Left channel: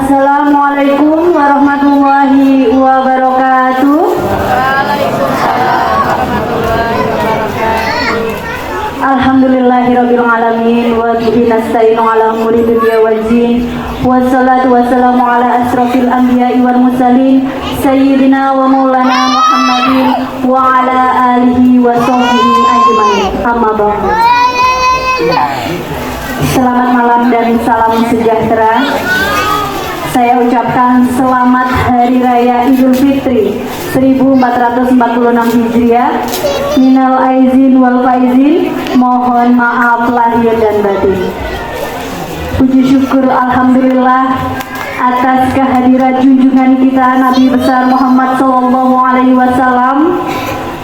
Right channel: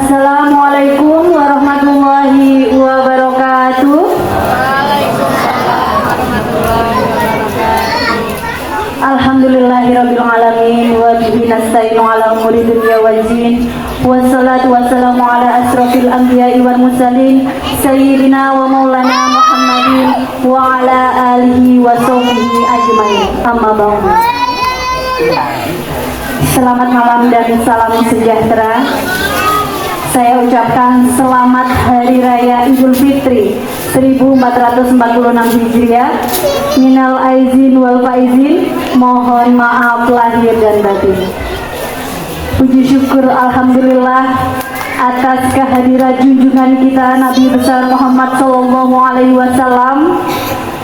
Assalamualaikum warahmatullahi wabarakatuh. Alhamdulillahirabbil alamin wa bihi nasta'inu ala umuri dunya waddin. Wassalatu wassalamu ala asrofil anbiya'i wal mursalin sayyidina wa maulana Muhammadin wa ala alihi wa sahbihi ajmain. Amma ba'du. Selamat malam dan salam sejahtera. Saya ucapkan selamat Hari Raya Idul Fitri 1446 Hijriah. Minal aizin wal faizin, mohon maaf lahir dan batin. Puji syukur alhamdulillah atas kehadiran junjungan kita Nabi besar Muhammad SAW,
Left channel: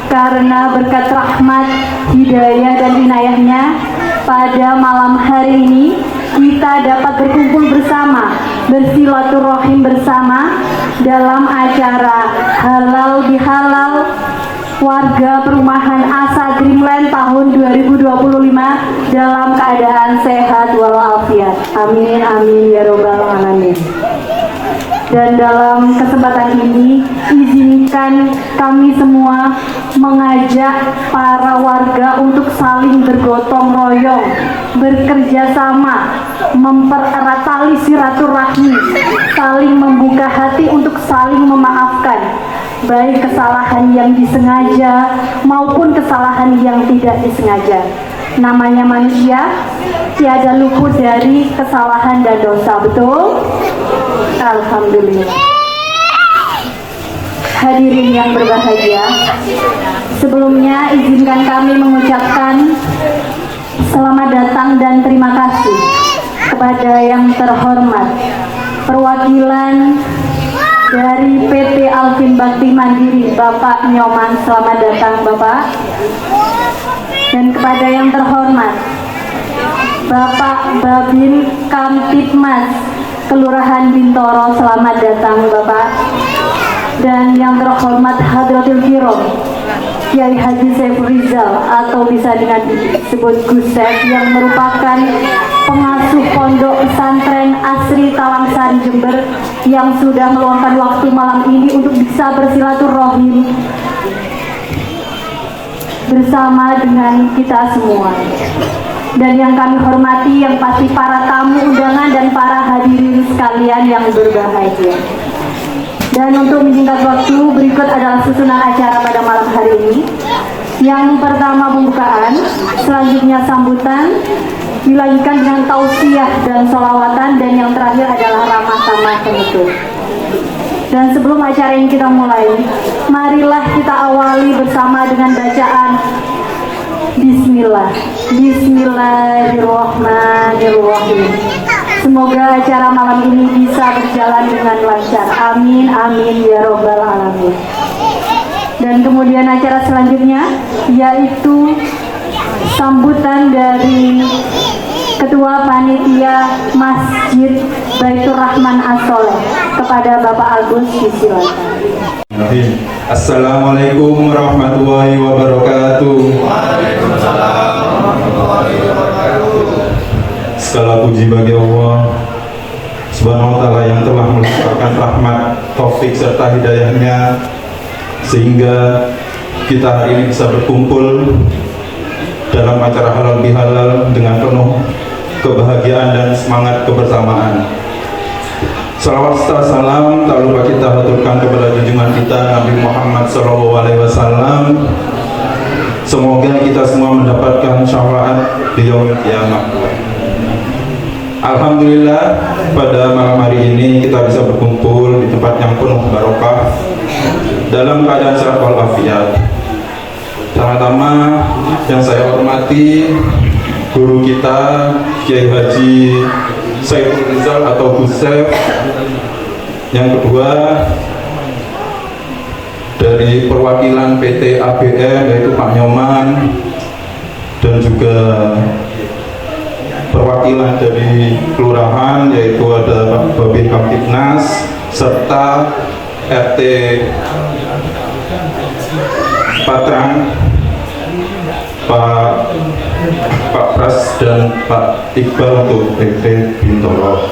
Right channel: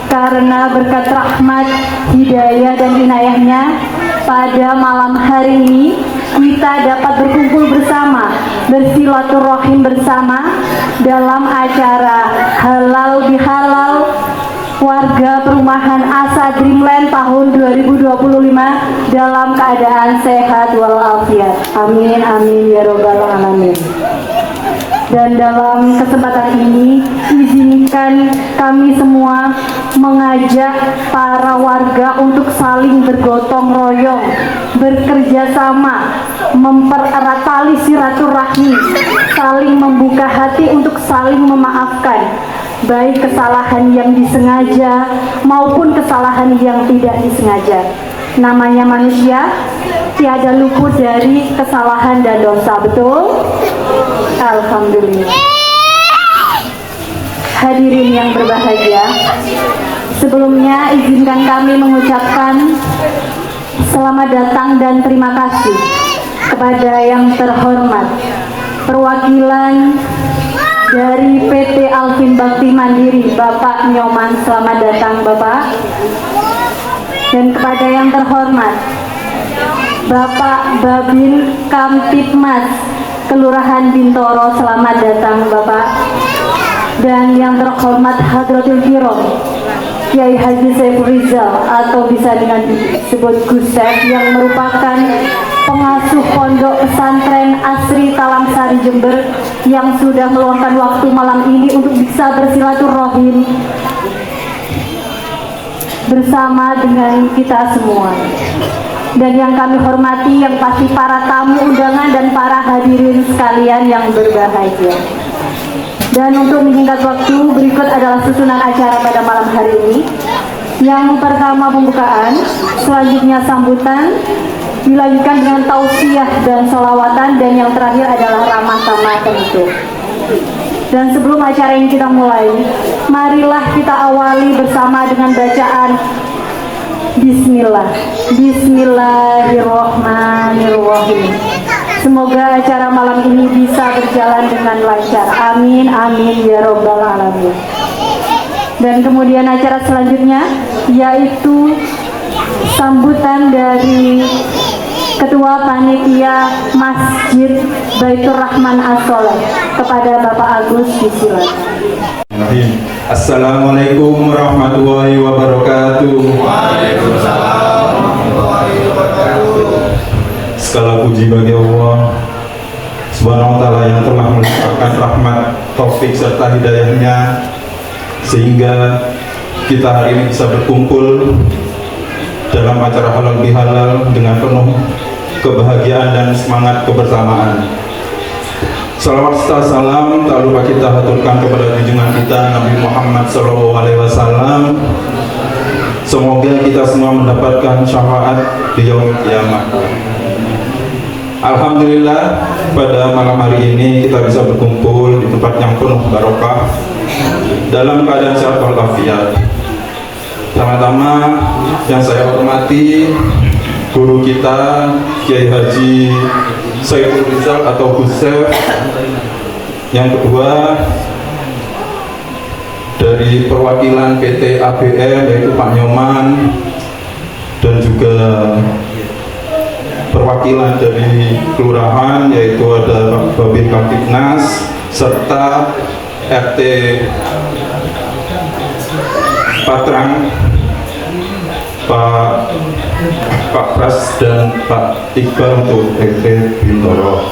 karena berkat rahmat, hidayah dan inayahnya pada malam hari ini kita dapat berkumpul bersama, bersilaturahim bersama dalam acara Halal Bihalal warga perumahan Asa Dreamland tahun 2025 dalam keadaan sehat walafiat. Amin amin ya robbal alamin. Dan dalam kesempatan ini izinkan kami semua mengajak para warga untuk saling bergotong royong, bekerja sama, mempererat tali silaturahmi, saling membuka hati untuk saling memaafkan, baik kesalahan yang disengaja maupun kesalahan yang tidak disengaja. Namanya manusia, tiada luput dari kesalahan dan dosa, betul? Alhamdulillah. Hadirin yang berbahagia, sebelumnya izinkan kami mengucapkan selamat datang dan terima kasih kepada yang terhormat perwakilan dari PT Alvin Bakti Mandiri, Bapak Nyoman. Selamat datang Bapak. Dan kepada yang terhormat Bapak Babin Kamtipmas Kelurahan Bintoro, selamat datang Bapak. Dan yang terhormat Hadratul Kiram Kiai Haji Saiful Rizal, atau bisa dengan disebut Gus Saif, yang merupakan pengasuh pondok pesantren Asri Talangsari Jember, yang sudah meluangkan waktu malam ini untuk bisa bersilaturahim bersama dengan kita semua. Dan yang kami hormati yang pasti para tamu undangan dan para hadirin sekalian yang berbahagia. Dan untuk menyingkat waktu, berikut adalah susunan acara pada malam hari ini. Yang pertama pembukaan, selanjutnya sambutan, dilanjutkan dengan tausiah dan sholawatan, dan yang terakhir adalah ramah tamah penutup. Dan sebelum acara ini kita mulai, marilah kita awali bersama dengan bacaan Bismillah. Bismillahirrahmanirrahim. Semoga acara malam ini bisa berjalan dengan lancar. Amin amin ya robbal alamin. Dan kemudian acara selanjutnya yaitu sambutan dari Ketua Panitia Masjid Baitur Rahman As-Soleh kepada Bapak Agus, disilakan. Assalamualaikum warahmatullahi wabarakatuh. Waalaikumsalam warahmatullahi wabarakatuh. Segala puji bagi Allah Subhanahu wa ta'ala yang telah melimpahkan rahmat, taufik serta hidayahnya sehingga kita hari ini bisa berkumpul dalam acara halal bihalal dengan penuh kebahagiaan dan semangat kebersamaan. Salawat serta salam tak lupa kita haturkan kepada junjungan kita Nabi Muhammad SAW. Semoga kita semua mendapatkan syafaat di yaumil qiyamah. Alhamdulillah, pada malam hari ini kita bisa berkumpul di tempat yang penuh barokah dalam keadaan sehat walafiat. Pertama-tama yang saya hormati guru kita Kiai Haji Saiful Rizal atau Gus Saif. Yang kedua dari perwakilan PT ABM yaitu Pak Nyoman, dan juga perwakilan dari kelurahan yaitu ada Pak Babin Kamtipnas serta RT Patrang, Pak Pras dan Pak Iqbal untuk PT Bintoro.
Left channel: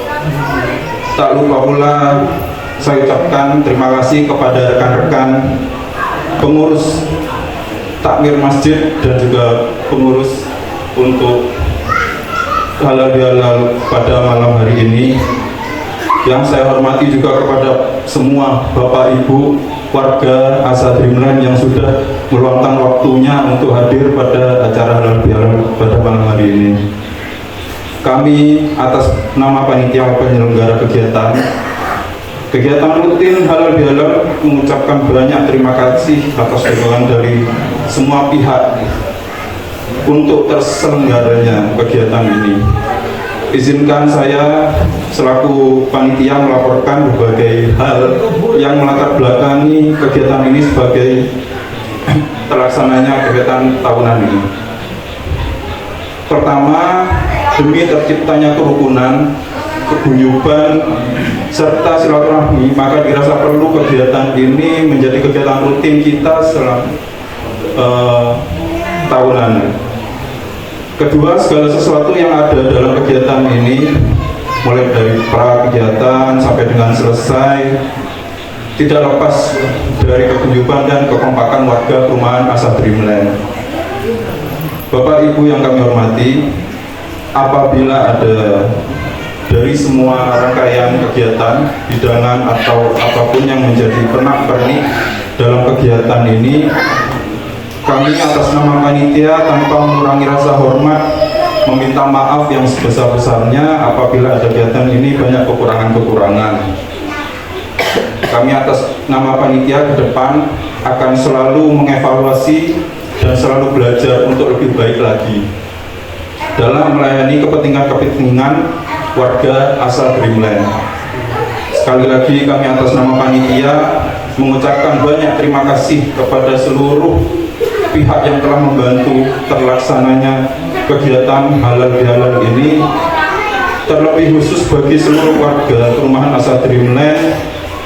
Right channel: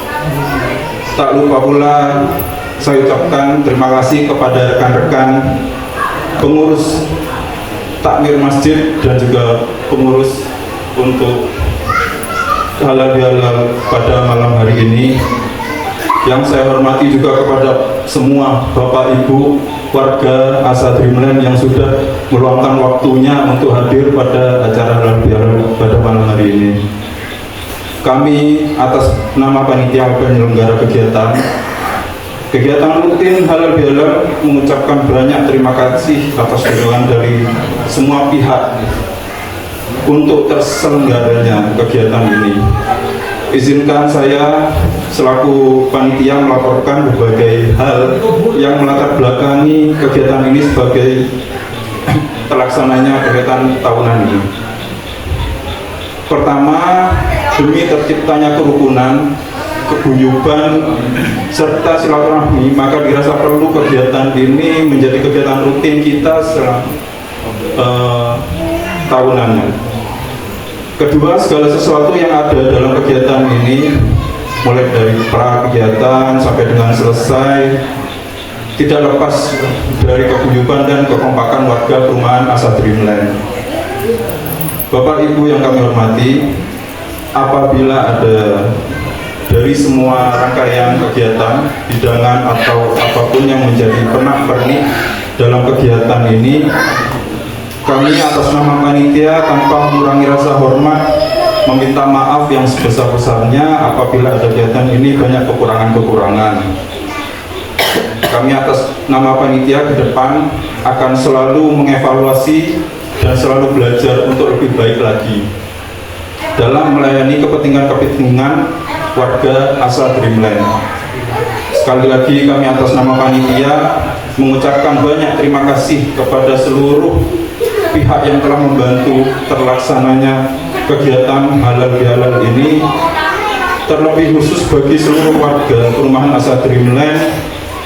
Tak lupa pula saya ucapkan terima kasih kepada rekan-rekan pengurus takmir masjid dan juga pengurus untuk halal bihalal pada malam hari ini. Yang saya hormati juga kepada semua Bapak Ibu warga Asa Dreamland yang sudah meluangkan waktunya untuk hadir pada acara halal bihalal pada malam hari ini. Kami atas nama panitia penyelenggara kegiatan rutin halal bihalal mengucapkan banyak terima kasih atas dukungan dari semua pihak untuk terselenggaranya kegiatan ini. Izinkan saya selaku panitia melaporkan berbagai hal yang melatar belakangi kegiatan ini sebagai terlaksananya kegiatan tahunan ini. Pertama, demi terciptanya kerukunan, keguyuban, serta silaturahmi, maka dirasa perlu kegiatan ini menjadi kegiatan rutin kita selama tahunan. Kedua, segala sesuatu yang ada dalam kegiatan ini, mulai dari pra kegiatan sampai dengan selesai, tidak lepas dari keguyuban dan kekompakan warga perumahan Asa Dreamland. Bapak Ibu yang kami hormati, apabila ada dari semua rangkaian kegiatan, hidangan atau apapun yang menjadi pernak-pernik dalam kegiatan ini, kami atas nama panitia tanpa mengurangi rasa hormat meminta maaf yang sebesar-besarnya apabila ada kegiatan ini banyak kekurangan-kekurangan. Kami atas nama panitia ke depan akan selalu mengevaluasi dan selalu belajar untuk lebih baik lagi dalam melayani kepentingan warga Asa Dreamland. Sekali lagi kami atas nama panitia mengucapkan banyak terima kasih kepada seluruh pihak yang telah membantu terlaksananya kegiatan halal bihalal ini, terlebih khusus bagi seluruh warga perumahan Asa Dreamland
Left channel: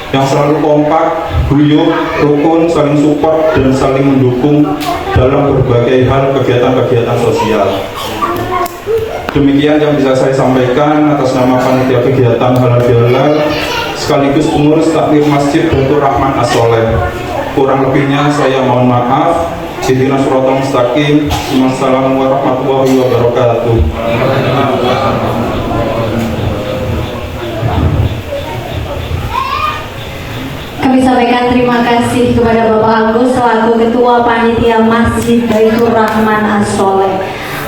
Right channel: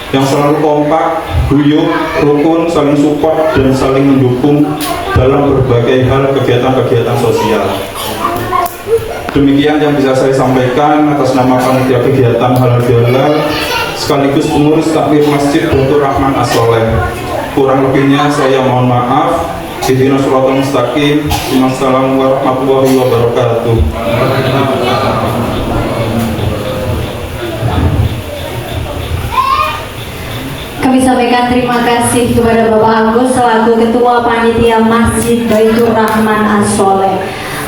yang selalu kompak, guyup, rukun, saling support dan saling mendukung dalam berbagai hal kegiatan-kegiatan sosial. Demikian yang bisa saya sampaikan atas nama panitia kegiatan halal bihalal sekaligus pengurus takmir masjid Baitur Rahman As-Sholeh. Kurang lebihnya saya mohon maaf. Ihdinas siratal mustaqim. Wassalamu warahmatullahi wabarakatuh. Kami sampaikan terima kasih kepada Bapak Agus selaku Ketua Panitia Masjid Baitur Rahman As-Sholeh.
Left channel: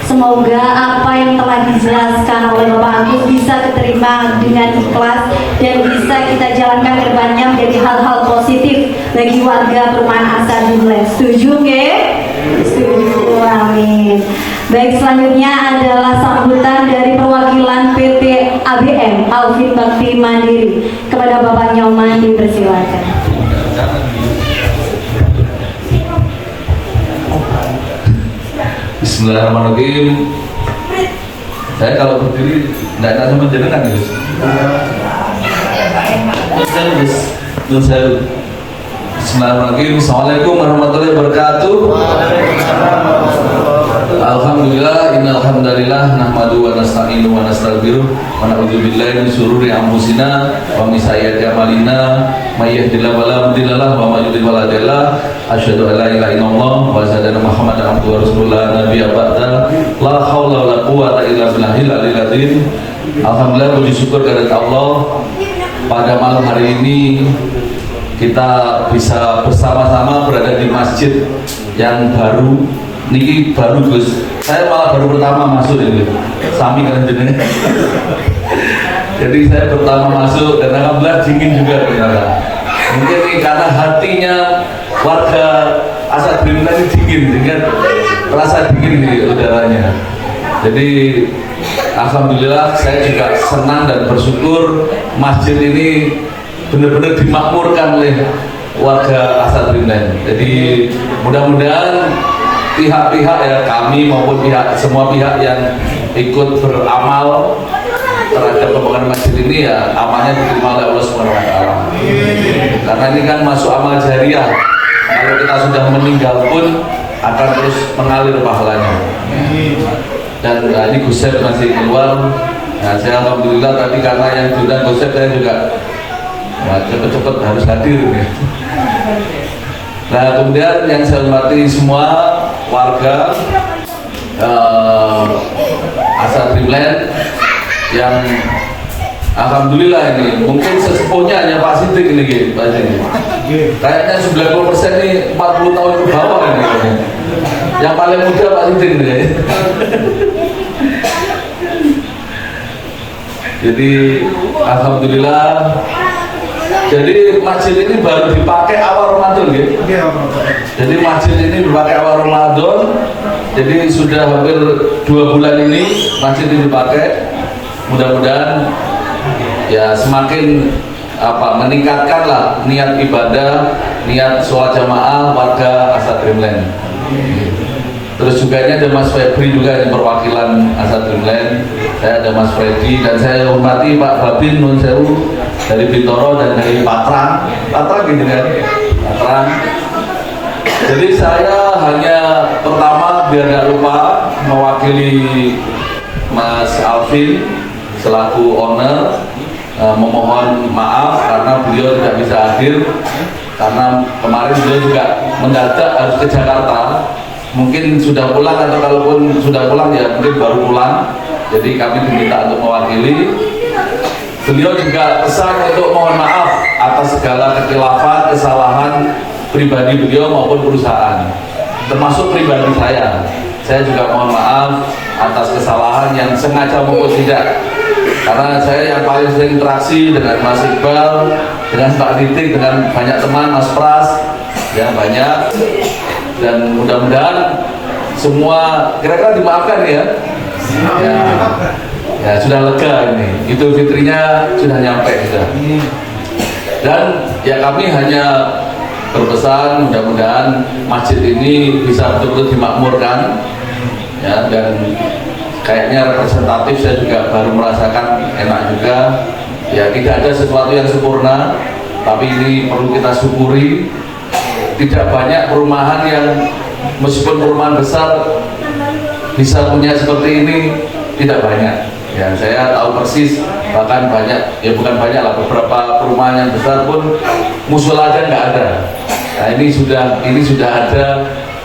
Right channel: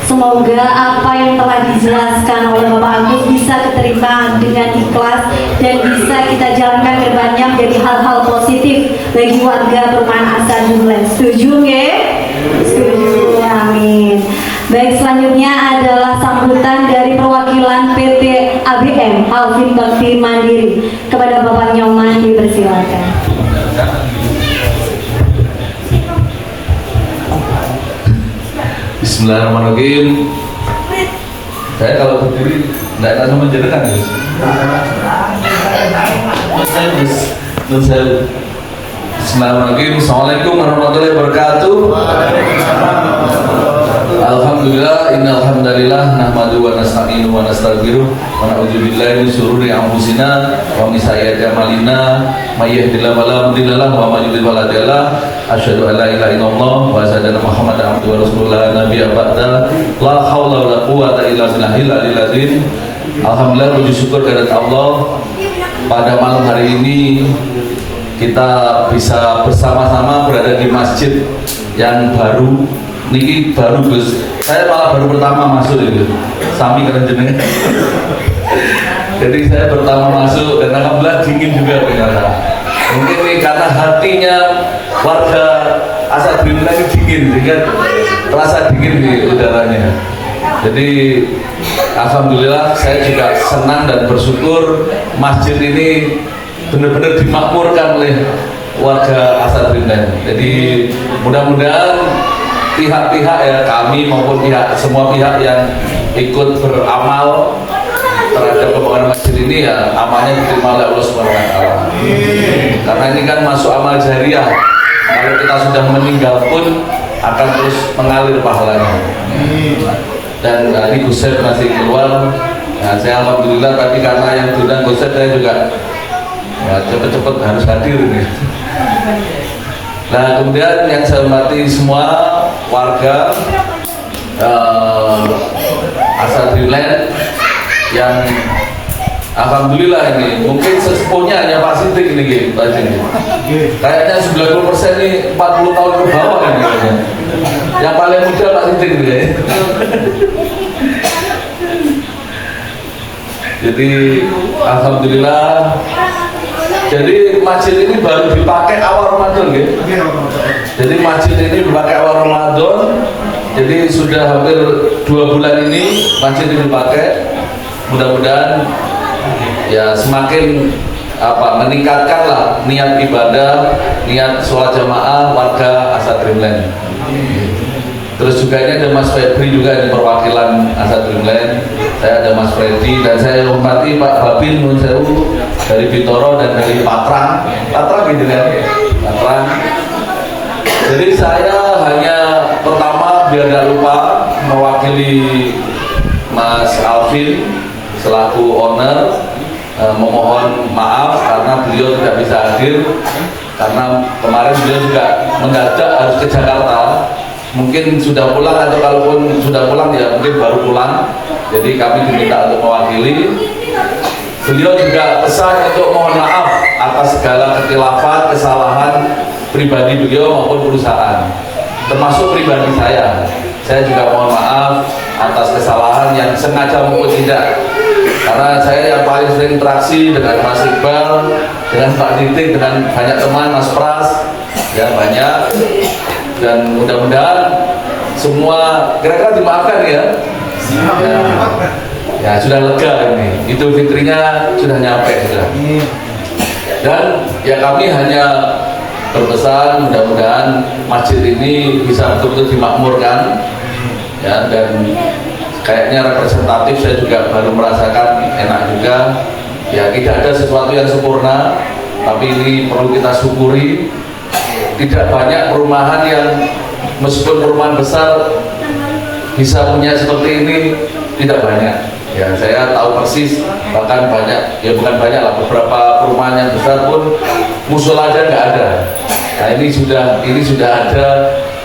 Semoga apa yang telah dijelaskan oleh Bapak Agus bisa diterima dengan ikhlas dan bisa kita jalankan ke depannya menjadi hal-hal positif bagi warga perumahan Asa Dreamland. Setuju nggih? Setuju, amin. Baik, selanjutnya adalah sambutan dari perwakilan PT ABM Alvin Bakti Mandiri. Kepada Bapak Nyoman dipersilakan. Bismillahirrahmanirrahim. Saya kalau berdiri tidak tahu sama jenengan ya. Bismillahirrahmanirrahim. Assalamualaikum warahmatullahi wabarakatuh. Alhamdulillah, innal hamdalillah nahmadu wa nasta'inu wa nastaghfiruh wa na'udzu billahi min syururi anfusina wa min sayyiati a'malina may yahdihillahu fala mudilla lahu wa may yudlil fala hadiya lahu asyhadu an la ilaha illallah wa asyhadu anna muhammadan abduhu wa rasuluhu la nabiyya ba'da la haula wa la quwwata illa billahil aliyil azim. Alhamdulillah, puji syukur kehadirat Allah, pada malam hari ini kita bisa bersama-sama berada di masjid yang baru. Niki baru Gus, saya malah baru pertama masuk ini, sami keren jenenge. Jadi saya pertama masuk dan alhamdulillah dingin juga ternyata. Mungkin ini karena hatinya warga Asa Dreamland ini dingin, sehingga terasa dingin di udaranya. Jadi alhamdulillah saya juga senang dan bersyukur masjid ini benar-benar dimakmurkan oleh warga Asa Dreamland. Jadi mudah-mudahan pihak-pihak ya, kami maupun semua pihak yang ikut beramal terhadap pembangunan masjid ini ya amalnya diterima oleh Allah Subhanahu wa taala. Karena ini kan masuk amal jariah. Kalau kita sudah meninggal pun akan terus mengalir pahalanya. Dan ini Gus Sep masih keluar, Nah, saya alhamdulillah tadi karena yang diundang Gosep saya juga cepet-cepet harus hadir nih. Nah, kemudian yang saya hormati semua warga Asa Dreamland yang alhamdulillah ini mungkin sesepuhnya hanya Pak Sidik ini Pak Sidik. Kayaknya 90% ini 40 tahun ke bawah ini kayaknya. Yang paling muda Pak Sidik ini kayaknya. Jadi alhamdulillah. Jadi masjid ini baru dipakai awal Ramadan gitu. Jadi masjid ini dipakai awal Ramadan. Jadi sudah hampir 2 bulan ini masjid ini dipakai. Mudah-mudahan ya semakin meningkatkan lah niat ibadah, niat sholat jamaah warga Asa Dreamland. Terus juga ini ada Mas Febri juga di perwakilan Asa Dreamland. Saya ada Mas Freddy dan saya hormati Pak Babin Nun Sewu dari Bintoro dan dari Patrang gitu kan, Patrang. Jadi saya hanya pertama biar nggak lupa mewakili Mas Alvin selaku owner memohon maaf karena beliau tidak bisa hadir karena kemarin beliau juga mendadak harus ke Jakarta. Mungkin sudah pulang atau kalaupun sudah pulang ya mungkin baru pulang. Jadi kami diminta untuk mewakili. Beliau juga pesan untuk mohon maaf atas segala kekhilafan, kesalahan pribadi beliau maupun perusahaan, termasuk pribadi saya. Saya juga mohon maaf atas kesalahan yang sengaja maupun tidak. Karena saya yang paling sering interaksi dengan Mas Iqbal, dengan Pak Titik, dengan banyak teman, Mas Pras, ya banyak. Dan mudah-mudahan semua kira-kira dimaafkan ya. Ya sudah lega ini. Idul Fitrinya sudah nyampe sudah. Dan ya kami hanya berpesan mudah-mudahan masjid ini bisa betul-betul dimakmurkan ya, dan kayaknya representatif saya juga baru merasakan enak juga ya. Tidak ada sesuatu yang sempurna, tapi ini perlu kita syukuri. Tidak banyak perumahan yang meskipun perumahan besar bisa punya seperti ini, tidak banyak ya. Saya tahu persis, bahkan banyak ya, bukan banyak lah, beberapa perumahan yang besar pun musola aja nggak ada. Nah ini sudah ada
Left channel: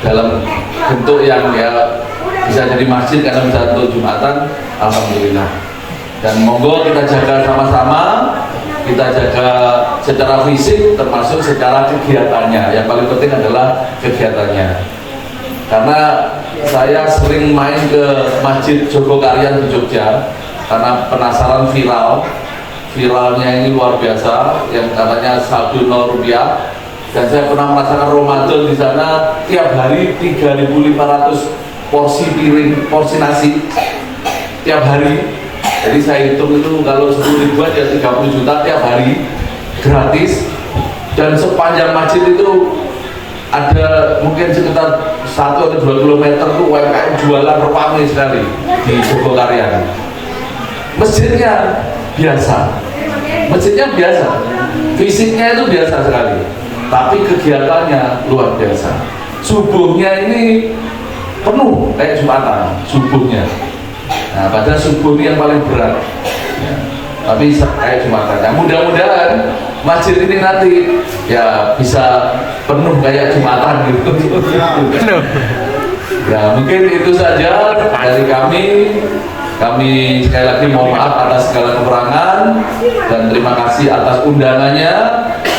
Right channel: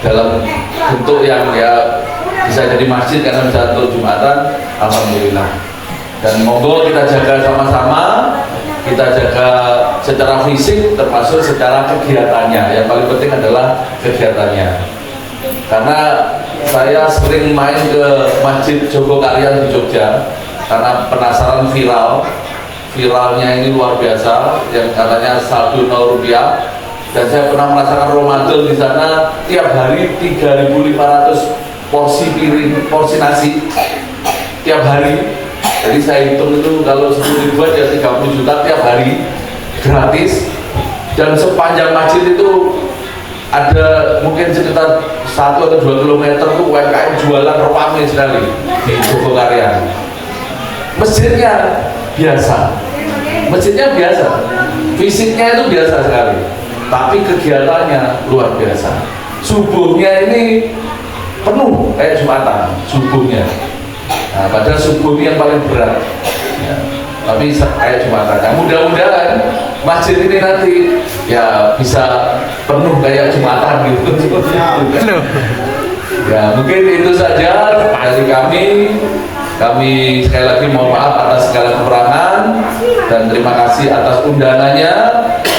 dalam bentuk yang ya bisa jadi masjid karena bisa untuk Jumatan, alhamdulillah. Dan monggo kita jaga sama-sama, kita jaga secara fisik termasuk secara kegiatannya. Yang paling penting adalah kegiatannya. Karena saya sering main ke Masjid Jogokarian di Jogja karena penasaran viralnya ini luar biasa, yang katanya saldo 0 rupiah. Dan saya pernah merasakan Ramadan di sana tiap hari 3.500 porsi piring, porsi nasi tiap hari. Jadi saya hitung itu kalau 10.000 aja 30 juta tiap hari gratis. Dan sepanjang masjid itu ada mungkin sekitar 1 atau 2 kilometer tuh UMKM jualan ramai sekali di Jogokarian. Masjidnya biasa, fisiknya itu biasa sekali, tapi kegiatannya luar biasa. Subuhnya ini penuh kayak Jumatan subuhnya. Nah, padahal subuh ini yang paling berat ya, tapi kayak Jumatan. Nah, mudah-mudahan masjid ini nanti ya bisa penuh kayak Jumatan gitu. Ya mungkin itu saja dari kami. Kami sekali lagi mohon maaf atas segala kekurangan dan terima kasih atas undangannya,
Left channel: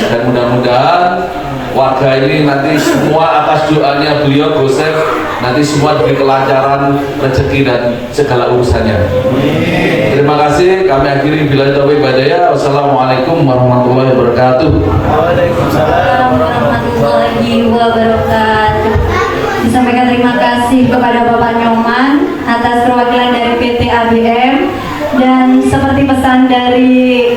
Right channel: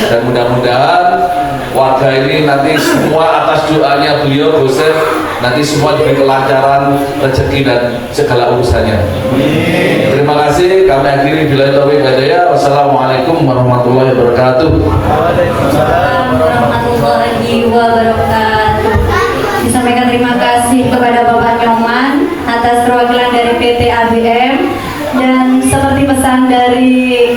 dan mudah-mudahan warga ini nanti semua atas doanya beliau Gosep nanti semua diberi kelancaran rezeki dan segala urusannya. Terima kasih. Kami akhiri billahi taufiq wal hidayah. Wassalamualaikum warahmatullahi wabarakatuh. Waalaikumsalam warahmatullahi wabarakatuh. Disampaikan terima kasih kepada Bapak Nyoman atas perwakilan dari PT ABM, dan seperti pesan dari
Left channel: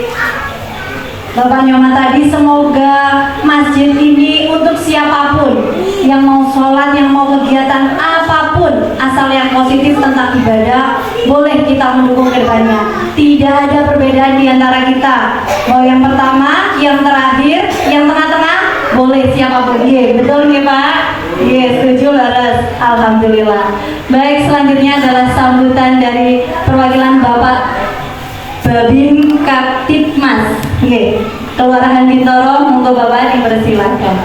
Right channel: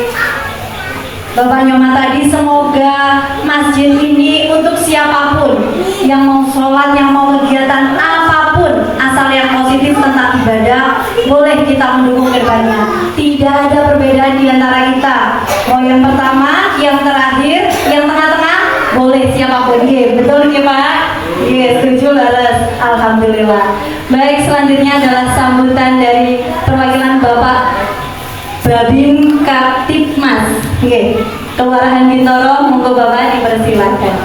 Bapak Nyoman tadi, semoga masjid ini untuk siapapun yang mau sholat, yang mau kegiatan apapun, asal yang positif tentang ibadah, boleh kita mendukung ke depannya. Tidak ada perbedaan di antara kita, mau yang pertama, yang terakhir, yang tengah-tengah, boleh siapapun. Iya, betul ya Pak? Iya, setuju laras. Alhamdulillah. Baik, selanjutnya adalah sambutan dari perwakilan Bapak Babin Kaptipmas. Oke, Kelurahan Bintoro, monggo Bapak dipersilakan.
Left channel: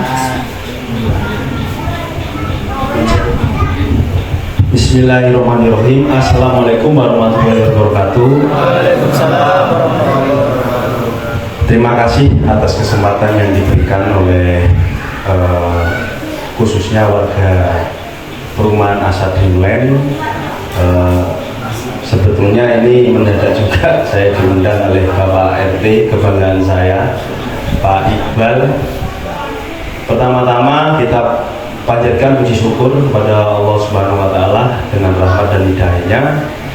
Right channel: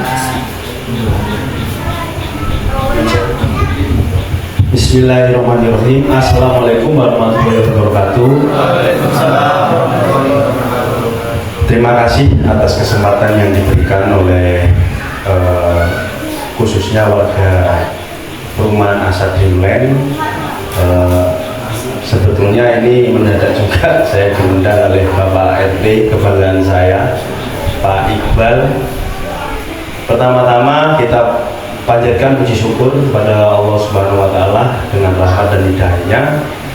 Bismillahirrahmanirrahim. Assalamualaikum warahmatullahi wabarakatuh. Terima kasih atas kesempatan yang diberikan oleh khususnya warga perumahan Asa Dreamland. Sebetulnya ini mendadak juga saya diundang oleh Bapak RT kebanggaan saya, Pak Iqbal. Pertama-tama kita panjatkan puji syukur kepada Allah Subhanahu wa Ta'ala, dengan rahmat dan hidayahnya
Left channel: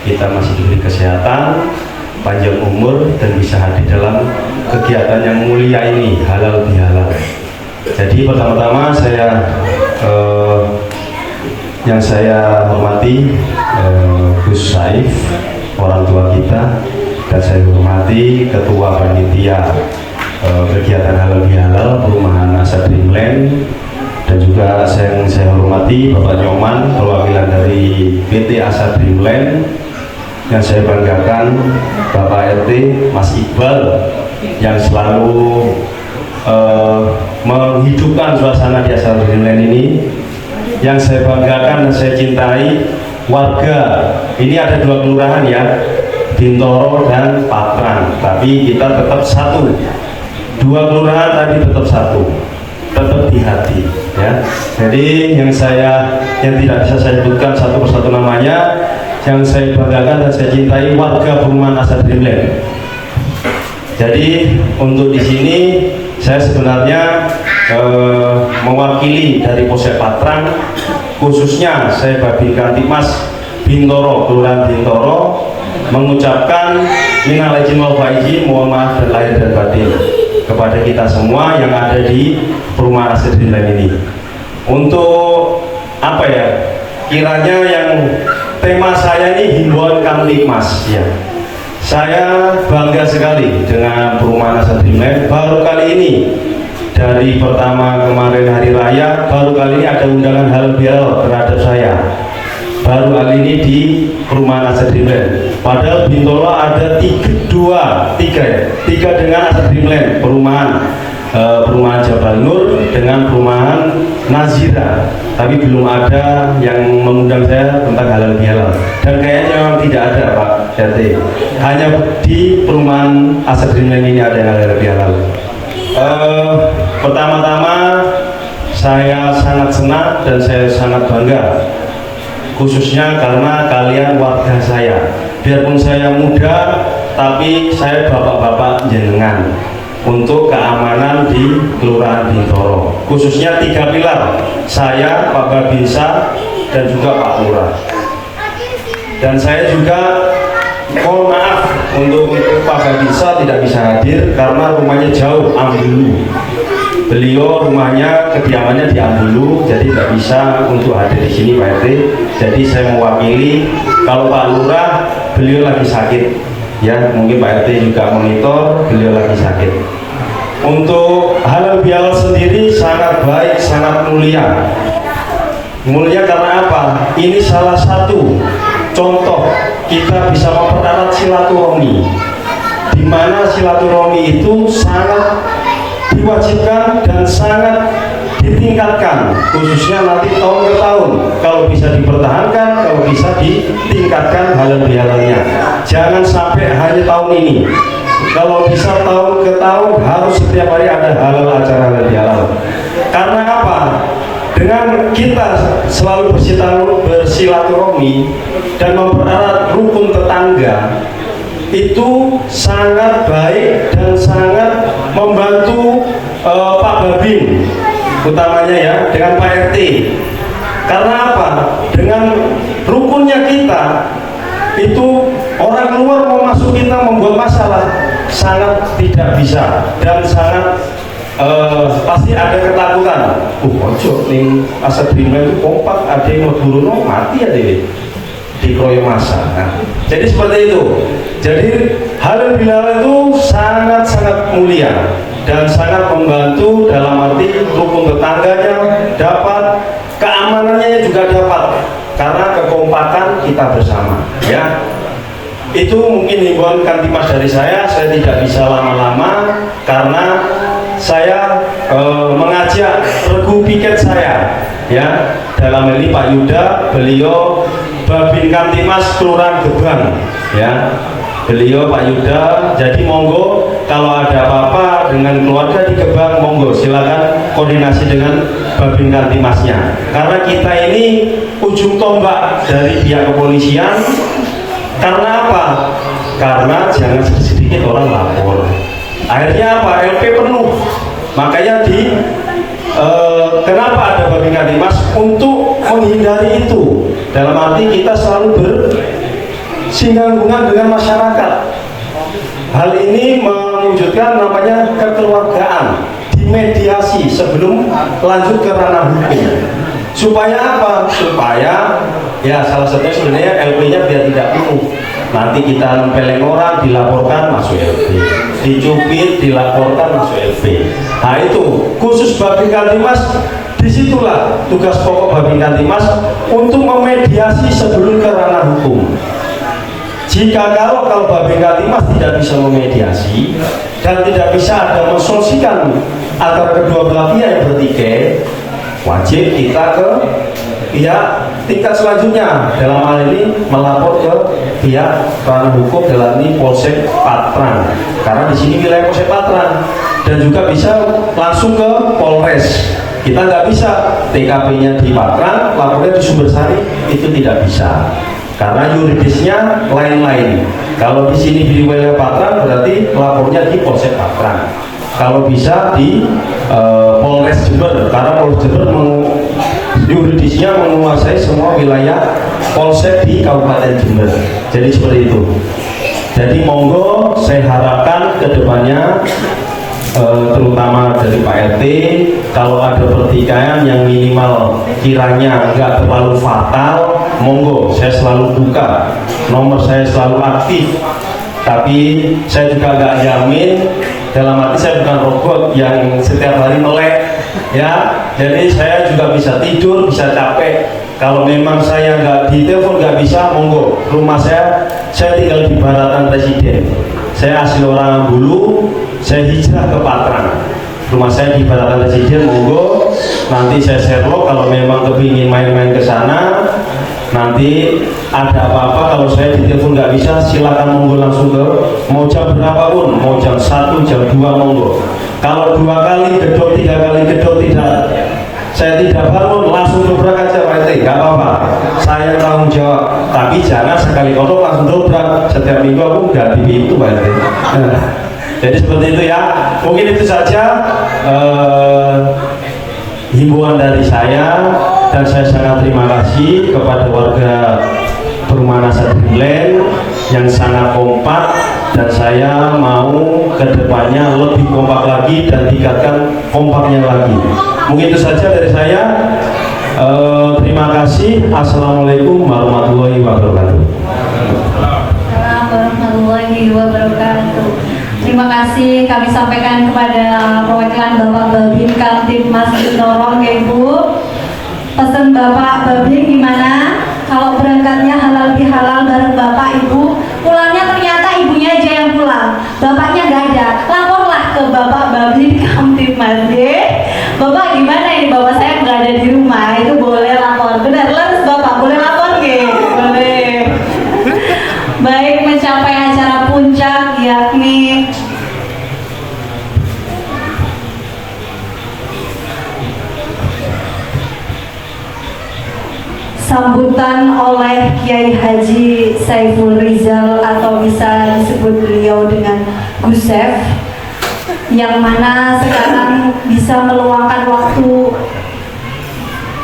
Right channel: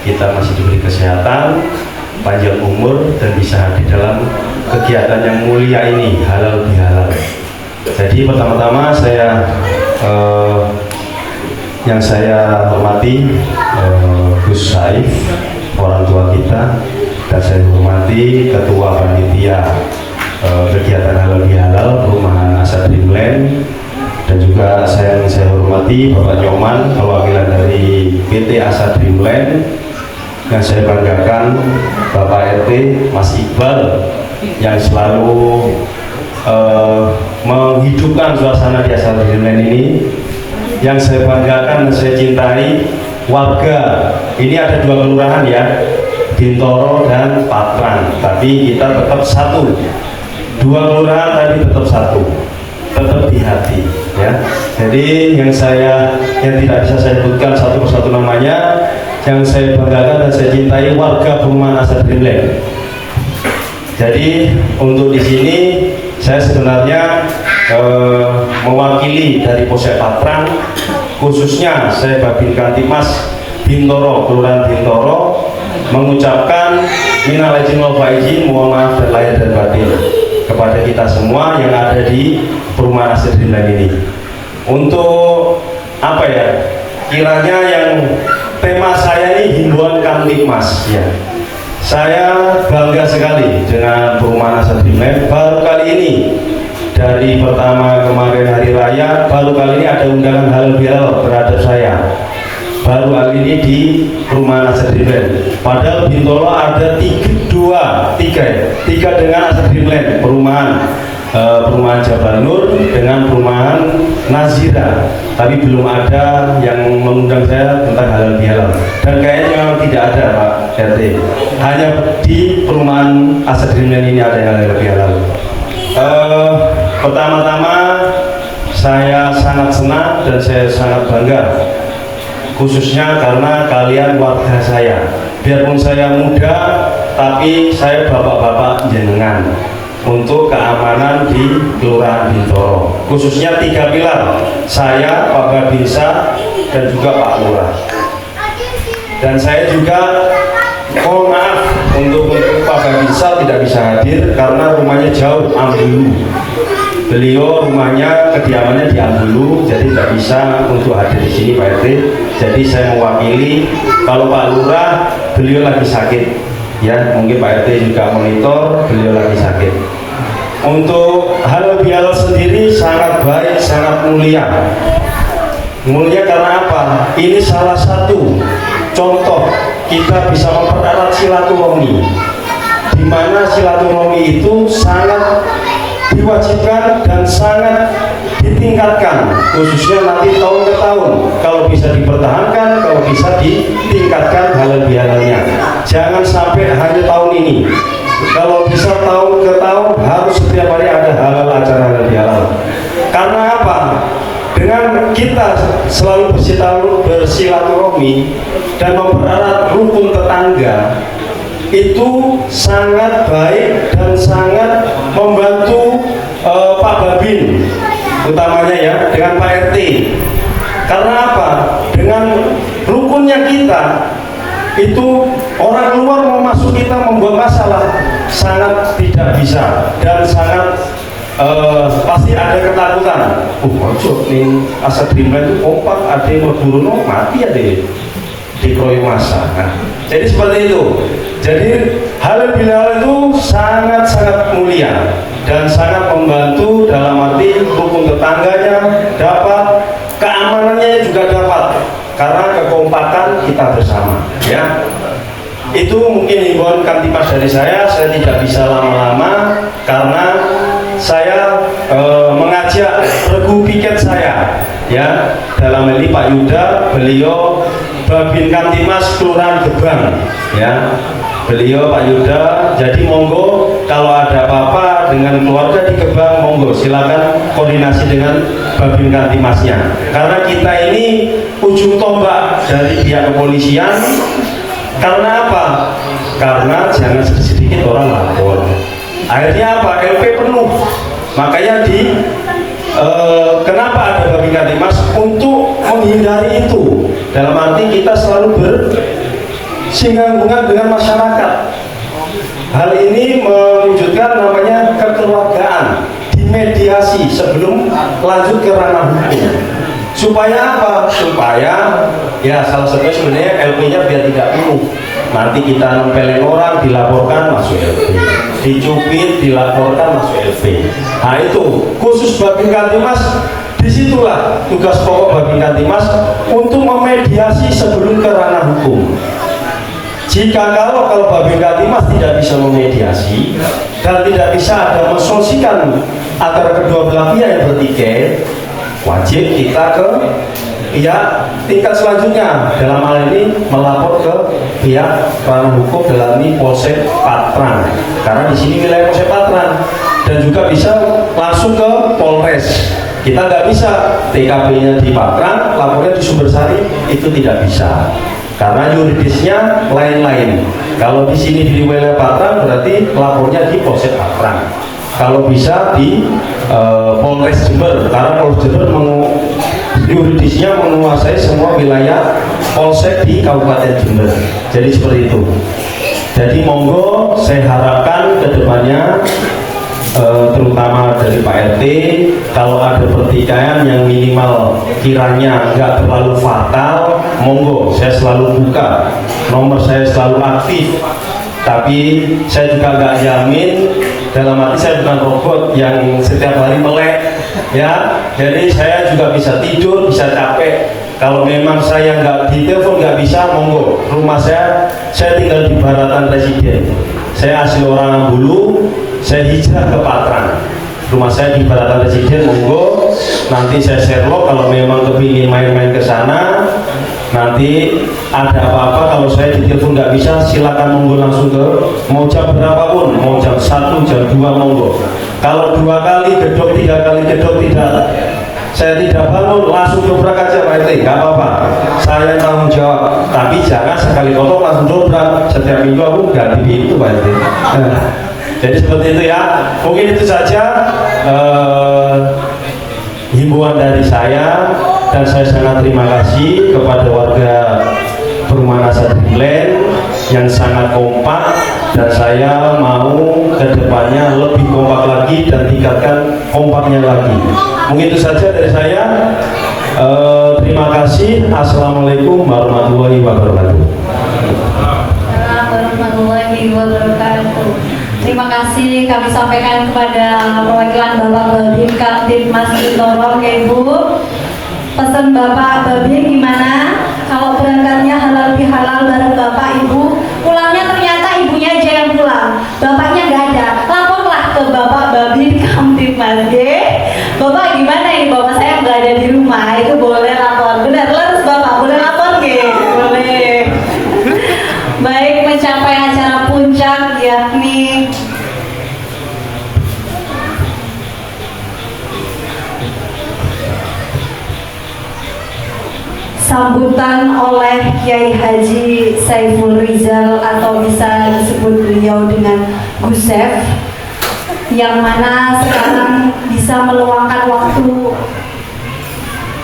kita masih diberi kesehatan, panjang umur, dan bisa hadir dalam kegiatan yang mulia ini, halal bihalal. Jadi pertama-tama yang saya hormati Gus Saif, orang tua kita, dan saya hormati Ketua Panitia kegiatan halal bihalal perumahan Asa Dreamland, dan juga saya hormati Bapak Nyoman, perwakilan dari PT Asa Dreamland. Yang saya banggakan Bapak RT Mas Iqbal yang selalu menghidupkan suasana di Asa Dreamland ini. Yang saya banggakan dan saya cintai warga ini, ada 2 kelurahan ya, Bintoro dan Patrang, tapi kita tetap satu. 2 kelurahan tadi tetap satu, tetap di hati ya. Jadi yang tidak bisa saya sebutkan satu persatu namanya, yang saya banggakan dan saya cintai warga perumahan Asa Dreamland. Jadi untuk di sini saya sebenarnya mewakili dari Polsek Patrang, khususnya saya Babin Kaptipmas Bintoro, Kelurahan Bintoro, mengucapkan minal aidin wal faizin, mohon maaf dan lahir dan batin kepada kita semua yang ada di perumahan Asa Dreamland ini. Untuk apa ya, kiranya yang tema saya ini himbauan Kamtipmas ya. Saya bangga sekali dengan perumahan Asa Dreamland. Baru kali ini, dari pertama kemarin hari raya, baru kali ini ada undangan halal bihalal terhadap saya. Baru kali ini di perumahan Asa Dreamland. Padahal Bintoro ada tiga dengan Asa Dreamland, perumahan Jabal Nur dengan perumahan Nazira, tapi belum ada yang mengundang saya tentang halal bihalal, dan kayaknya memang tidak ada Pak RT, hanya di perumahan Asa Dreamland ini ada yang halal bihalal. Pertama-tama saya sangat senang dan saya sangat bangga, khususnya karena kalian warga saya. Biarpun saya muda, tapi saya bapak-bapak jenengan untuk keamanan di Kelurahan Bintoro, khususnya 3 pilar, saya, Pak Babinsa, dan juga Pak Lurah. Dan saya juga mohon maaf untuk Pak Babinsa tidak bisa hadir karena rumahnya jauh, Ambulu. Beliau rumahnya, kediamannya di Ambulu, jadi tidak bisa untuk hadir di sini Pak RT. Jadi saya mewakili. Kalau Pak Lurah, beliau lagi sakit ya, mungkin Pak RT juga monitor, beliau lagi sakit. Untuk halal bihalal sendiri sangat baik, sangat mulia. Mulia karena apa? Ini salah satu contoh kita bisa mempererat silaturahmi, di mana silaturahmi itu sangat diwajibkan dan sangat ditingkatkan, khususnya nanti tahun ke tahun. Kalau bisa dipertahankan, kalau bisa ditingkatkan halal bihalalnya. Jangan sampai hanya tahun ini. Kalau bisa tahun ke tahun harus setiap hari ada halal, acara halal bihalal. Karena apa? Dengan kita selalu bersilaturahmi dan mempererat rukun tetangga, itu sangat baik dan sangat membantu Pak Babin, utamanya ya, dengan Pak RT. Karena apa? Dengan rukunnya kita, itu orang luar mau masuk kita membuat masalah sangat tidak bisa, dan sangat pasti ada ketakutan. Ojo ning Asa Dreamland itu kompak, ada yang mau mati ya deh, dikeroyok masa. Nah, jadi seperti itu. Jadi halal bihalal itu sangat-sangat mulia dan sangat membantu dalam arti rukun tetangganya dapat, keamanannya juga dapat, karena kekompakan kita bersama ya. itu mungkin himbauan Kamtibmas dari saya tidak bisa lama-lama karena saya mengajak regu piket saya, ya, dalam ini Pak Yuda, beliau Babin Kamtibmas Kelurahan Gebang, ya, beliau Pak Yuda. Jadi monggo kalau ada apa-apa dengan keluarga di Gebang, monggo silakan koordinasi dengan Babin Kamtibmasnya, karena kita ini ujung tombak dari pihak kepolisian. Karena apa? Karena jangan sedikit orang lapor. Akhirnya apa? LP penuh. Makanya kenapa ada Babin Kamtibmas? Untuk menghindari itu. Dalam arti kita selalu bersinggungan dengan masyarakat. Hal ini mewujudkan namanya kekeluargaan, dimediasi sebelum lanjut ke ranah hukum. Supaya apa? Supaya ya salah satunya sebenarnya LP-nya biar tidak penuh. Nanti kita nempelin orang, dilaporkan masuk LP, dicubit, dilaporkan masuk LP. Nah itu khusus Babin Kamtibmas, disitulah tugas pokok Babin Kamtibmas untuk memediasi sebelum ke ranah hukum. Jika kalau Babin Kamtibmas tidak bisa memediasi dan tidak bisa ada mensolusikan antara kedua belah pihak yang bertikai, wajib kita ke pihak tingkat selanjutnya, dalam hal ini melapor ke pihak ranah hukum, dalam ini Polsek Patrang, karena di sini wilayah Polsek Patrang, dan juga bisa langsung ke Polres. Kita nggak bisa TKP-nya di Patrang, lapornya di Sumbersari, itu tidak bisa karena yuridisnya lain-lain. Kalau di sini di wilayah Patrang berarti lapornya di Polsek Patrang. Kalau bisa di Polres Jember, karena Polres Jember yuridisnya menguasai semua wilayah polsek di Kabupaten Jember. Jadi seperti itu. Jadi monggo saya harapkan kedepannya terutama dari Pak RT, kalau ada pertikaian yang minimal kiranya nggak terlalu fatal, monggo saya selalu buka, nomor saya selalu aktif. Tapi saya juga nggak jamin, dalam arti saya bukan robot yang setiap hari melek, ya. Jadi saya juga bisa tidur, bisa capek. Kalau memang saya nggak ditelepon, nggak bisa, monggo. Rumah saya tinggal di Baratan Residen. Saya asli orang Ambulu, saya hijrah ke Patrang. Rumah saya di Baratan Residen, monggo. Nanti saya Sherlock kalau memang kepingin main-main ke sana. Nanti ada apa-apa kalau saya ditelepon nggak bisa, silakan monggo langsung ke, mau jam berapapun, mau jam 1, jam 2, monggo. Kalau 2 kali gedok, 3 kali gedok saya tidak bangun, langsung dobrak aja Pak RT, nggak apa-apa, saya tanggung jawab. Tapi jangan sekali kotor langsung dobrak, setiap minggu aku ganti pintu Pak RT. Jadi seperti itu ya, mungkin itu saja himbauan dari saya. Dan saya sangat terima kasih kepada warga Perumahan Asa Dreamland yang sangat kompak, dan saya mau kedepannya lebih kompak lagi dan tingkatkan kompaknya lagi. Mungkin itu saja dari saya. Terima kasih. Assalamualaikum warahmatullahi wabarakatuh. Assalamualaikum warahmatullahi wabarakatuh. Terima kasih kami sampaikan kepada perwakilan Bapak Babin Kamtibmas Torong, ya Ibu. Pesan Bapak Babin gimana? Kalau berangkatnya halal bihalal bareng Bapak Ibu, pulangnya ternyata ibunya aja yang pulang, bapaknya nggak ada, laporlah ke Bapak Babin Kamtibmas. Bapak gimana ini? Bapak saya nggak ada di rumah, itu boleh lapor. Benar, leres Bapak, boleh lapor boleh. Baik, mencapai acara puncak yakni sambutan oleh Kiai Haji Saiful Rizal atau bisa disebut beliau dengan Gusef, yang mana sekarang bisa meluangkan waktu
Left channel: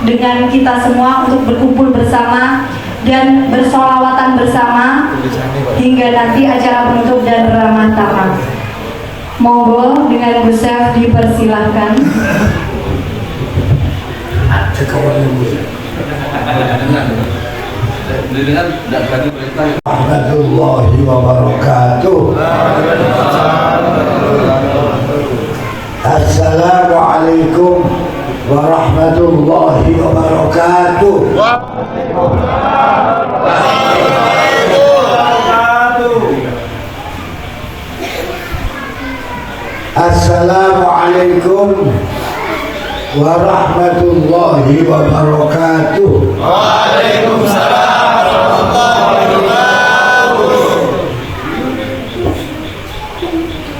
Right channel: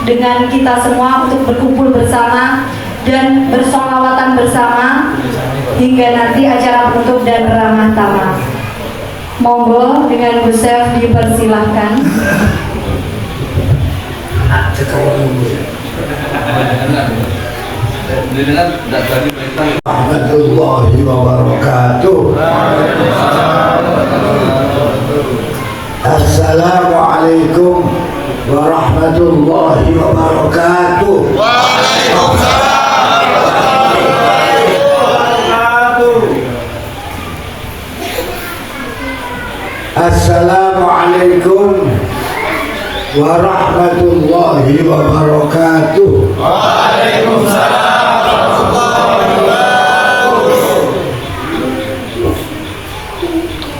dengan kita semua untuk berkumpul bersama dan bersolawatan bersama hingga nanti acara penutup dan ramah tamah. Monggo dengan Gusef dipersilahkan. Warahmatullahi wabarakatuh. Assalamualaikum warahmatullahi wabarakatuh. Assalamualaikum warahmatullahi wabarakatuh.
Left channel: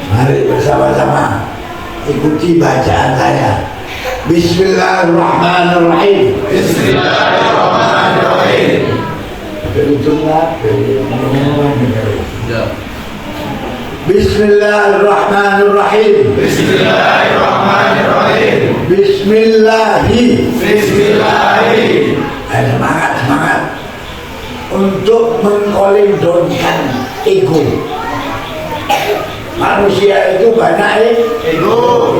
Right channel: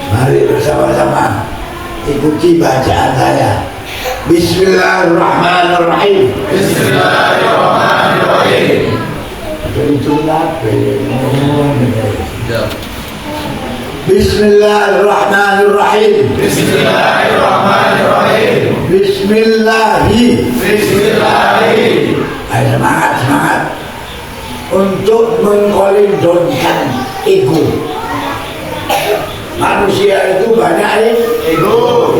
Mari bersama-sama ikuti bacaan saya. Bismillahirrahmanirrahim. Bismillahirrahmanirrahim. Bismillahirrahmanirrahim. Bismillahirrahmanirrahim. Bismillahi. Bismillahi. Ayo semangat. Untuk mengkolidonkan ego. Manusia itu banyak ego.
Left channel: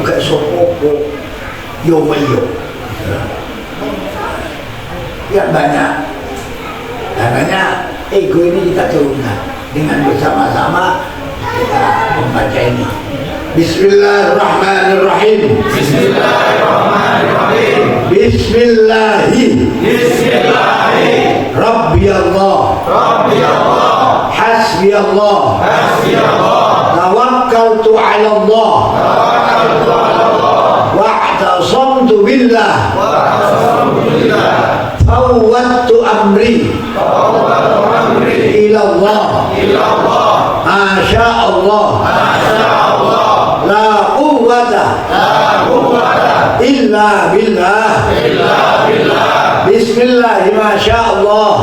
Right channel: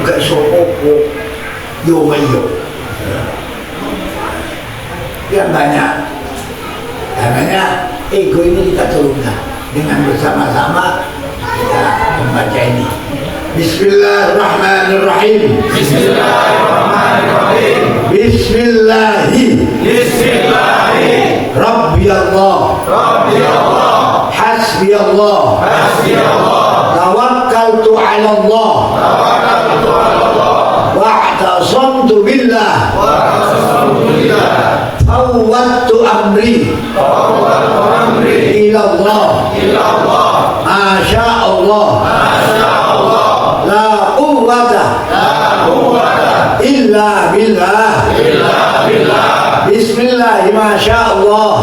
Enggak sopo yo. Yang banyak. Karena ego ini kita turunkan dengan bersama-sama kita membaca ini. Bismillahirrahmanirrahim. Bismillahirrahmanirrahim. Bismillahi. Bismillahi. Rabbi Allah. Rabbi Allah. Hasbi Allah. Hasbi Allah. Tawakkaltu ala Allah. Tawakkaltu ala Allah. Wa'tasamtu billah. Wa'tasamtu billah. Fawwadtu amri. إلى الله ما شاء الله لا قوة إلا بالله بسم الله ما شاء الله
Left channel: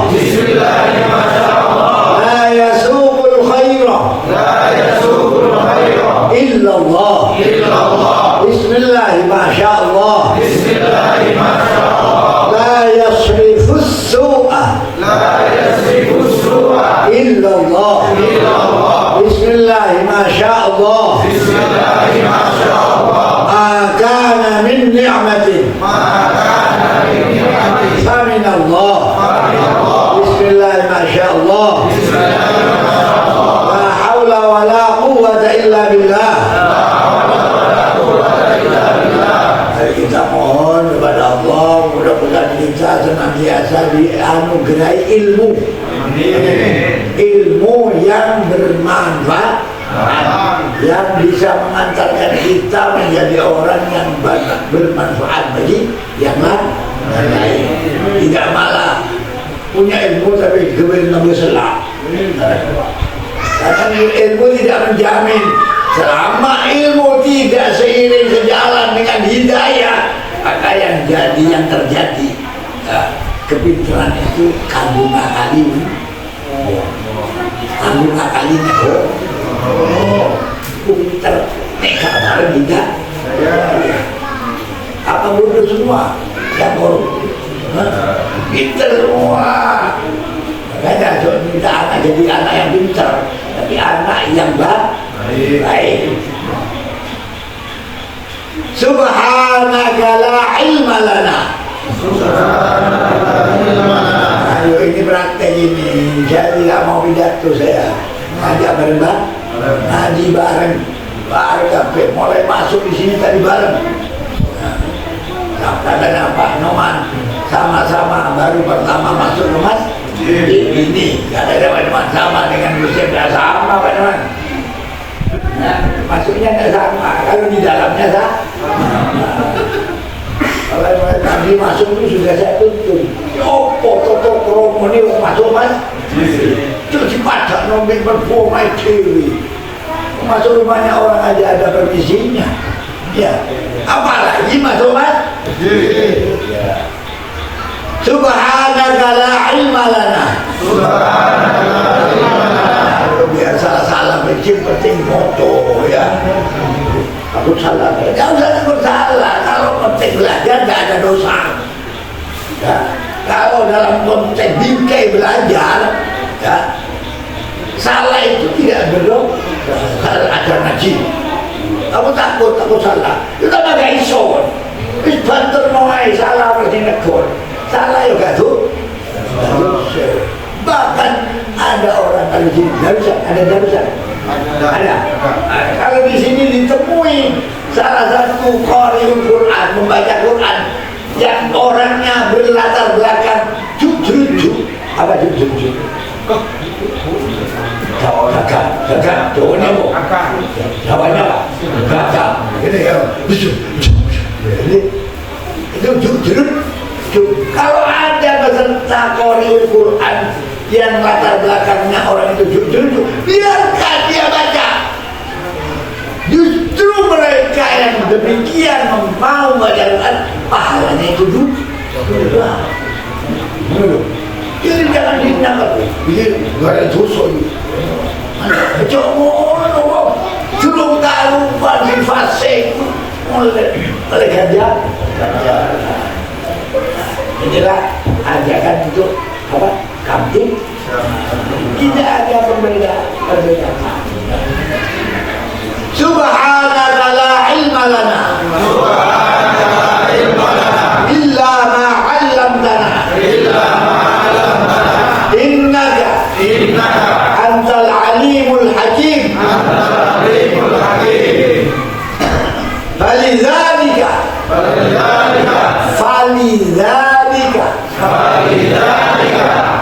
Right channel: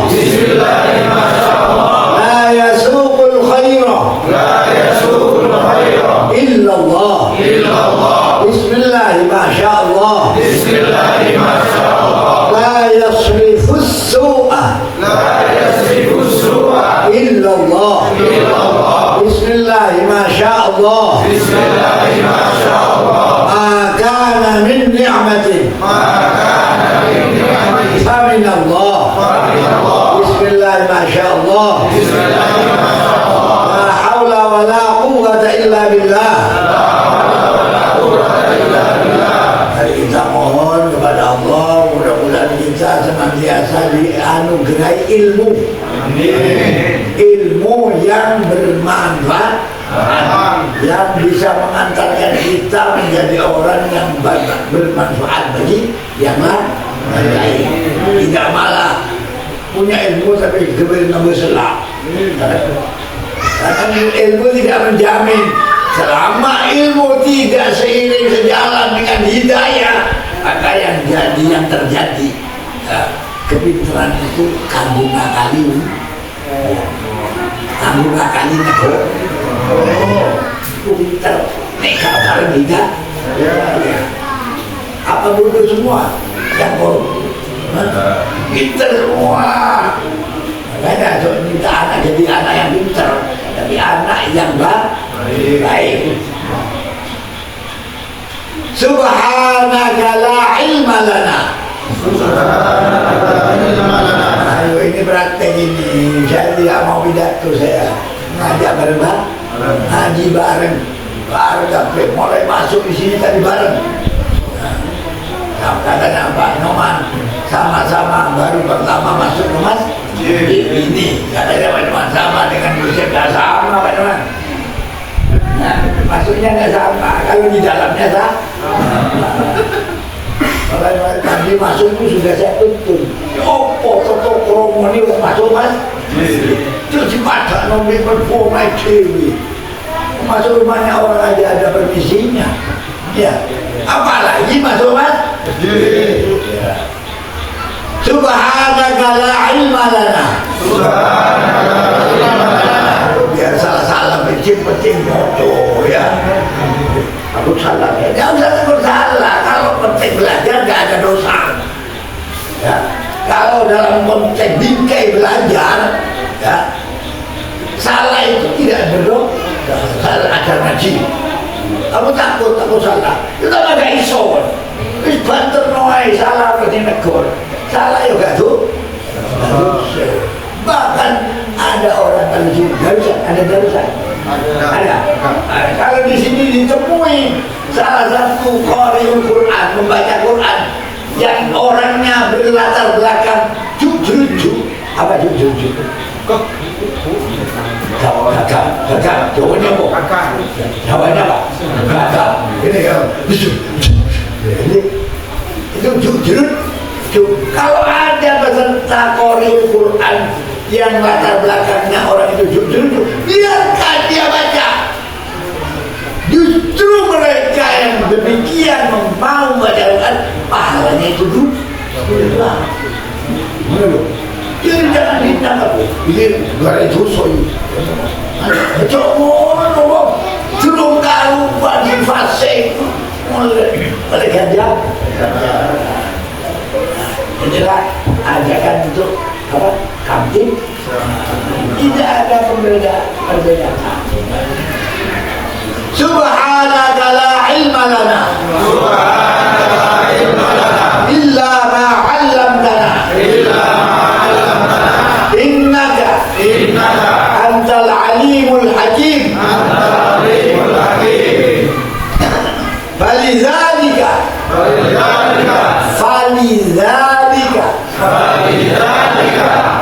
لا يسوق الخير إلا الله بسم الله ما شاء الله لا يصرف السوء إلا الله بسم الله ما شاء الله ما كان من نعمة فمن الله بسم الله ما شاء الله لا حول ولا قوة إلا بالله. Kita mohon kepada Allah mudah-mudahan kita senantiasa dianugerahi ilmu. Ilmu yang bermanfaat, yang bisa mengantarkan kita menjadi orang yang bermanfaat bagi yang lain. Tidak malah punya ilmu tapi kemudian berselah. Karena ilmu tidak menjamin. Selama ilmu tidak seiring sejalan dengan hidayah, maka yang terjadi kepintaran itu kandung akali negara. Pintar mereka bareng kita. Apa bodoh semua? Yang pintar semua. Makanya kita anak jadi anak yang pintar, tapi anak yang baik. Subhanaka la ilma lana. Ayo ini praktek ini. Saya tidak mau pidato, saya ngajak bareng, ngaji bareng, sampai mulai masuk di sini tadi bareng. Kadang-kadang Pak Noman sama-sama baru pertama masuk ke masjid ini. Kadang-kadang sama dengan Yusuf tidak sama Pak Noman. Nah, masuknya nggak sama, kalau di dalamnya sama. Kalau tadi masuk itu sudah saya tuntun. Toto promo ini masuk mas. Terus mata nombor performa TV. Masuk rumahnya orang aja ada permisinya. Ya, apalagi masuk mas. Subhanaka la ilma lana. Biar salah-salah penting moto ya. Aku salah ya. Jangan takut salah. Kalau penting belajar nggak ada dosa. Ya. Kalau dalam konteks bingkai belajar, ya, salah itu tidak berdosa. Kalau ada ngaji, kamu takut salah. Kita nggak ada iso. Is banter noai salah berarti negor. Salah ya gak tuh. Bahkan ada orang dari sini darusan, ada darusan. Ada. Kalau di sini ditemui salah satu qari'ul Quran, membaca Quran yang orangnya berlatar belakang jujur. Apa jujur? Gagal. Ini ini kan ini itu jujur. Kalau ada peserta Qori'ul Quran yang latar belakangnya orang itu jujur, biarkan dia baca. Justru mereka yang demikian mau mengajarkan pahalanya itu dulu. Ini jangan ditangkap. Ini gak ada dosa ini. Cuma belum tahu bagi fase mereka dia. Inilah ajakan untuk apa? Kamtip. Tidak ada perbedaan. Subhanaka la ilma lana illa ma 'allamtana innaka antal alimul hakim. Falidzalika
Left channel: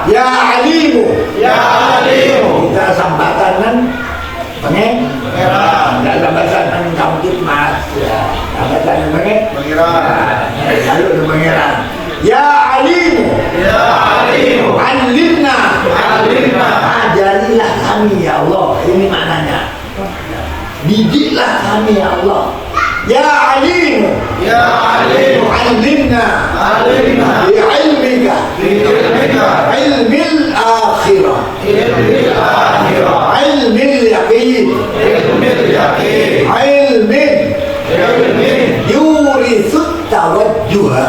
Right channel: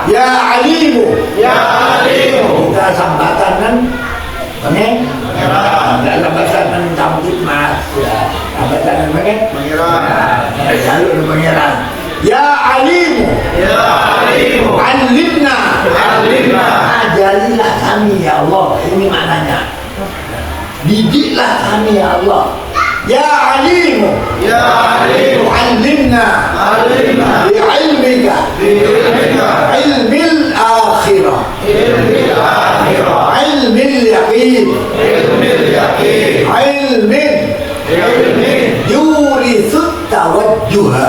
ya alimu kita sambatan kan pengen nggak sambatan kan kampung mas ya sambatan pengen lalu pengeran ya alimu alimna ajarilah kami ya Allah. Ini maknanya didiklah kami ya Allah. Ya alimu alimna bi'ilmika ilmil akhirah ilmil yaqin ilmin yurisut tawajjuha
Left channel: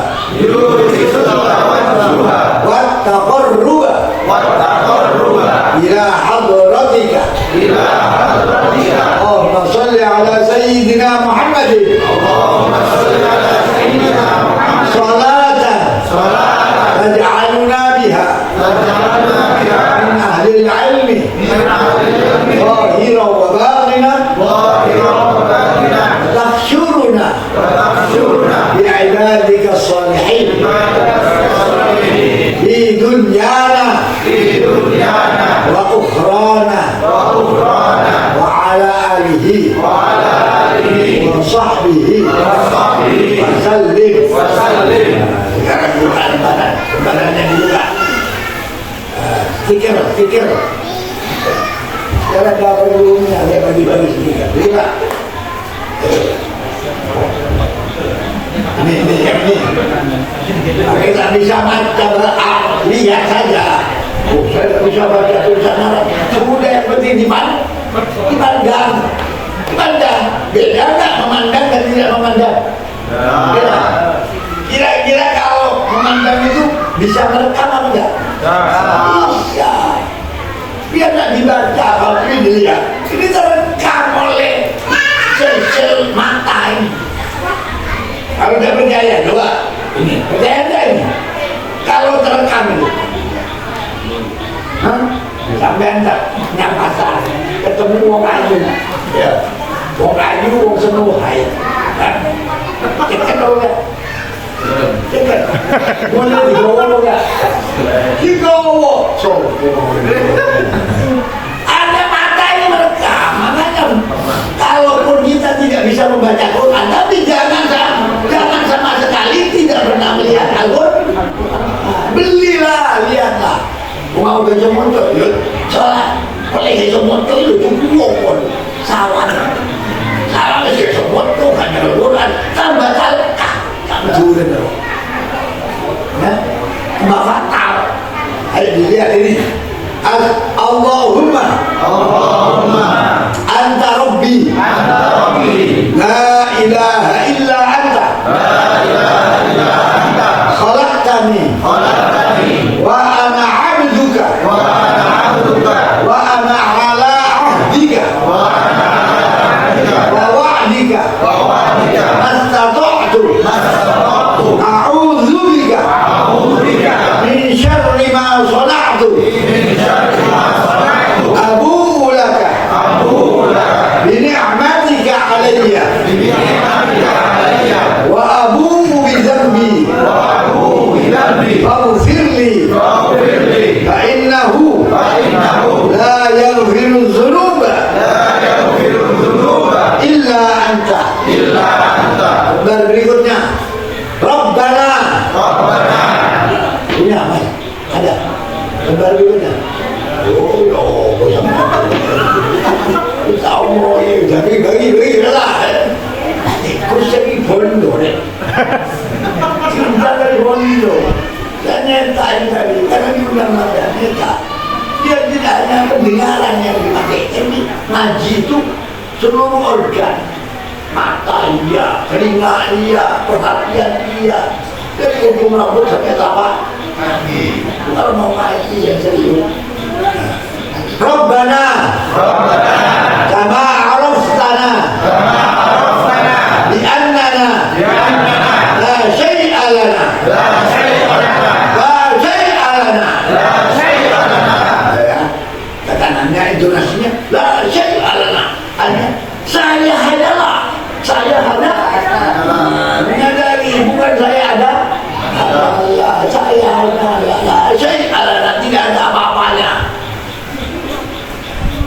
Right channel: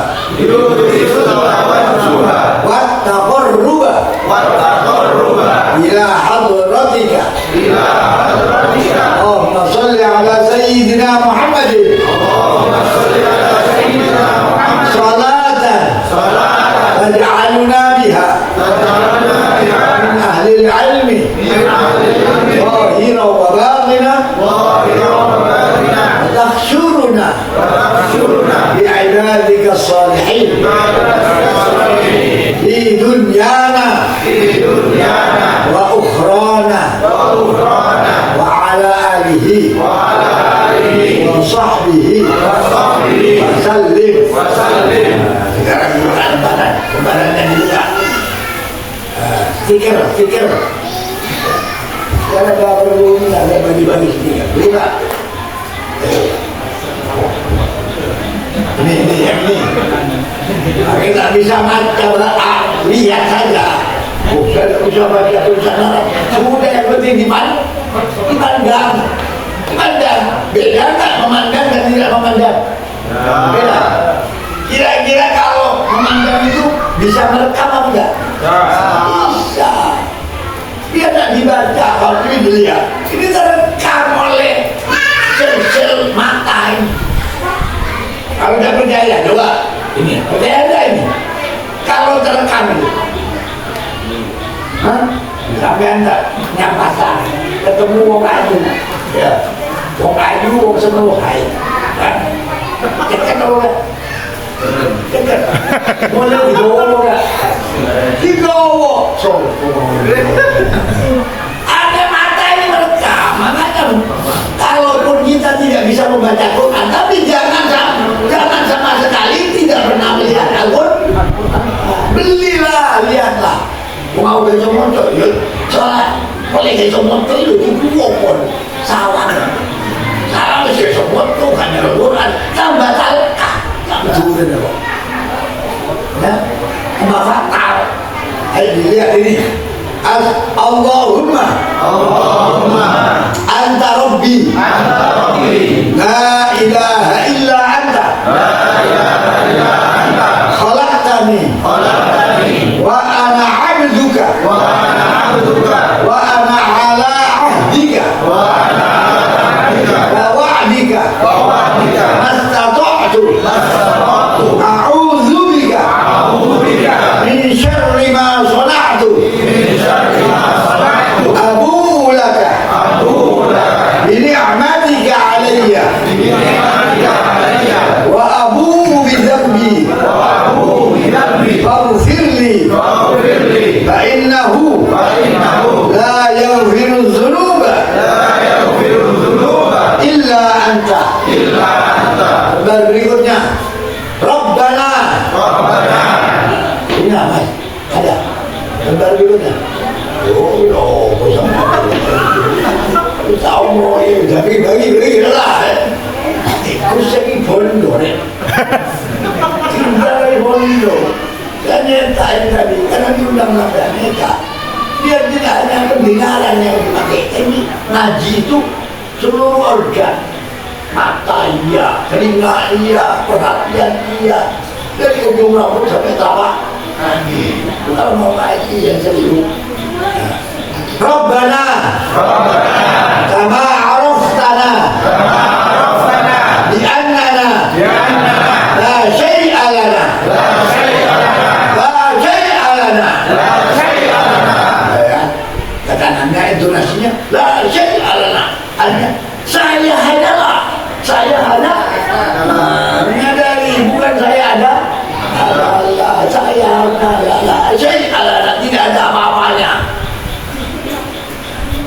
wattaqarruba ila hadratika. Allahumma salli ala sayyidina Muhammadin salatan waj'alna biha min ahli al-ilmi zahiran wa batinan tahsyuruna bi'ibadika as-salihin fi dunyana wa ukhrana wa ala alihi wa sahbihi wa sallim. Sekarang kembarannya juga pikir sekarang gak perlu ada bagi-bagi sedikit juga. Ini kita bisa baca lihat saja. Saya tidak bisa baca tulisan Arab. Sudah yang penting dipandang. Beda nggak memandang dan tidak memandang? Beda. Kira-kira kalau memandang itu bisa merekam apa enggak? Bisa. Dia tidak dibaca, kalau ini dilihat. Ini terekam oleh sel-sel mata ini. Kalau tidak percaya, coba ini percaya enggak ini? Kalau terekam itu, sampai anda nyap pasar, ketemu wong ayu, ya, wong ayu, wong seneng hai, dekat apa? Dekat, boleh dibawa nggak? Dibawa, ada mata ini merekam, makanya kalaupun kita tidak bisa membaca Quran, tapi jangan sama sekali tidak pernah melihat Al-Quran. Belilah, lihatlah. Mau gajah motor, salah. Oleh gajah motor itu pun salah. Salah gajah motor kan Al-Quran tambah salah. Tak betul benar. Ya, tambah fatal. Ayo dilihat ini. Allahumma anta rabbi la ilaha illa anta khalaqtani wa ana abduka wa ana ala ahdika wa wa'dika mastata'tu a'udzu bika min syarri ma sana'tu abu'u laka bi ni'matika 'alayya wa abu'u bi dhanbi faghfir li fa innahu la yaghfiru dhunuba illa anta bagi lah. Tikus jadi bondo deh. Cinta dari bondo. Dan nyata tadi karena diundang ada nyata. Dia tidak hanya pendengaran yang dipakai. Ini ngaji itu seluruh organ. Mata iya, telinga iya, perhatian iya. Dari ujung rambut sampai tapak. Kalau mau ngaji yang serius. Rabbana kama araftana li'annana la syai'a lana kata nanya intonasinya la syai'a lana, artinya saya hanya menyadari bukan saya ada Allah, saya hanya la syai'a lana, tidak ada apa-apanya.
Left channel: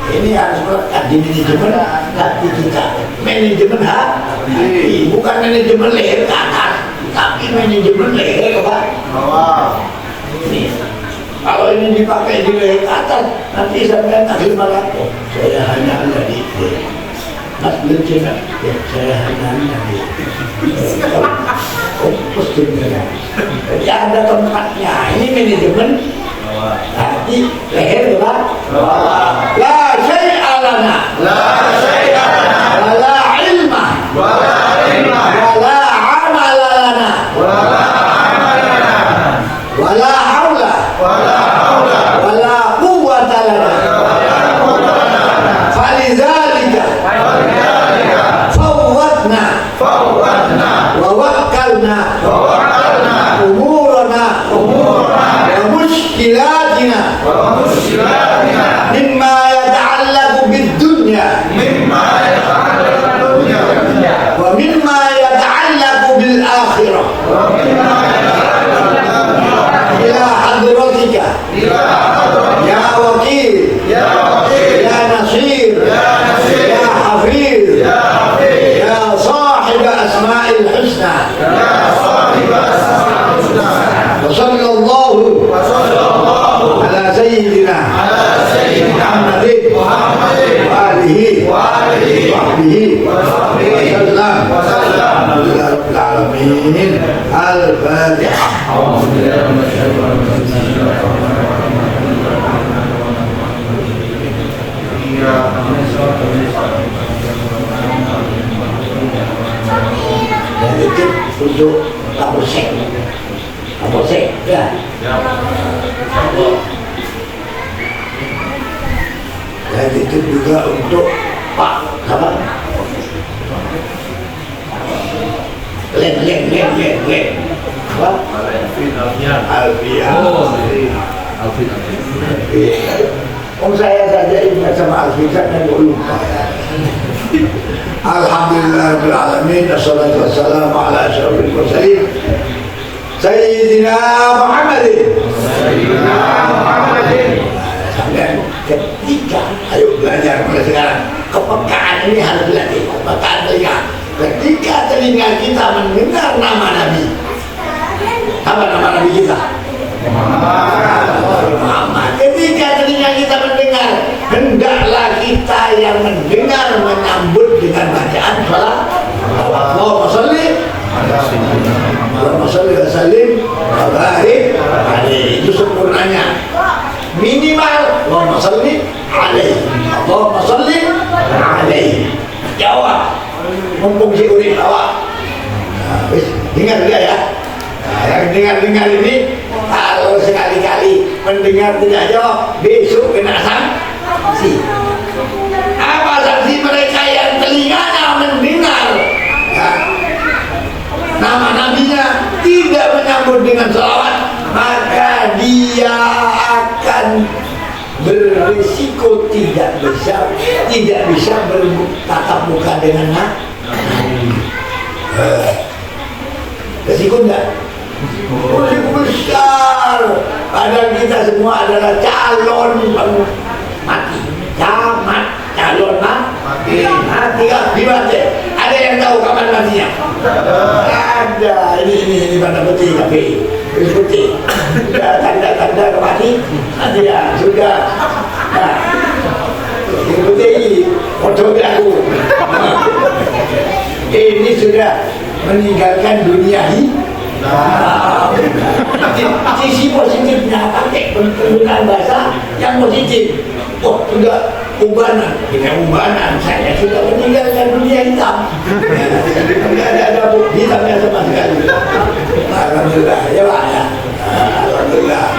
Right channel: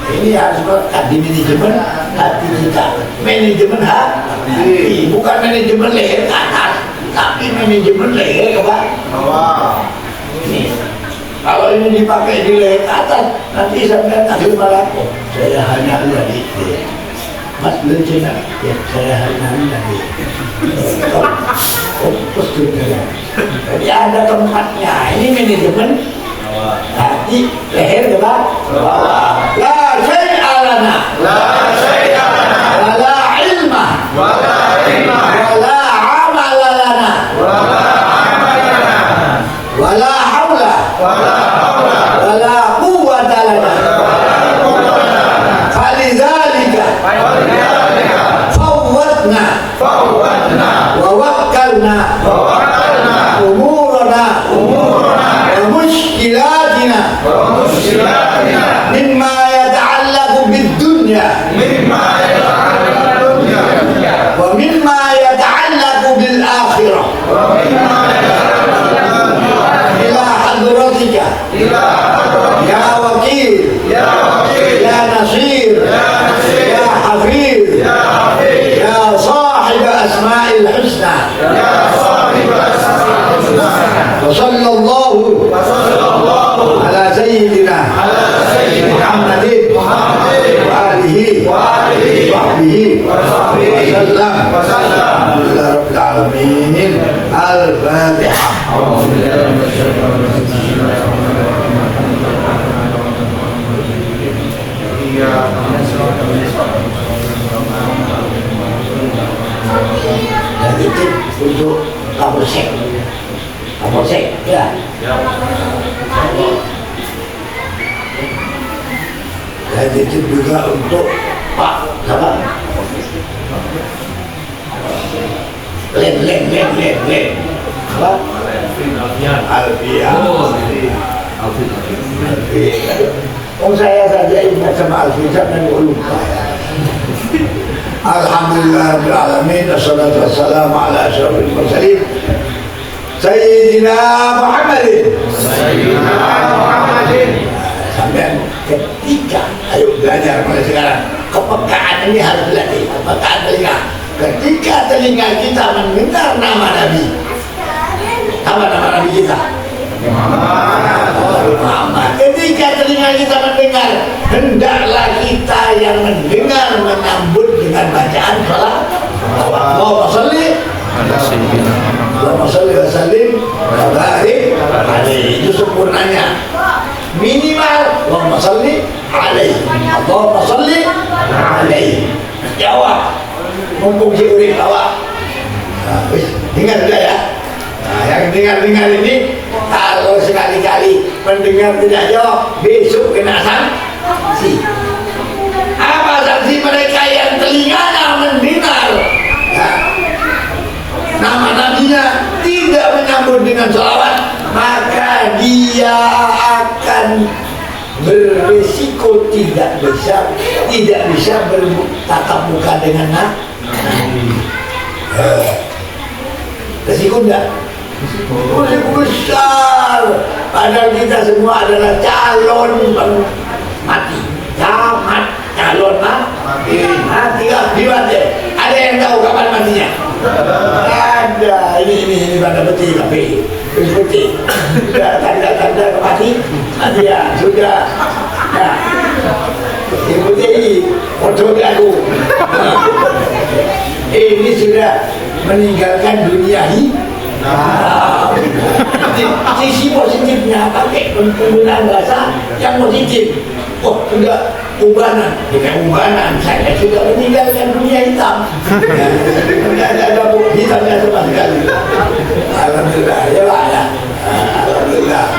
Ini harus di manajemen hati kita, manajemen hati, bukan manajemen leher ke atas, tapi manajemen leher ke bawah. Ini kalau ini dipakai di leher ke atas, nanti sampai akhir malam, saya hanya dari Mas Bencina, ya saya hanya dari fokus juga. Jadi ada tempatnya. Ini manajemen hati, leher ke bawah. La syai'a lana, wala ilma, wala amala lana, wala hawla, wala quwwata lana. Falidzalika fawwadna wa wakkalna umurana wa mushkilatina mimma yata'allaqu bid-dunya wa mimma yata'allaqu bil-akhirah ila hadratika ya wakil ya nasir ya hafiz ya sahib asma'il husna wa sallallahu ala sayyidina Muhammadin wa alihi wa sahbihi wasallam. Alhamdulillah rabbil alamin. Al-Fatihah. Dan itu untuk Kapolsek, ya. Dan itu juga untuk Pak Kabar. Len. Apa? Alfian. Saya saja ingat sama Alfian dan lupa. Alhamdulillahirrahmanirrahim. Assalatu wassalamu ala asyrafil mursalin Sayyidina Muhammadin. Sampai ketika, ayo belajar mulai sekarang. Kepekaan ini harus dilatih. Kepekaan telinga. Ketika telinga kita mendengar nama Nabi, apa nama Nabi kita? Muhammad. Ketika telinga kita mendengar, hendaklah kita yang mendengar menyambut dengan bacaan salat. Allahumma sholli wa sallim wa barik alaihi. Itu sempurnanya. Minimal Allahumma sholli alaihi. Allahumma sholli alaihi. Jawab. Mumpung si uring awak. Dengar juga ya. Yang dengar ini, kalau sekali-kali mendengar tidak jawab, besok kena sanksi. Apa sanksi mereka yang telinganya mendengar, ya, nama nabinya tidak menyambut dengan sholawat, maka dia akan berisiko tidak bisa bertatap muka dengan nabi. Resiko enggak? Resiko besar. Padahal kita semua adalah calon mati. Calon mati kan mati. Ada yang tahu kapan matinya? Ada. Ini pada peti tapi peti. Sudah tanda-tanda mati. Ya sudah. Nah, ini peti. Foto aku. Ini sudah meninggalkan dunia ini. Sisi positifnya pakai penggunaan bahasa yang positif. Oh, sudah ubanan. Dengan ubanan saya sudah meninggalkan dunia hitam. Tidak ada hitamnya sama sekali. Alhamdulillah, ya Pak ya. Alhamdulillah.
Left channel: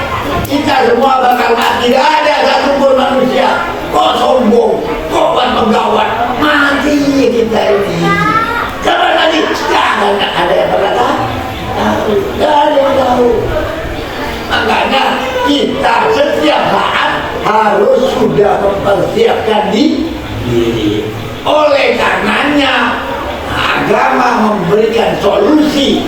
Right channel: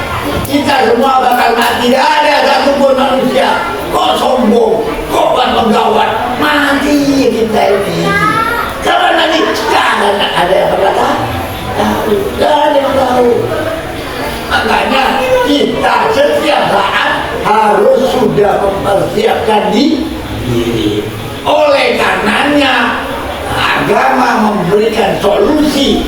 Kita semua bakal mati. Tidak ada satupun manusia kok sombong, kok penggawat, mati kita ini. Kapan nanti? Tidak ada yang pernah tahu. Tidak ada yang tahu. Makanya kita setiap saat harus sudah mempersiapkan diri. Oleh karenanya agama memberikan solusi.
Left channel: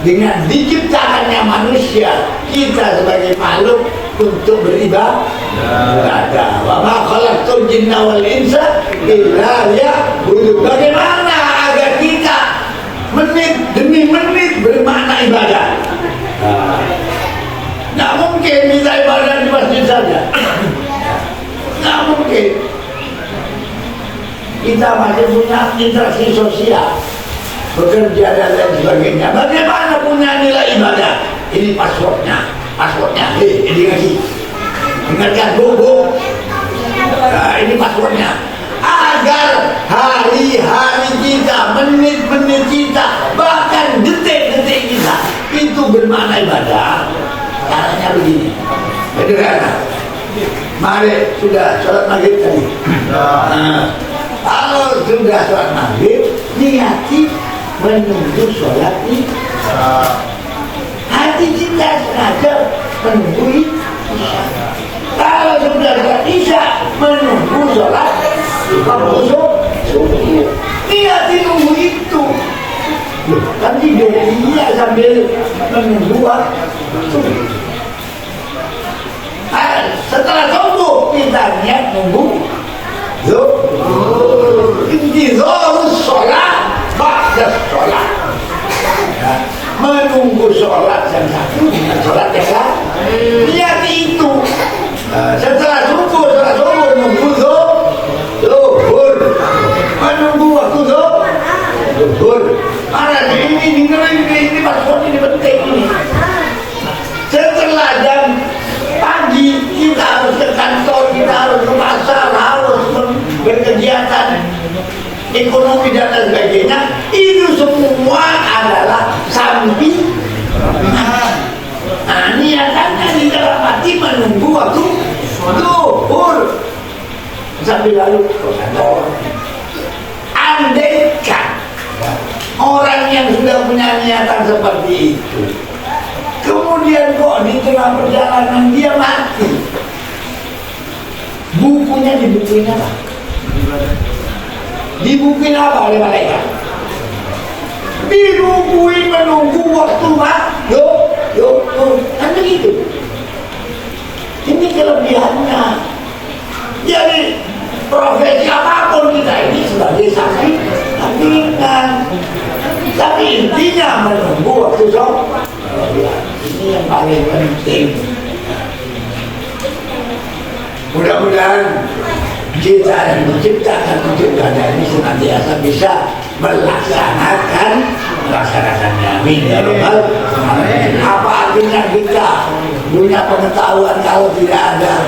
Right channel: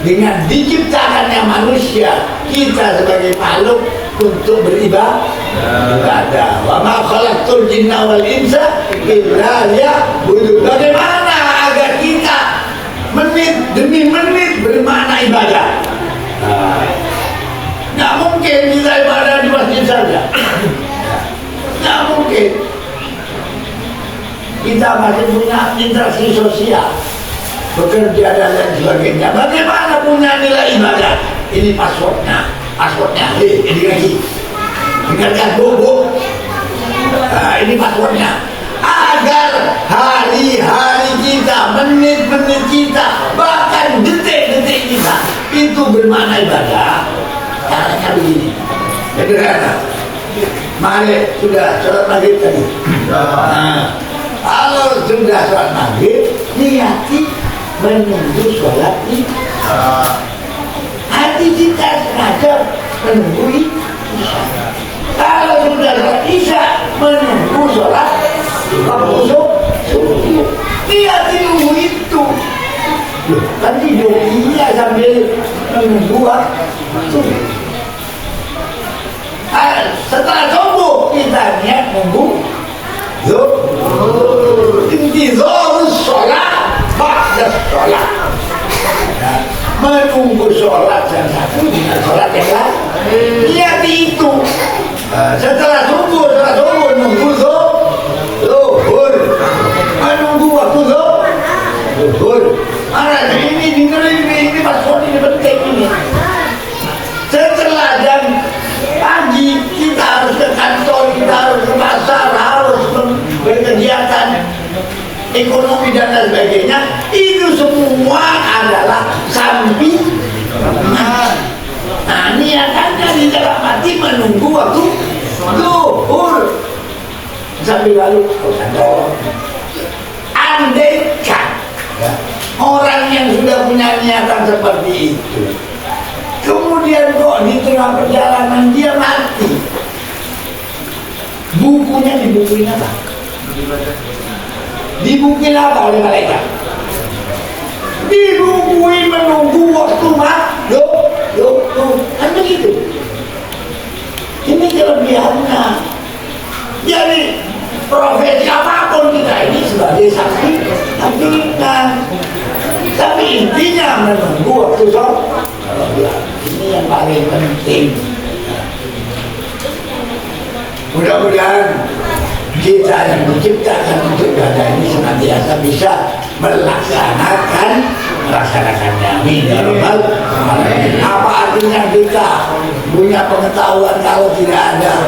Dengan diciptakannya manusia, kita sebagai makhluk untuk beribadah. Wa ma khalaqtul jinna wal insa illa liya'budun. Bagaimana agar kita menit demi menit bermakna ibadah? Nggak mungkin kita ibadah di masjid saja. Nggak mungkin. Kita masih punya interaksi sosial, bekerja dan lain sebagainya. Bagaimana punya nilai ibadah? Ini passwordnya. Ini lagi. Dengarkan bu. Nah, ini passwordnya. Agar hari-hari kita, menit-menit kita, bahkan detik-detik kita itu bermakna ibadah. Caranya begini. Sederhana. Mari sudah sholat maghrib tadi. Nah, kalau sudah sholat maghrib, niati menunggu sholat isya. Hati kita sengaja menunggu isya. Kalau sudah sholat isya, menunggu sholat subuh. Niati nunggu itu. Nanti dia sambil menunggu subuh. Setelah subuh kita niat nunggu intizarus sholat ba'da sholat. Menunggu sholat yang satu dengan sholat yang lain. Niat itu. Setelah subuh nunggu zuhur. Menunggu waktu zuhur. Mana ini password ini penting ini. Setelah jam pagi kita harus ke kantor, kita harus ke pasar, harus berkegiatan ekonomi dan lain sebagainya. Itu semua adalah samping. Nah, niatannya di dalam hati menunggu waktu zuhur sambil lalu ke kantor. Andaikan orang yang sudah punya niatan seperti itu, kemudian kok di tengah perjalanan dia mati, dibukuin apa? Dibukuin apa oleh malaikat? Dibukuin menunggu waktu mati. Kan begitu. Ini kelebihannya. Jadi profesi apapun kita ini sebagai saksi, tapi intinya menunggu waktu sholat. Ini yang paling penting. Mudah-mudahan kita yang menciptakan ibadah ini senantiasa bisa melaksanakannya. Amin ya rabbal alamin. Apa artinya kita punya pengetahuan kalau tidak ada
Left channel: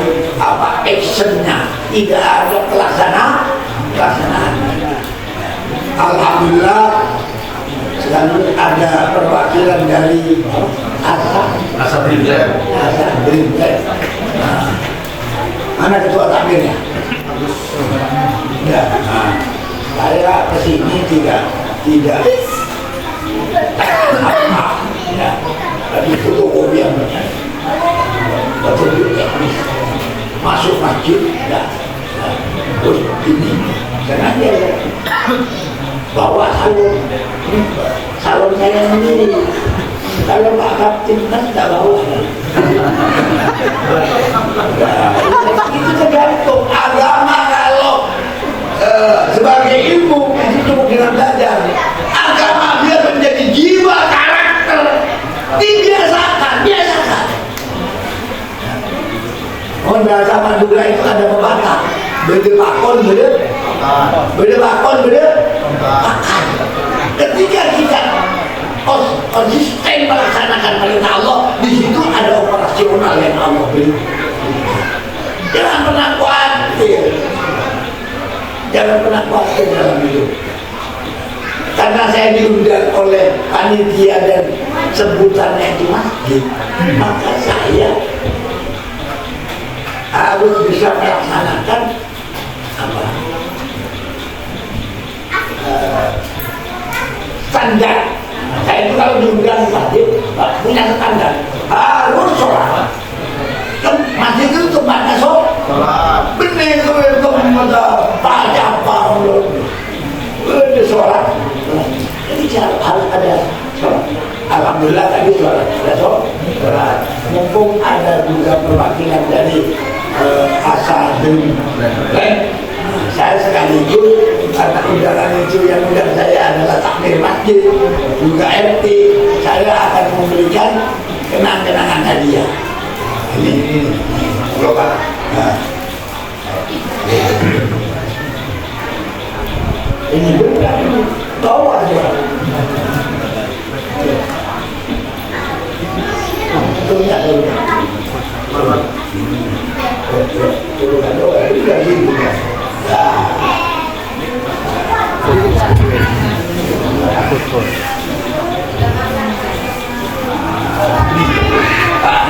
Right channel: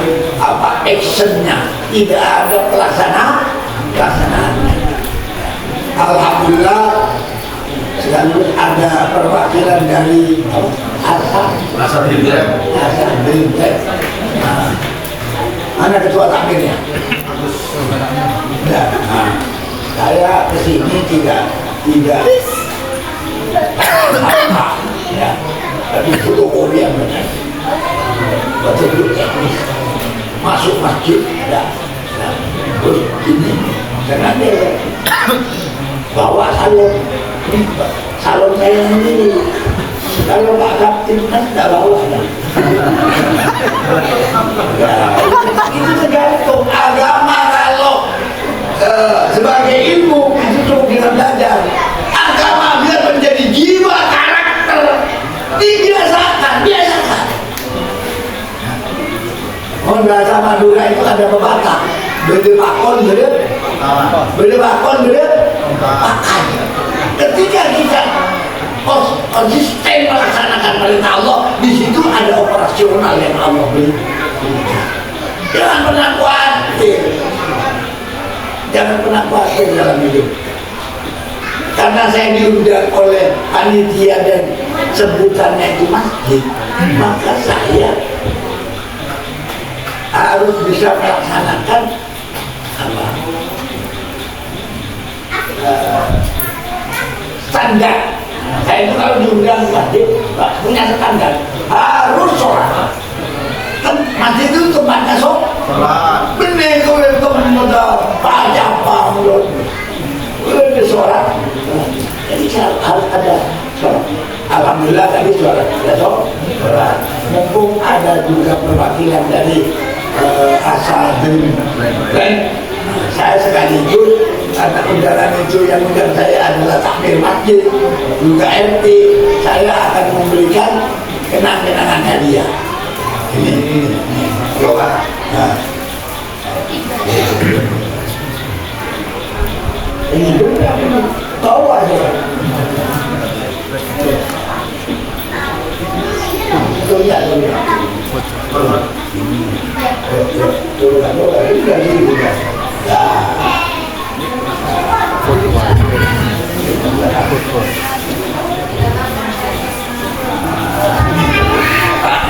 actionnya, tidak ada pelaksanaannya. Alhamdulillah selalu ada perwakilan dari Asa Dreamland. Mana ketua takmirnya? Ya, saya kesini tidak ya, tapi fotokopi yang benar, betul teknis, masuk masjid, ya, terus ini, karena dia bawa salon saya sendiri. Kalau Pak Kapten kan tidak bawa kan? Itu tergantung agama. Kalau sebagai ilmu itu cukup dengan belajar. Agama biar menjadi jiwa karakter, dibiasakan. Mohon bahasa Madura itu ada pepatah, bakon bener, makan. Ketika kita konsisten melaksanakan perintah Allah, di situ ada operasional yang Allah beri. Jangan pernah khawatir, dalam hidup. Karena saya diundang oleh panitia dan sebutannya itu masjid, maka saya harus bisa melaksanakan standar. Saya itu kalau diundang masjid punya standar, harus sholat. Kan masjid itu tempatnya sholat. Bener itu baca apa udah sholat. Jadi harus ada sholat. Alhamdulillah tadi sholat. Mumpung ada juga perwakilan dari Asadun dan saya sekaligus karena undangan itu yang undang saya adalah takmir masjid juga RT, saya akan memberikan kenang-kenangan hadiah. Ini Bapak. Ini benar, tahu aja.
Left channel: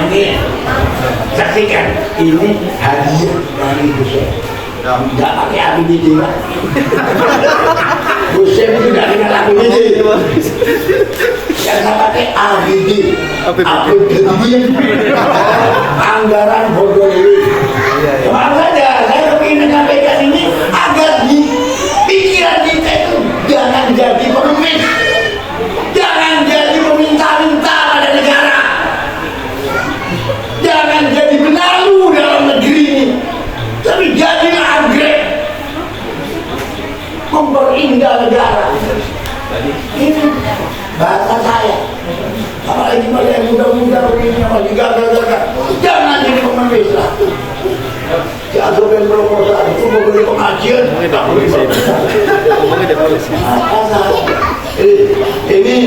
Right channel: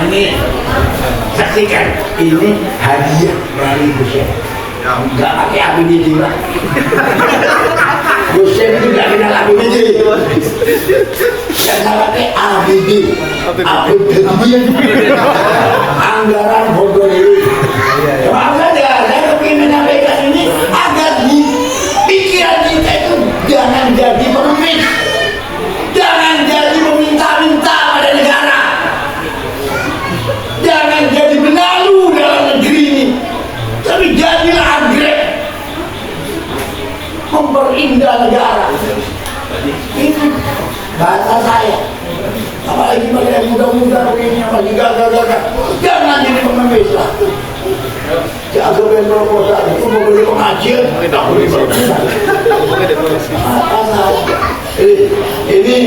Ini saksikan, ini hadiah dari Gusem. Nggak pakai api biji lah. Gusem itu nggak kenal api biji. Karena pakai api biji, api biji. Anggaran bodoh ini. Maaf saja, saya ingin menyampaikan ini agar di pikiran kita itu jangan jadi pengemis, jangan jadi meminta-minta pada negara, jangan jadi benalu dalam negeri ini, tapi jadilah anggrek memperindah negara. Ini bahasa saya. Apalagi pada yang muda-muda begini masih gagal-gagal, jangan jadi pengemis lah. Jagoan proposal itu mau beli pengajian, tak boleh proposal. Ini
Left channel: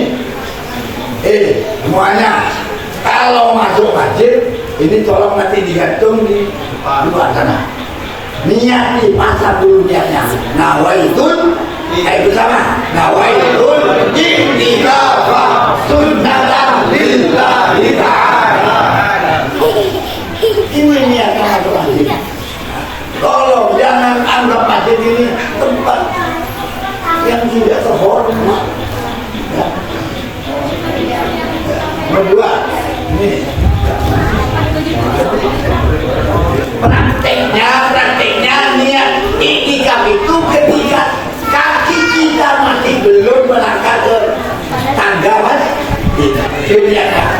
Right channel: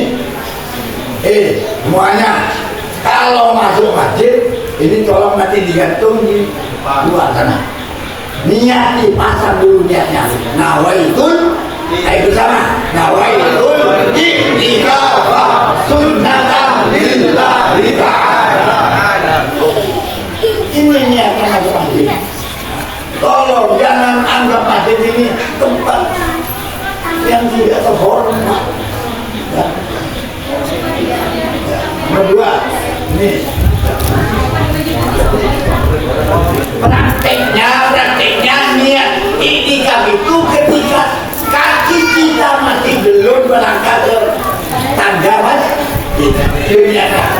semuanya kalau masuk masjid ini tolong nanti digantung di luar sana. Niat nih, pasang dulu niatnya. Nawaitun, ayo bersama. Nawaitun iktikafah sunnatan lillahi ta'ala. Ini niatnya masuk masjid. Tolong jangan anggap masjid ini tempat yang tidak terhormat. Ya. Nomor 2, ini prakteknya niat iktikaf itu ketika kaki kita masih belum berangkat ke tangga masjid.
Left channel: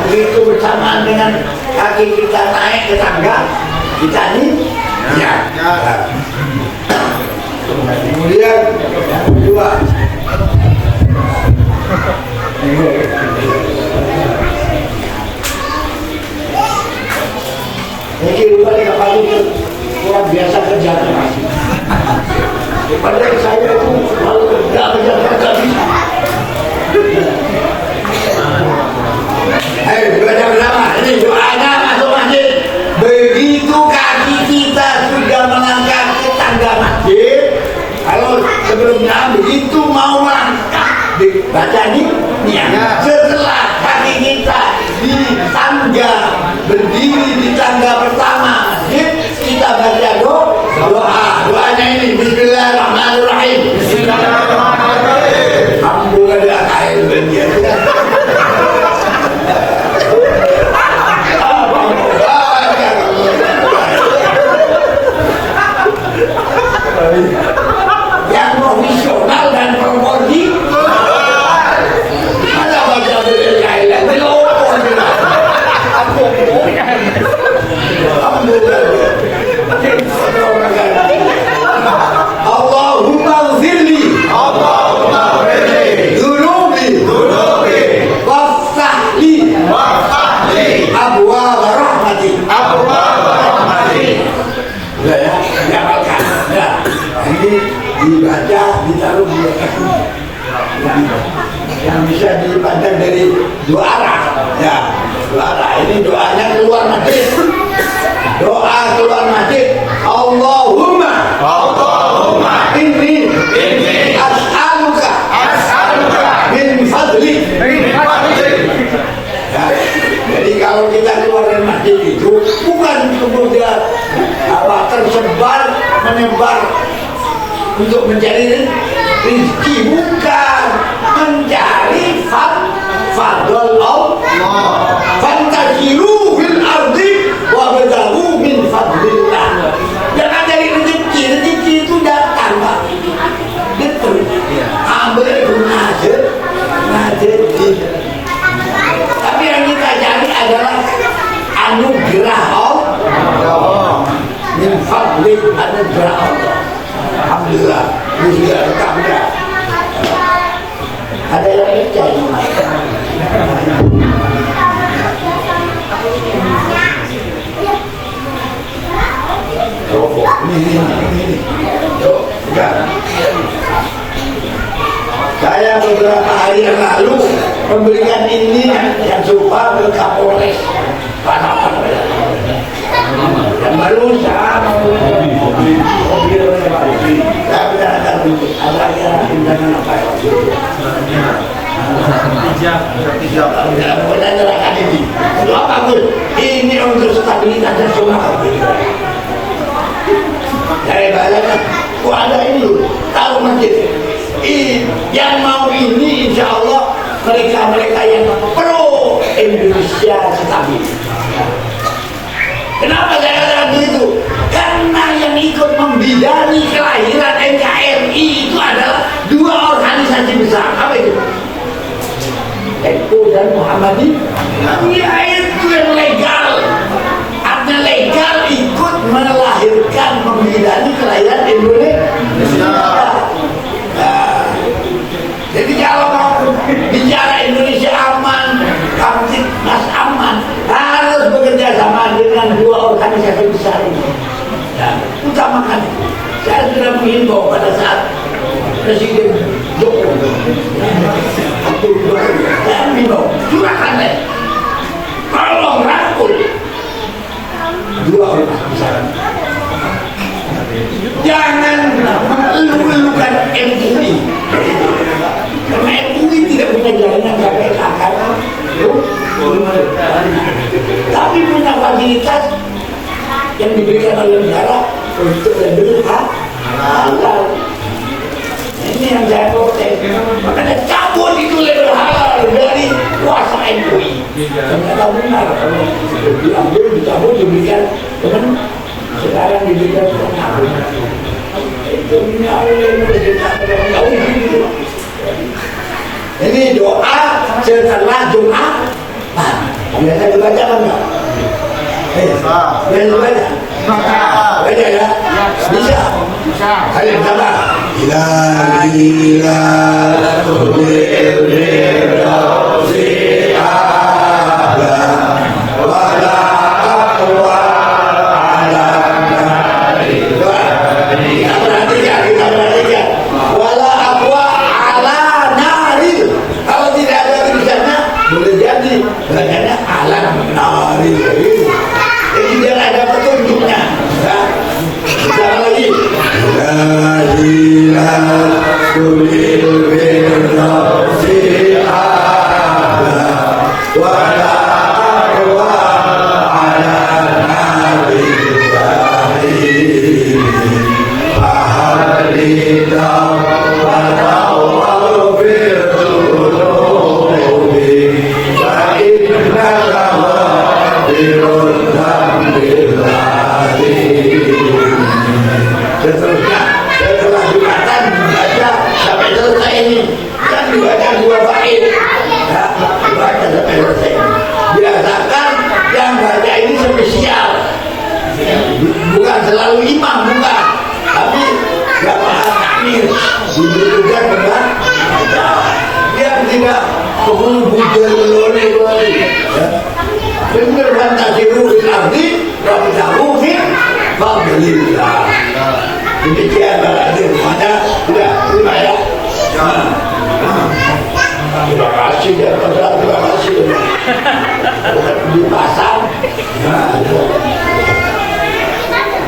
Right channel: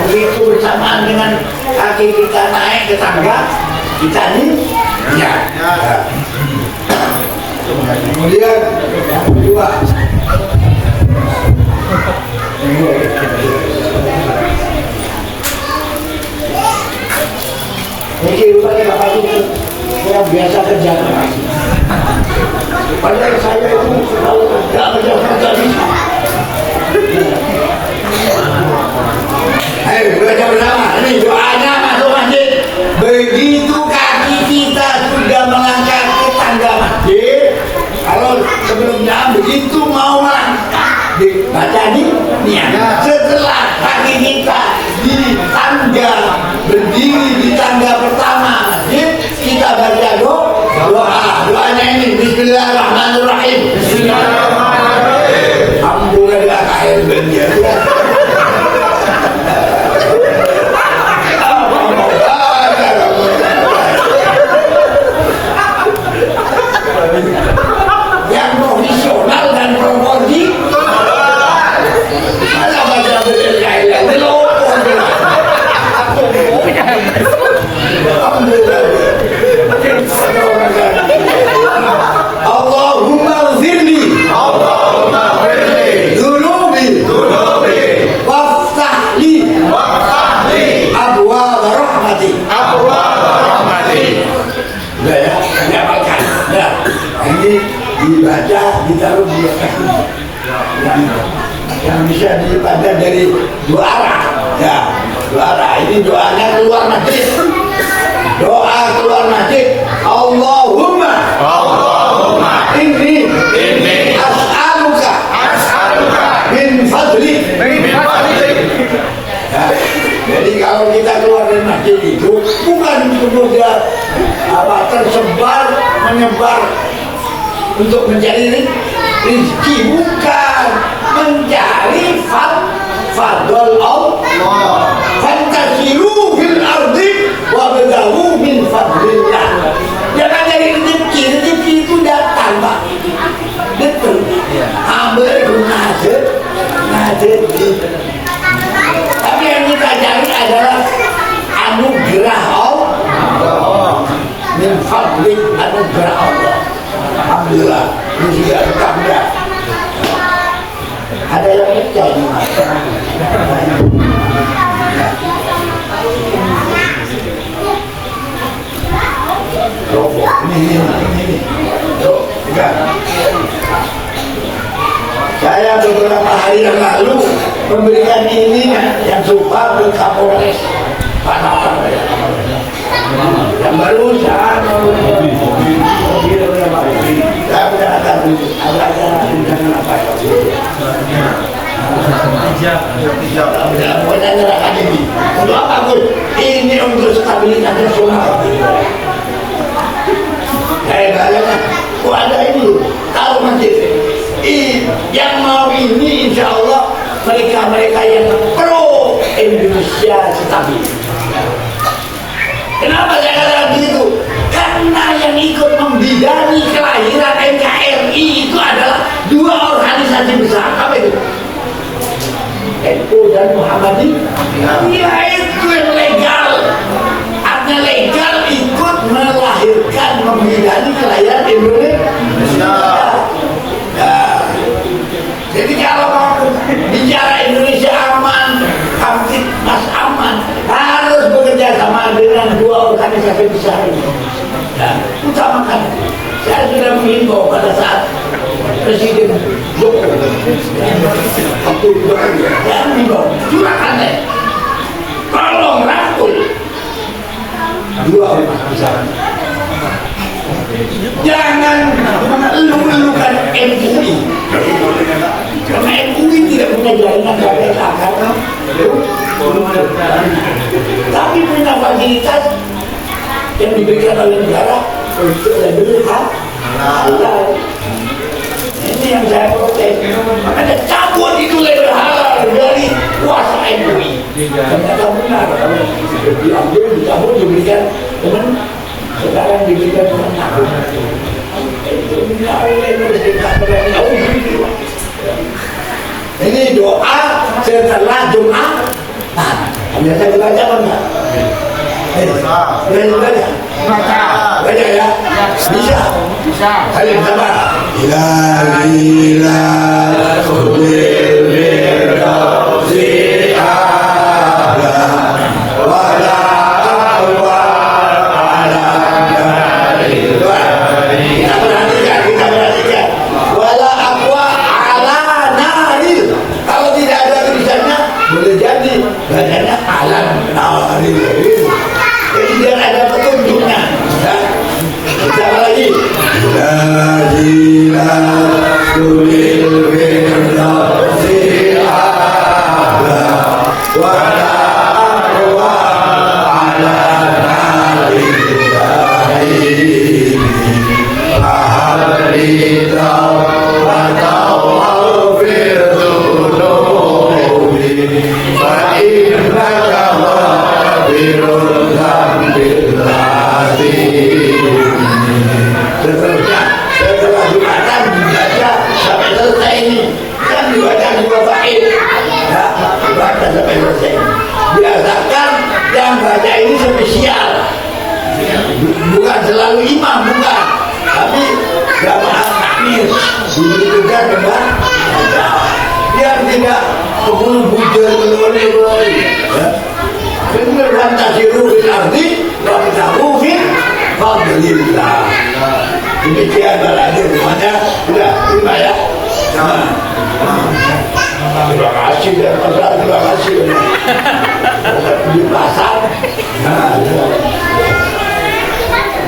Begitu bersamaan dengan kaki kita naik ke tangga, kita nih ya. Kemudian yang kedua, ini rupanya Bapak itu orang biasa kerja keras. Padahal saya itu kalau tidak kerja kerja bisa. Ayo belajar bersama. Ini doanya masuk masjid. Begitu kaki kita sudah melangkah ke tangga masjid, kalau sebelumnya begitu mau melangkah, dibaca nih niat. Setelah kaki kita di tangga, berdiri di tangga pertama masjid, kita baca doa. Doanya ini Bismillahirrahmanirrahim. Bismillahirrahmanirrahim. Alhamdulillah khair banget. Yang profesional dan proporsi ada baca Bismillahirrahmanirrahim. Allahumma dibaca, ditaruh di atas yang bisa dibaca dari dua arah, ya, dua arah. Ini doanya keluar masjid, doa keluar masjid. Allahumma inni as'aluka min fadlik. Nah, jadi kalau kita keluar dari masjid itu bukan kemudian tersebar menyebar untuk mencari rezeki, bukan, mencari fadl Allah. Fantasiru fil ardi wabtaghu min fadlillah. Jangan cari rezeki, rezeki itu datang, Pak. Betul. Ambil itu ngajet. Tapi yang kita cari adalah anugerah Allah. Min fadlil, anugerah Allah. Alhamdulillah, ini sudah rekam ya. Ada yang percaya Mas. Ini. Tuh, enggak. Saya beberapa hari yang lalu memberikan ini yang suka ke Kapolres Pak Napar. Yang baru saya bicarakan untuk apa pun ini untuk stabilitas nasional. Saya bayangkan, ada ini tahu masjid yang mau ini, insya Allah mereka yang pro Indonesia stabil. Kenapa saya katakan begitu? Karena yang ikut membidani kelahiran NKRI itu adalah dua organisasi besar. Apa itu? NU dan Muhammadiyah. Ya itu yang legal. Artinya legal ikut melahirkan, membidani kelahiran Indonesia. Nah, jadi kalau mau bicara Indonesia aman, kamtip mas aman, harus bekerja sama dengan dua organisasi besar ini. Dan utamakan, saya sudah menghimbau pada saat Presiden Jokowi waktu itu, saya menghimbau, silakan deh, tolong rangkul dua organisasi besar. Jangan mengeluh-elukan MUI, karena MUI tidak punya jaringan KPK karena tapi punya fasilitas yang diberikan oleh negara untuk lebih halal. Ini yang saya protes. Makanya cabut itu lebih halal dari kuasa MUI. Ternyata benar, diambil, dicabut, diberikan teman. Sekarang diberikan teman. Itu ini doa setelah Jumat. Biasa dibaca apa enggak? Biasa dibaca? Baca ya? Bisa? Kalian sama? Ila banyaknya alam nari. Jadi biar ada petunjuknya. Kita lagi. Setelah Jumatan dibaca sampai selesai ini, kan dibaca dua bait, dibaca sampai selesai. Biasakan yang baca ini spesial, bukan selalu imam, bukan, tapi jamaah takmir diberi tugas dengan baca, biar tidak keburu-buru oleh benar kan tasiru fil ardi wa bitahu fil fadlillah. Demikian berarti rumahnya kasih dan terima kasih di pasar. Nah, itu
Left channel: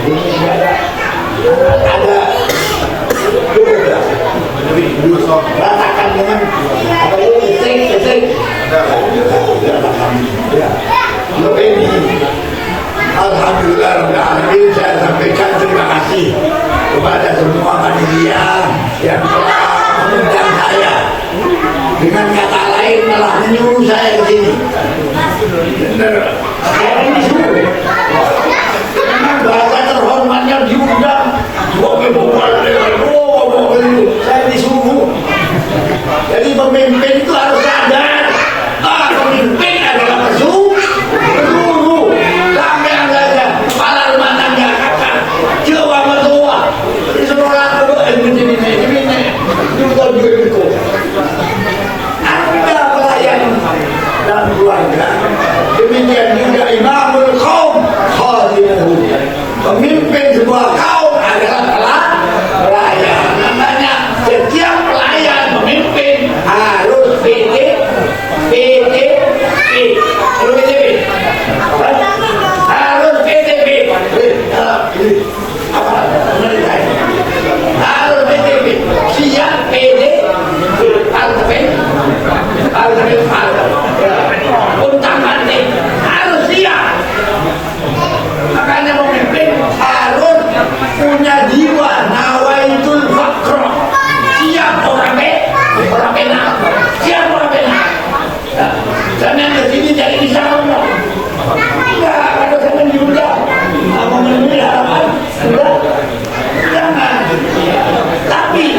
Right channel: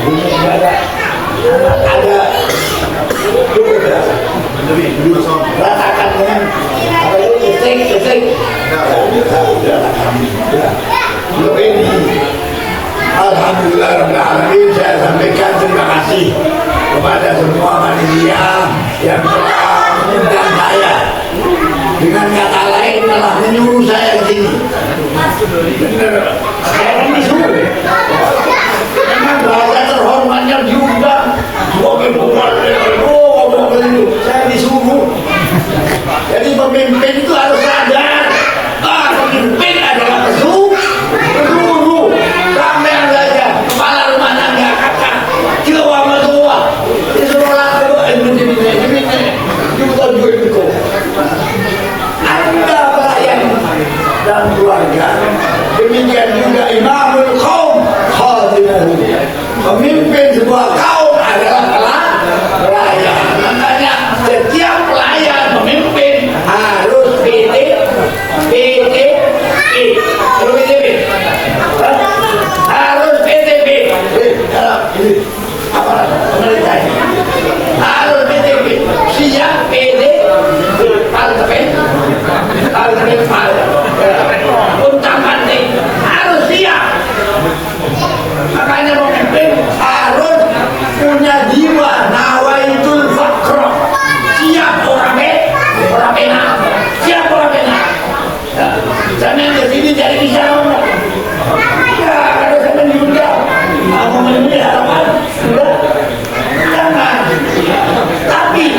ini ada rasakan dengan apa itu ketik ini alhamdulillah saya sampaikan terima kasih kepada semua panitia yang telah mengundang saya, dengan kata lain telah menyuruh saya ke sini. Saya disuruh memang bahasa terhormatnya diundang sebagai saya disuruh. Jadi pemimpin itu harus sadar, pemimpin adalah pesuruh. Sampai saja kepala rumah tangga kata jiwa metua disuruh lakukan ini juga Anda pelayan dan keluarga. Demikian juga imamul qaum khadimuhu, pemimpin sebuah kaum adalah pelayan. Makanya setiap pelayan pemimpin harus PDP harus PDP harus PDP siap PDP untak mati harus siap. Makanya pemimpin harus punya jiwa nawaitul fakr, siap orang enak, siap orang enak. Jangan yang kesini jadi bisa orang. Ya, ada zaman juga mau menemui harapan, jangan. Tapi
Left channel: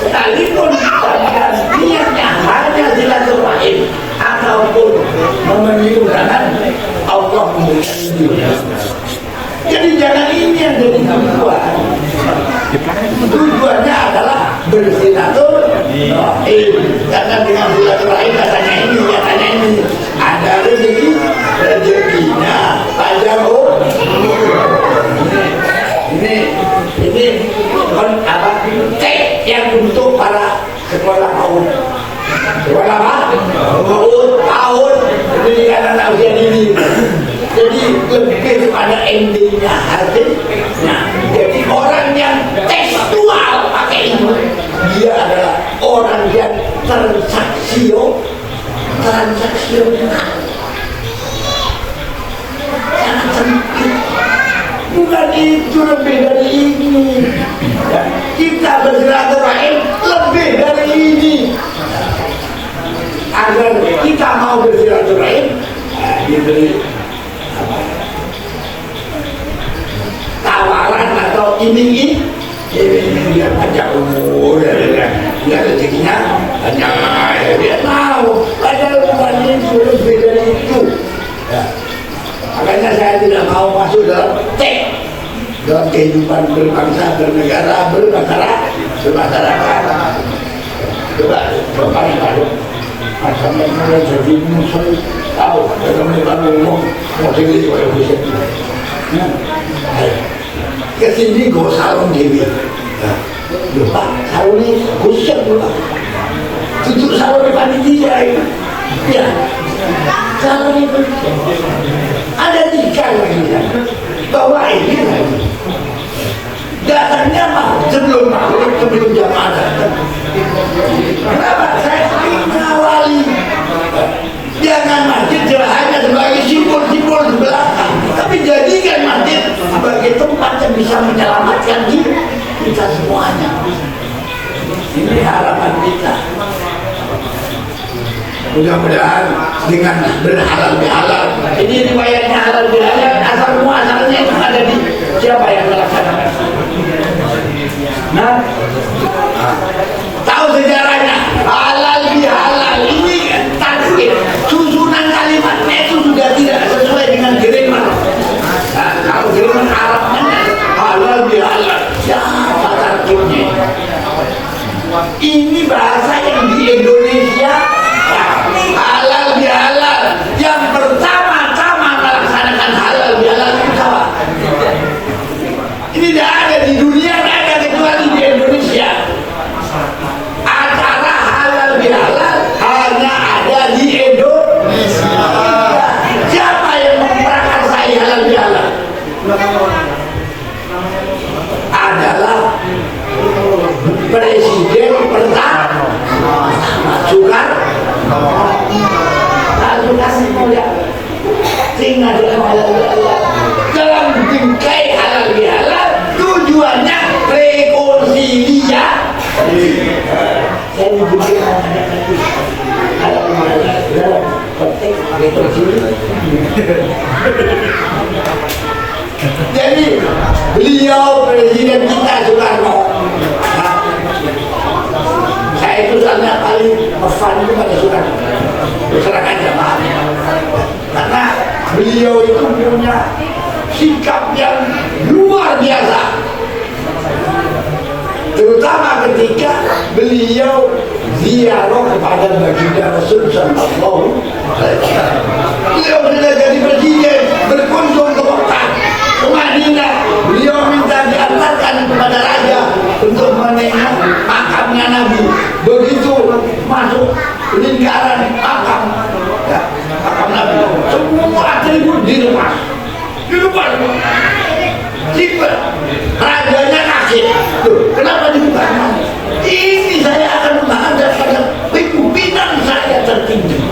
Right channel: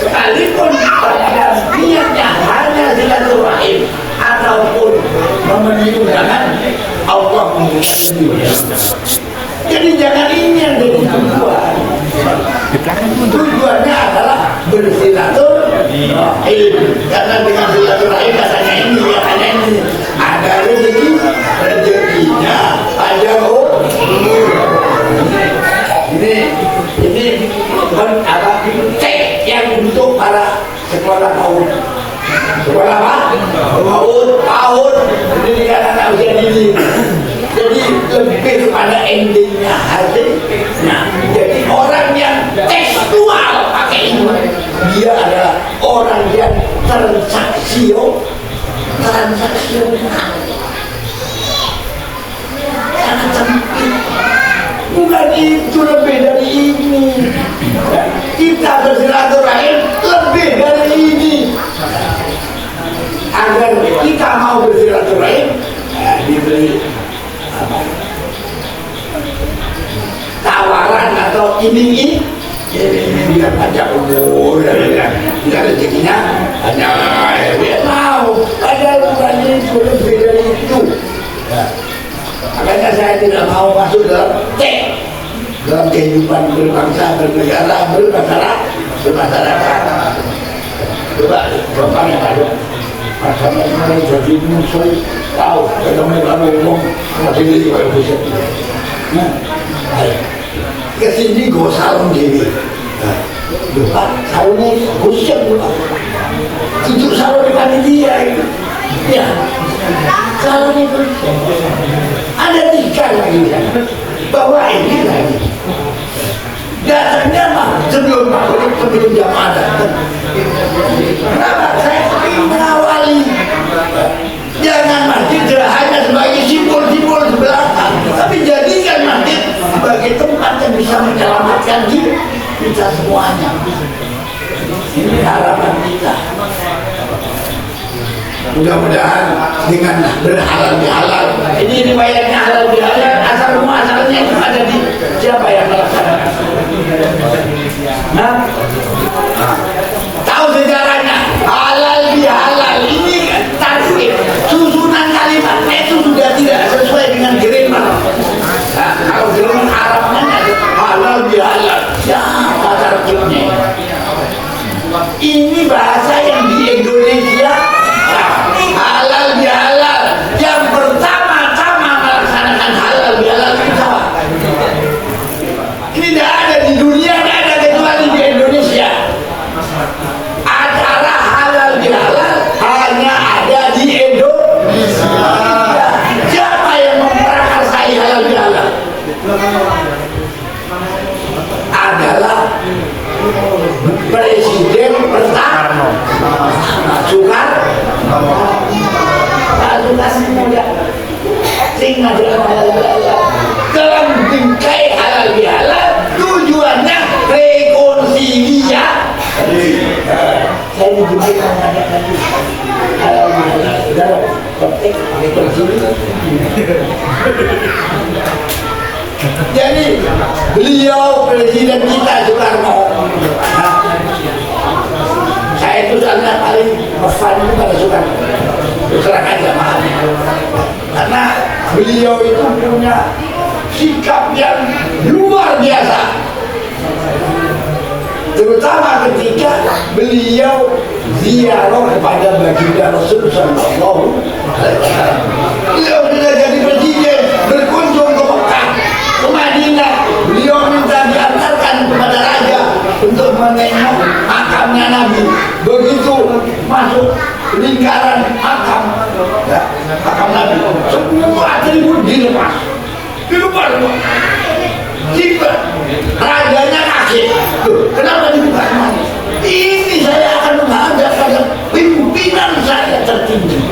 sekalipun banyakkan niatnya hanya silaturahim ataupun memenuhi undangan, Allah mengucapkan. Jadi jangan ini yang jadi tujuan. Tujuannya adalah bersilaturahim. Karena dengan silaturahim katanya ini ada rezekinya pada ini apa tek yang untuk para sekolah PAUD. Sekolah apa? PAUD pendidikan anak usia dini. Jadi lebih kepada endingnya hasilnya. Jadi orang yang tekstual pakai ini, dia adalah orang yang transaksional. Sangat sempit. Bukan itu lebih dari ini. Kita bersilaturahim lebih dari ini. Agar kita mau bersilaturahim, diberi tawaran atau iming-iming, dia panjang umur, dia rezekinya panjang, dia mau. Padahal bukan itu, lebih dari itu. Makanya saya tidak mau masuk dalam dalam kehidupan berbangsa, bernegara, bermasyarakat. Coba rasanya mulai jadi musuh, tahu, kalau ngomong masih gitu kalau bisa. Kesini gue salon diri. Pak, salonnya busuk dulu. Itu salon depan dia itu. Ya, salon itu ada 3 lagi kan. Bawa ini lagi. Datangnya mah sebelum jam ada. Kenapa? Saya ingin mengawali. Jangan masjid hanya sebagai simbol-simbol di belakang, tapi jadikan masjid sebagai tempat yang bisa menyelamatkan kita semuanya. Ini harapan kita. Mudah-mudahan dengan berhalal bihalal. Ini riwayatnya halal bihalal, asal muasalnya itu ada di siapa yang melaksanakan. Nah, tahu sejarahnya halal bihalal ini tarif susunan kalimatnya itu sudah tidak sesuai dengan grammar. Nah, kalau grammar Arabnya halal bihalal, siapa tarifnya? Ini bahasa yang di Indonesia halal bihalal yang pertama-tama melaksanakan halal bihalal itu apa? Ini tidak ada di dunia, tidak ada kecuali di Indonesia. Acara halal bihalal hanya Presiden pertama Soekarno. Tinggal dalam bingkai halal bihalal, tujuannya rekonsiliasi. Saya dibikin halal bihalal dalam konteks rekonsiliasi. Jadi beliau presiden kita Soekarno, saya itu soalnya paling ngefan itu pada Soekarno. Terserah aja maaf, karena beliau itu punya sikap yang luar biasa, terutama ketika beliau ziarah kepada baginda Rasul Sallallahu Alaihi Wasallam. Beliau sudah jadi presiden, berkunjung ke Mekah, ke Madinah. Beliau minta diantarkan kepada raja untuk menengok makamnya Nabi. Begitu masuk lingkaran makam, ya, makam Nabi, semua atribut dilepas. Tiba rajanya kaget. Tuh, kenapa dibuka? Ini saya akan menghadapkan pimpinan saya tertinggi.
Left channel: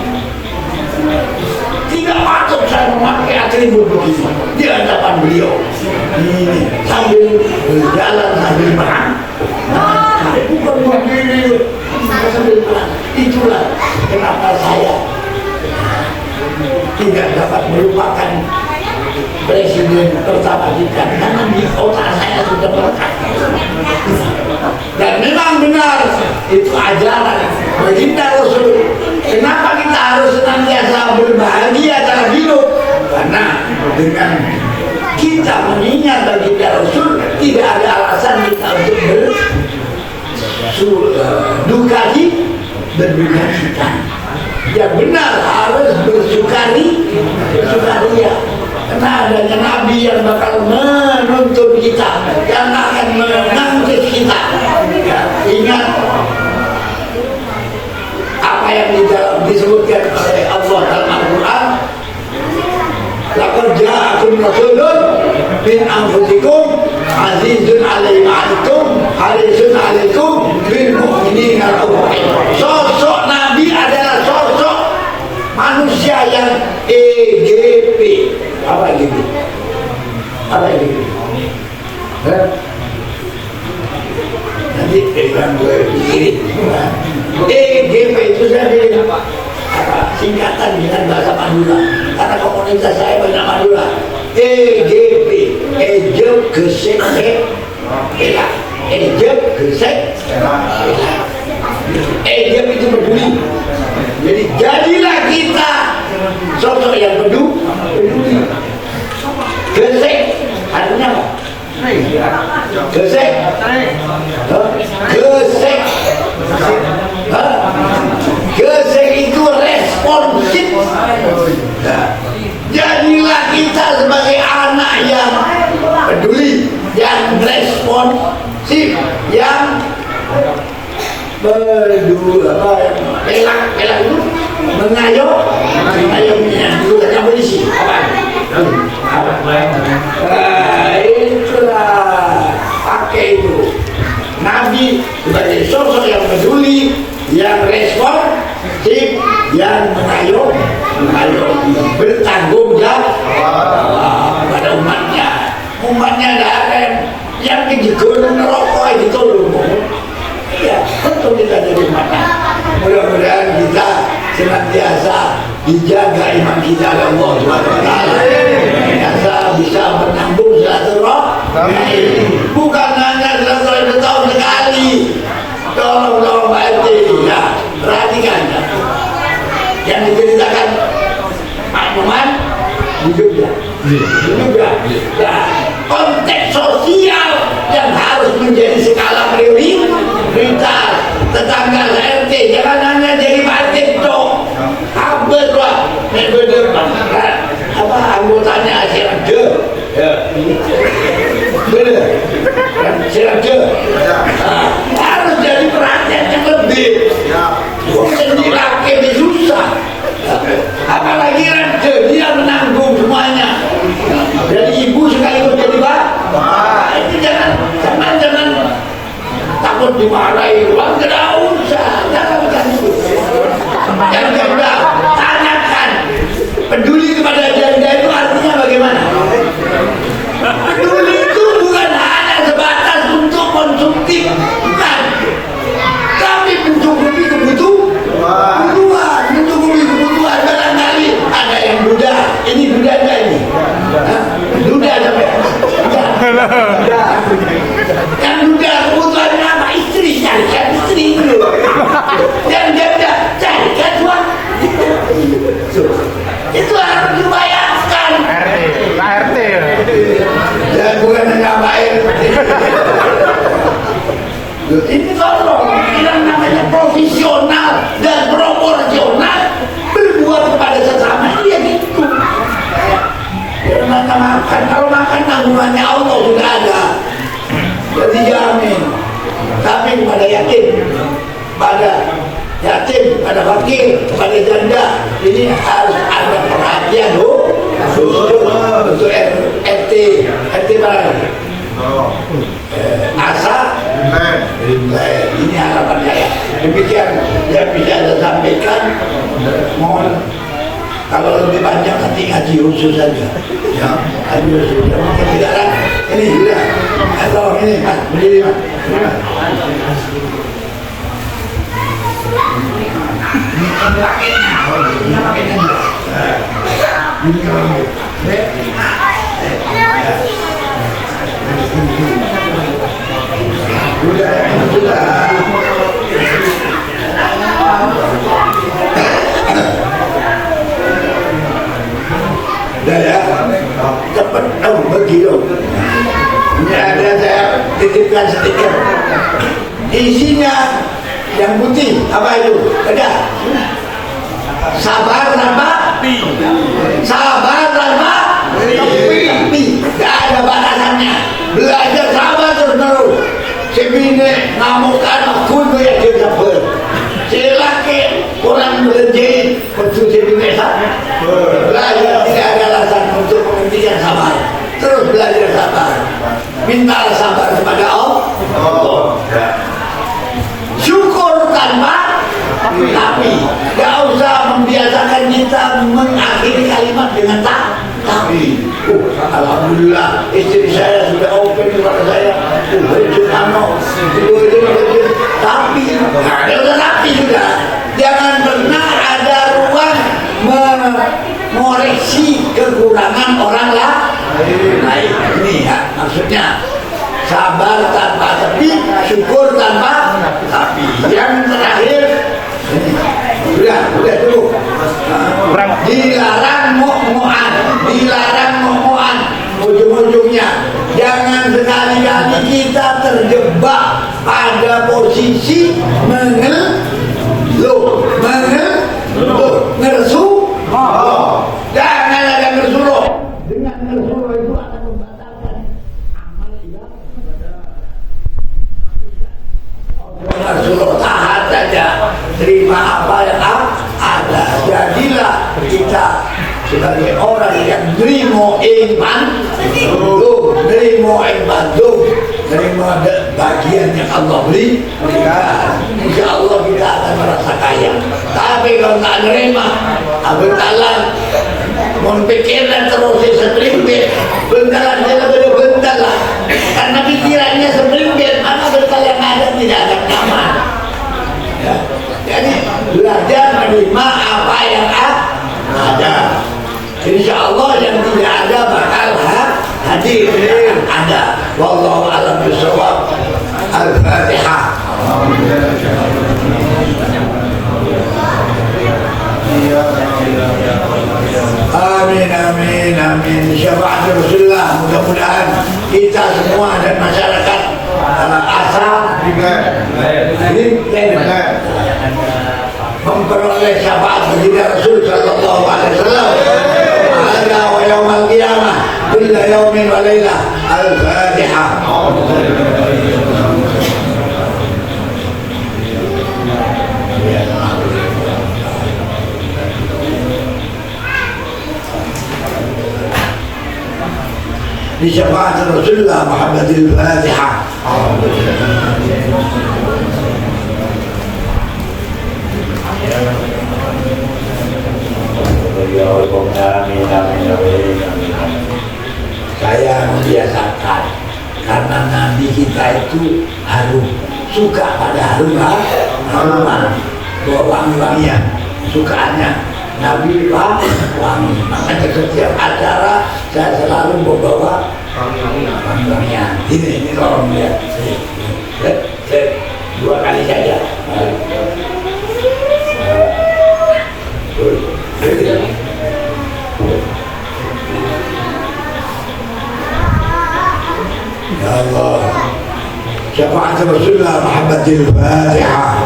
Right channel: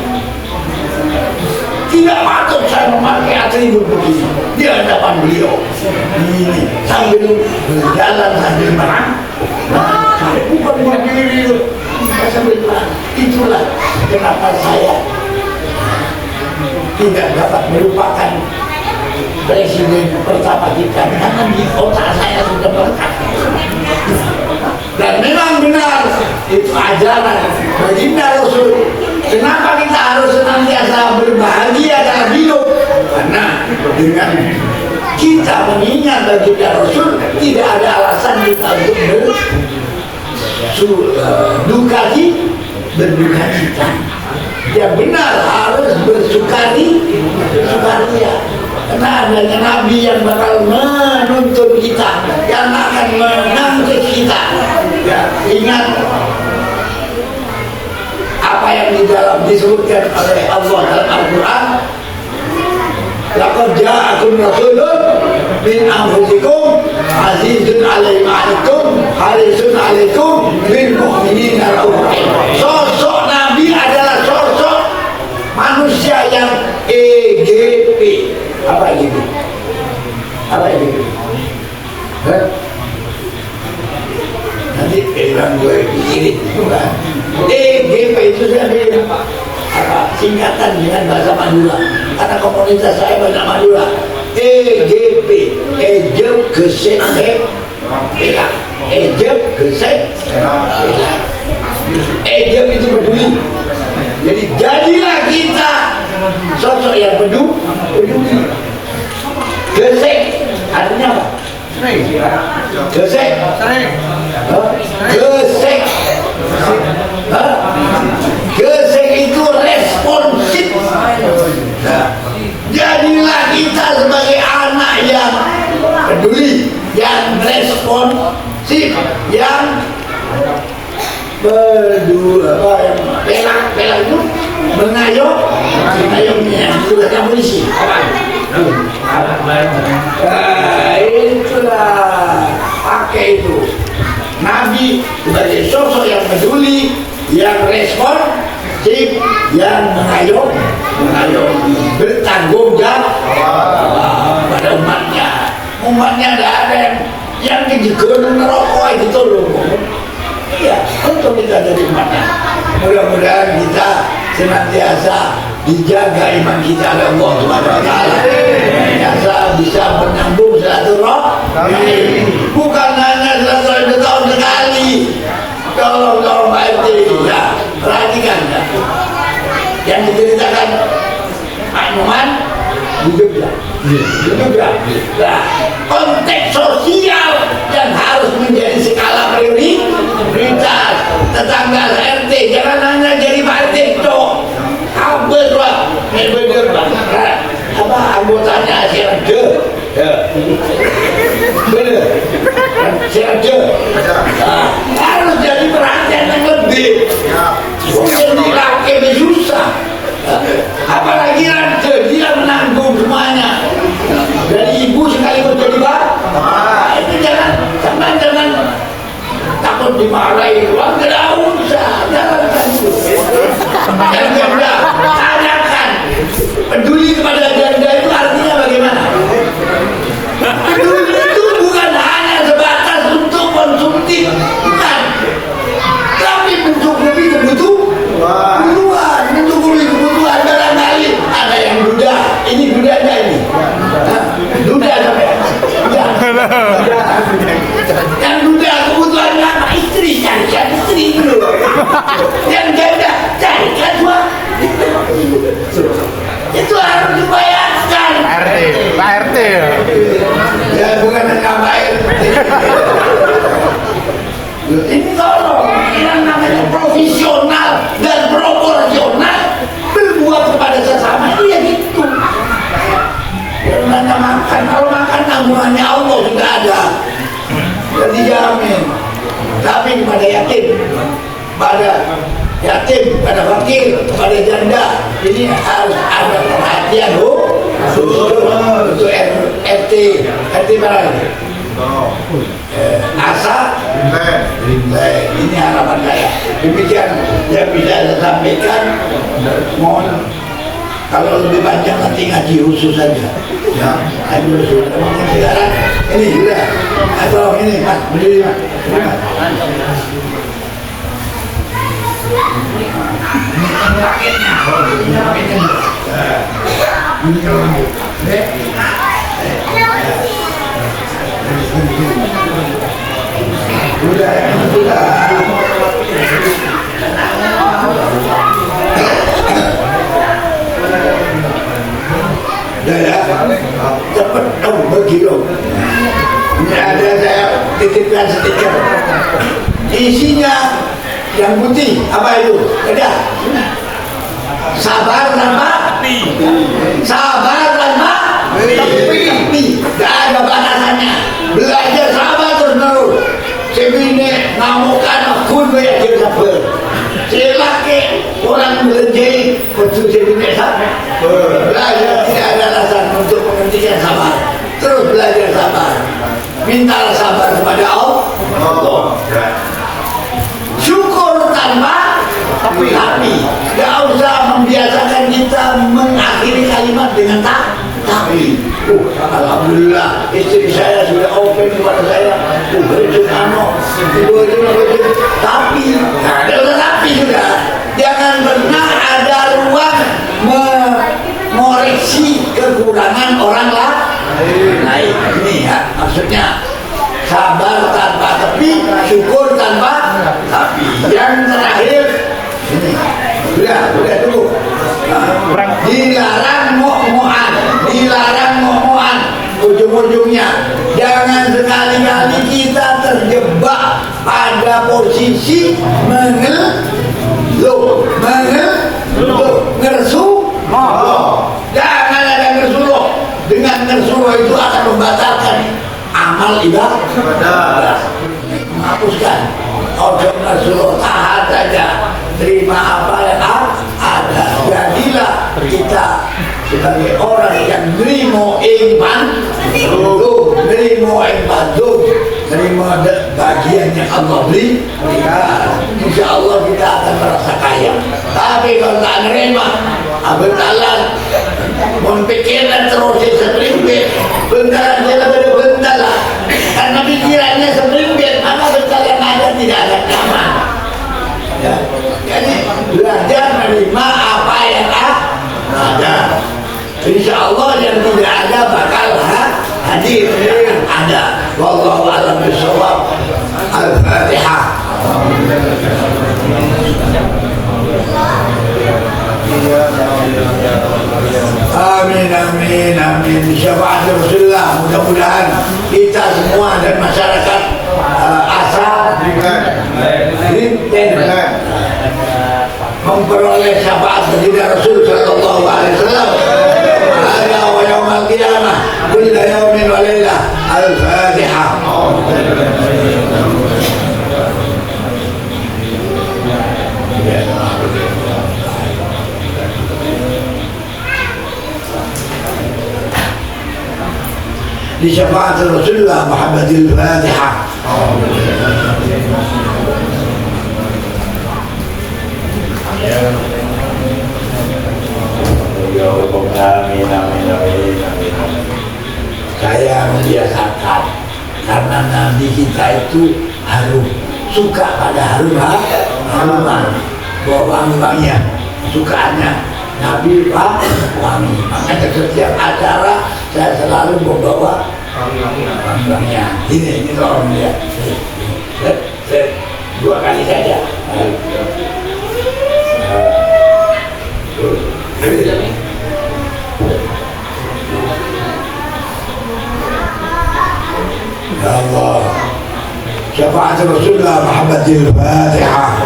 Tidak patut saya memakai atribut begini di hadapan beliau. Ini sambil berjalan sambil menang. Bukan begini. Itulah kenapa saya tidak dapat melupakan presiden pertama kita, karena di otak saya sudah melekat. Dan memang benar itu ajaran baginda Rasul. Kenapa kita harus senantiasa berbahagia dalam hidup? Karena dengan kita mengingat baginda Rasul, tidak ada alasan kita untuk berduka cita. Ya benar, harus bersukaria. Karena adanya Nabi yang bakal menuntun kita, yang akan mengangkat kita. Ya, ingat apa yang di dalam disebutkan oleh Allah dalam Al-Quran. Laqad ja'akum rasulun min anfusikum azizun 'alaihi ma 'anittum harisun 'alaikum bil mu'minina ra'ufur rahim. Sosok Nabi adalah sosok manusia yang EGP. Apa EGP? Apa EGP? Nanti bilang gue pikirin. EGP itu dari singkatan dengan bahasa Madura. Karena komunitas saya bahasa Madura. EGP, Ejep Gesek Bela. Ejep Gesek Bela. Ejep itu peduli. Jadi jadilah kita sosok yang peduli. Gesek artinya apa? Gesek. Gesek. Gesek itu responsif. Jadilah kita sebagai anak yang peduli, yang responsif, yang pelak itu mengayominya dulu ada polisi. Itulah pakai itu. Nabi sebagai sosok yang peduli, yang responsif, yang mengayomi, bertanggung jawab pada umatnya. Umatnya tidak ada yang dijegonan rokok itu loh. Iya, untuk kita jadi umatnya. Mudah-mudahan kita senantiasa dijaga iman kita oleh Allah Subhanahu wa taala. Senantiasa bisa menambung silaturahmi. Bukan hanya 100 tahun sekali. Tolong Pak RT ya, perhatikan ya. Yang diceritakan Pak Numan di Jogja. Nah, konteks sosial yang harus menjadi skala prioritas tetangga RT, jangan hanya jadi Pak RT dong. Habis lah, apa anggotanya Sirade, Sirade, harus jadi perhatian yang lebih. Bukan dirakit di susah. Apalagi Raja dia menanggung semuanya. Dari ibu sekalipun jadi bapak. Itu jangan takut dimarahi uang, tidak usah, jangan itu. Dan dia bilang, tanyakan, peduli kepada janda itu artinya bagaimana? Peduli itu bukan hanya sebatas untuk konsumtif, bukan. Tapi untuk lebih kebutuhan, barangkali ada yang duda, ini dudanya ini, duda sampai, duda. Yang duda kebutuhan apa? Istri, carikan istri dulu. Yang janda, carikan suami. Itu harus dibayarkan. RT. Ya bukan hanya RT. Ini tolong, yang namanya profesional dan proporsional berbuat kepada sesama itu ya gitu. Karena makan, kalau makan tanggungannya Allah sudah ada, sudah dijamin. Tapi kepada yatim, pada fakir, kepada janda, ini harus ada perhatian untuk RT mana? Asa, ini harapan saya. Demikian yang bisa saya sampaikan. Mohon kalau lebih panjang nanti ngaji khusus saja. Ya, ngaji khusus. Mungkin sekarang ini sudah atau ini mas berdiri mas, berdiri mas. Sudah ya, cepat dong berkilo. Ini ada saya titipkan stiker. Isinya yang putih apa itu? Ada. Sabar tanpa tapi tidak ada batasannya. Belajar sabar terus. Sebine ngamukan aku banyak dia sabar. Celake orang berjeli betul sebine sabar. Belajar tidak ada alasan untuk menghentikan sabar. Terus belajar sabar. Minta sabar kepada Allah. Syukur tanpa tapi. Tidak usah membiasakan kita mengakhiri kalimat dengan tapi. Alhamdulillah istri saya sudah open kepada saya. Itu tapi ada tapi sudah. Jangan pernah ada ruang mengoreksi kekurangan orang lain. Ini ya maksudnya sabar tanpa tapi, syukur tanpa tapi. Yang terakhir ini udah dulu. Dilarang mo'mo'an, ujung-ujungnya jangan sekali-kali kita terjebak pada posisi mengeluh, ngersuh. Jangan ada ngersuh. Dengan ngersuh itu akan membatalkan amal ibadah, menghapuskan. Ngersuh, tahan saja, terima apa yang ada. Jadilah kita sebagai orang yang nerimo iman, nerimo bagian yang Allah beri. Insya Allah kita akan merasa kaya. Tapi kalau tak nerima, bentalan, memikirkan terus sepringgit, bentalan dia lebih bentalan. Karena pikirannya sepringgit, mana bental yang ada tidak akan nyaman. Ya. Jadi belajar menerima apa yang ada. Insya Allah yang tidak ada bakal hadir ada. Wallahu a'lam bishawab. Al-Fatihah. Amin. Syafaat Rasulullah. Mudah-mudahan kita semua dan masyarakat asal memperoleh syafaat baginda Rasul sallallahu alaihi wasallam. Ada wa yaumil qiyamah kullu yaumin wa lailah. Al-Fatihah. Di syafaat Rasulullah Muhammadil Fatihah. kita itu harum, suka pada haruman, bawa wangi-wangian, sukaannya Nabi wangi. Makanya setiap acara saya selalu membawa wangi-wangian. Ini tolong lihat, dua kali saja. Ya Allah, syafaat Rasulullah Muhammadil Fatihah.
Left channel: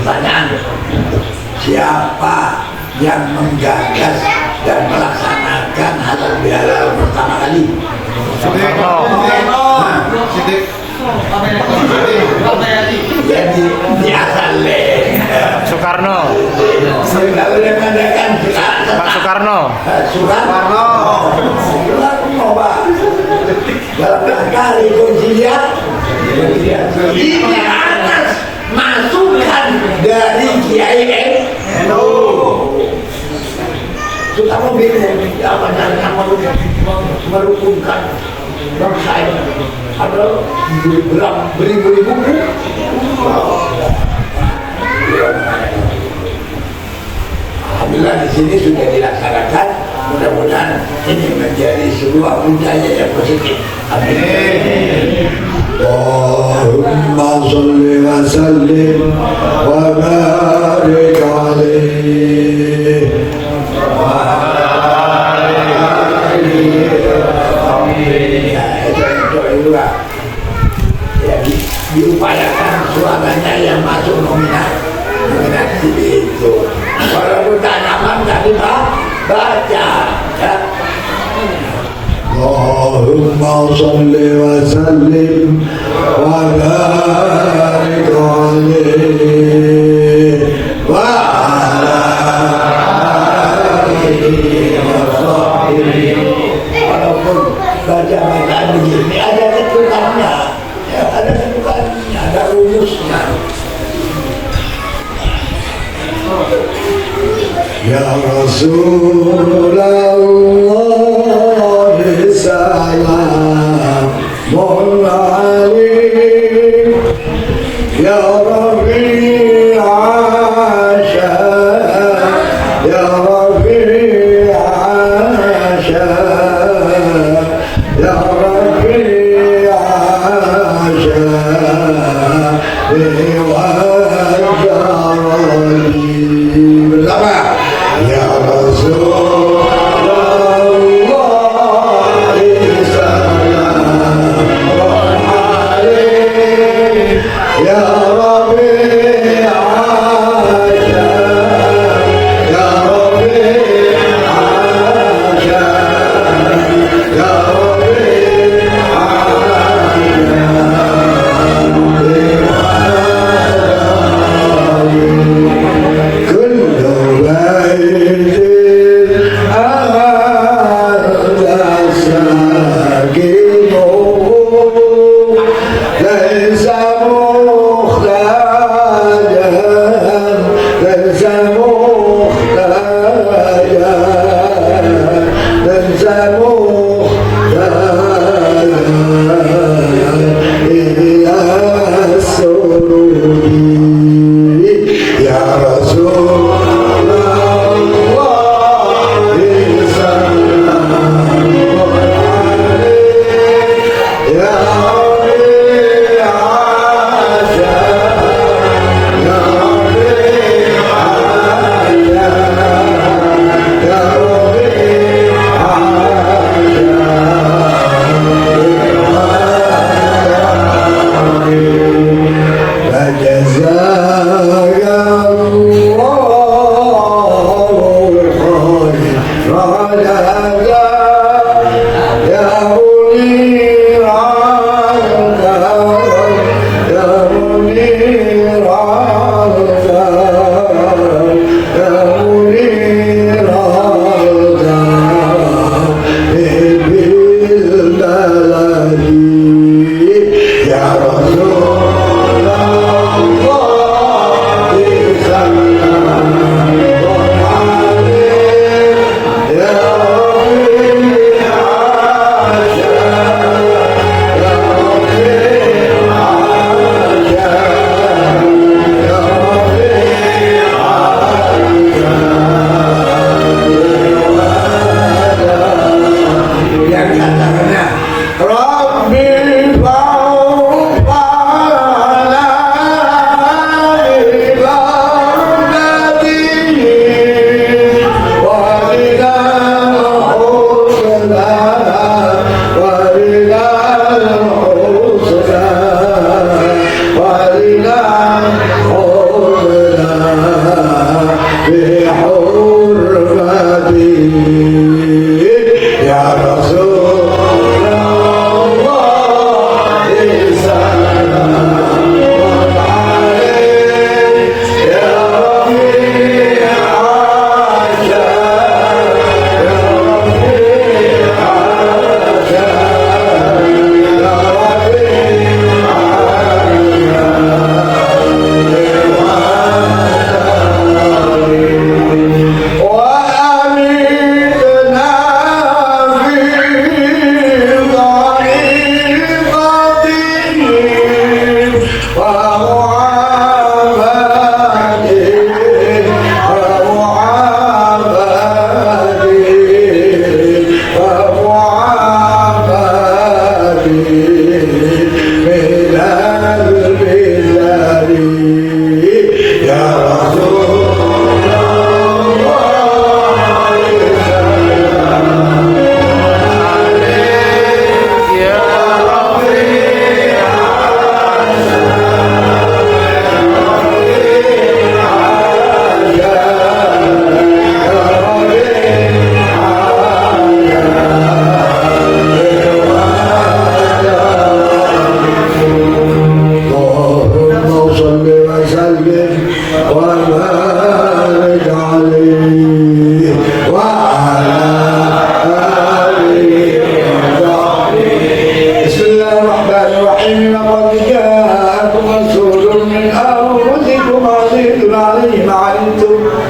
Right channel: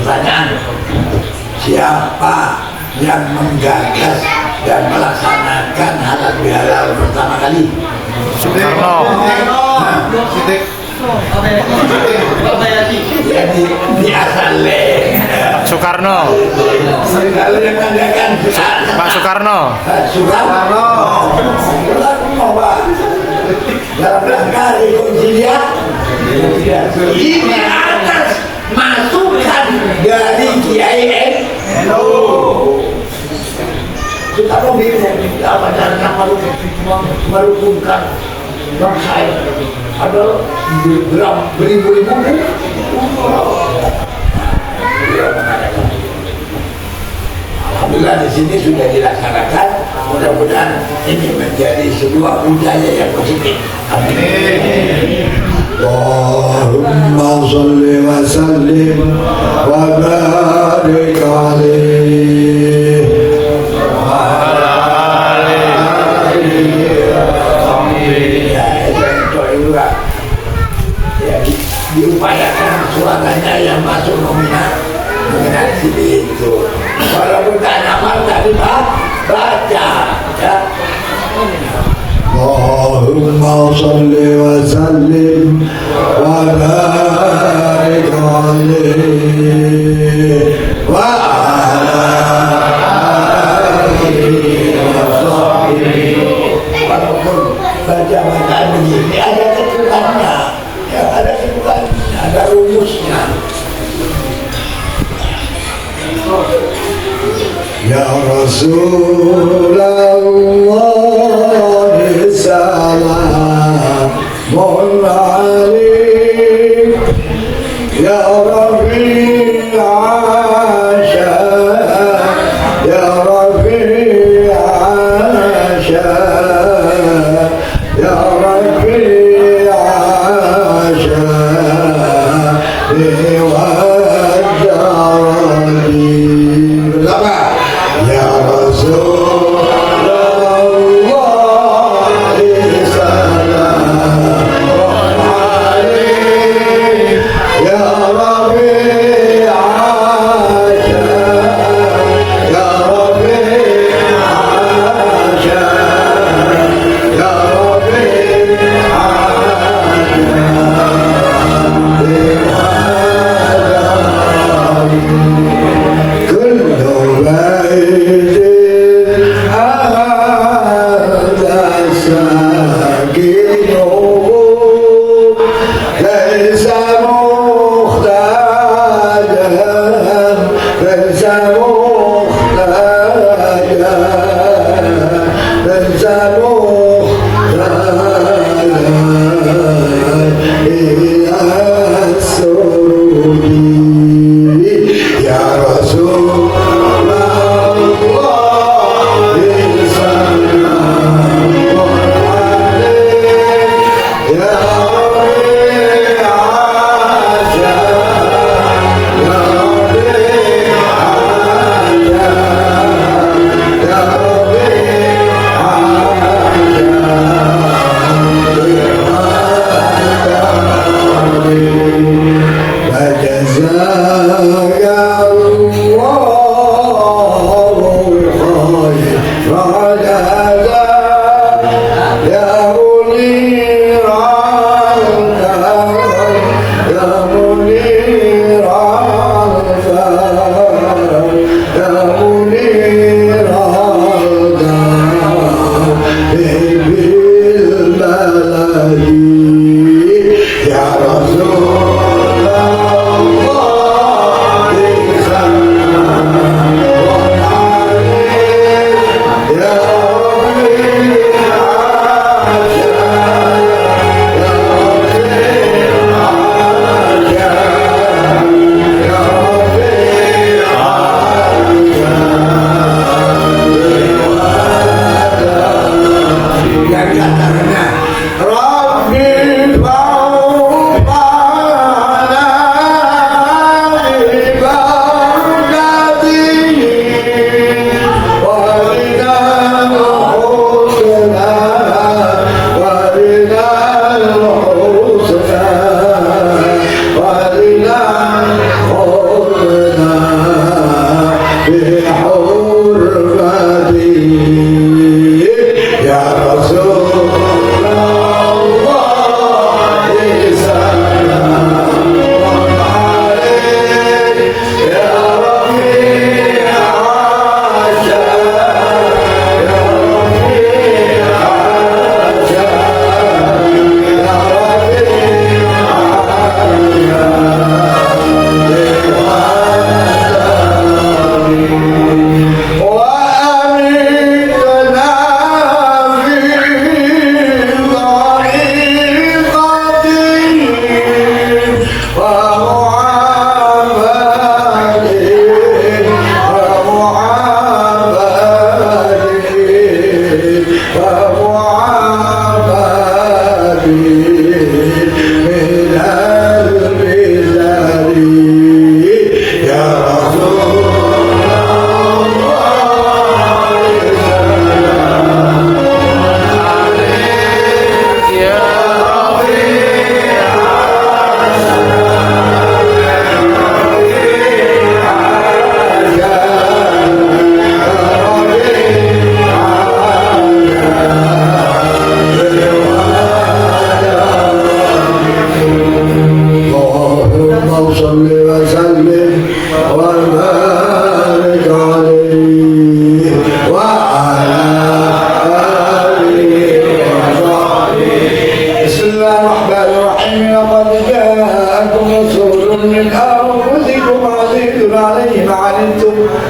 Pertanyaan, siapa yang menggagas dan melaksanakan halal bihalal pertama kali? Soekarno. Ya di Asaleh. Soekarno. Lalu yang mengadakan Pak Soekarno. Soekarno, Pak. Dalam rangka rekonsiliasi ini atas masukan dari Kiai NU. Soekarno bingung apa caranya merukunkan bangsa ini. Ada beribu-ribu buku. Alhamdulillah di sini sudah dilaksanakan. Mudah-mudahan ini menjadi sebuah budaya yang positif. Amin. Allahumma sholli wa sallim wa barik alaihi. Ya, diupayakan suaranya yang masuk nominasi itu. Walaupun tak nyaman tapi baca ya. Allahumma sholli wa sallim wa barik alaihi wa ala alihi wa sahbihi. Walaupun baca-bacaan begini ada ketukannya, ya ada ketukannya, ada rumusnya. Ya Rasulullah salamun alaik ya Rabbi asya ya Rabbi asya ya Rabbi asya bersama ya Rasulullah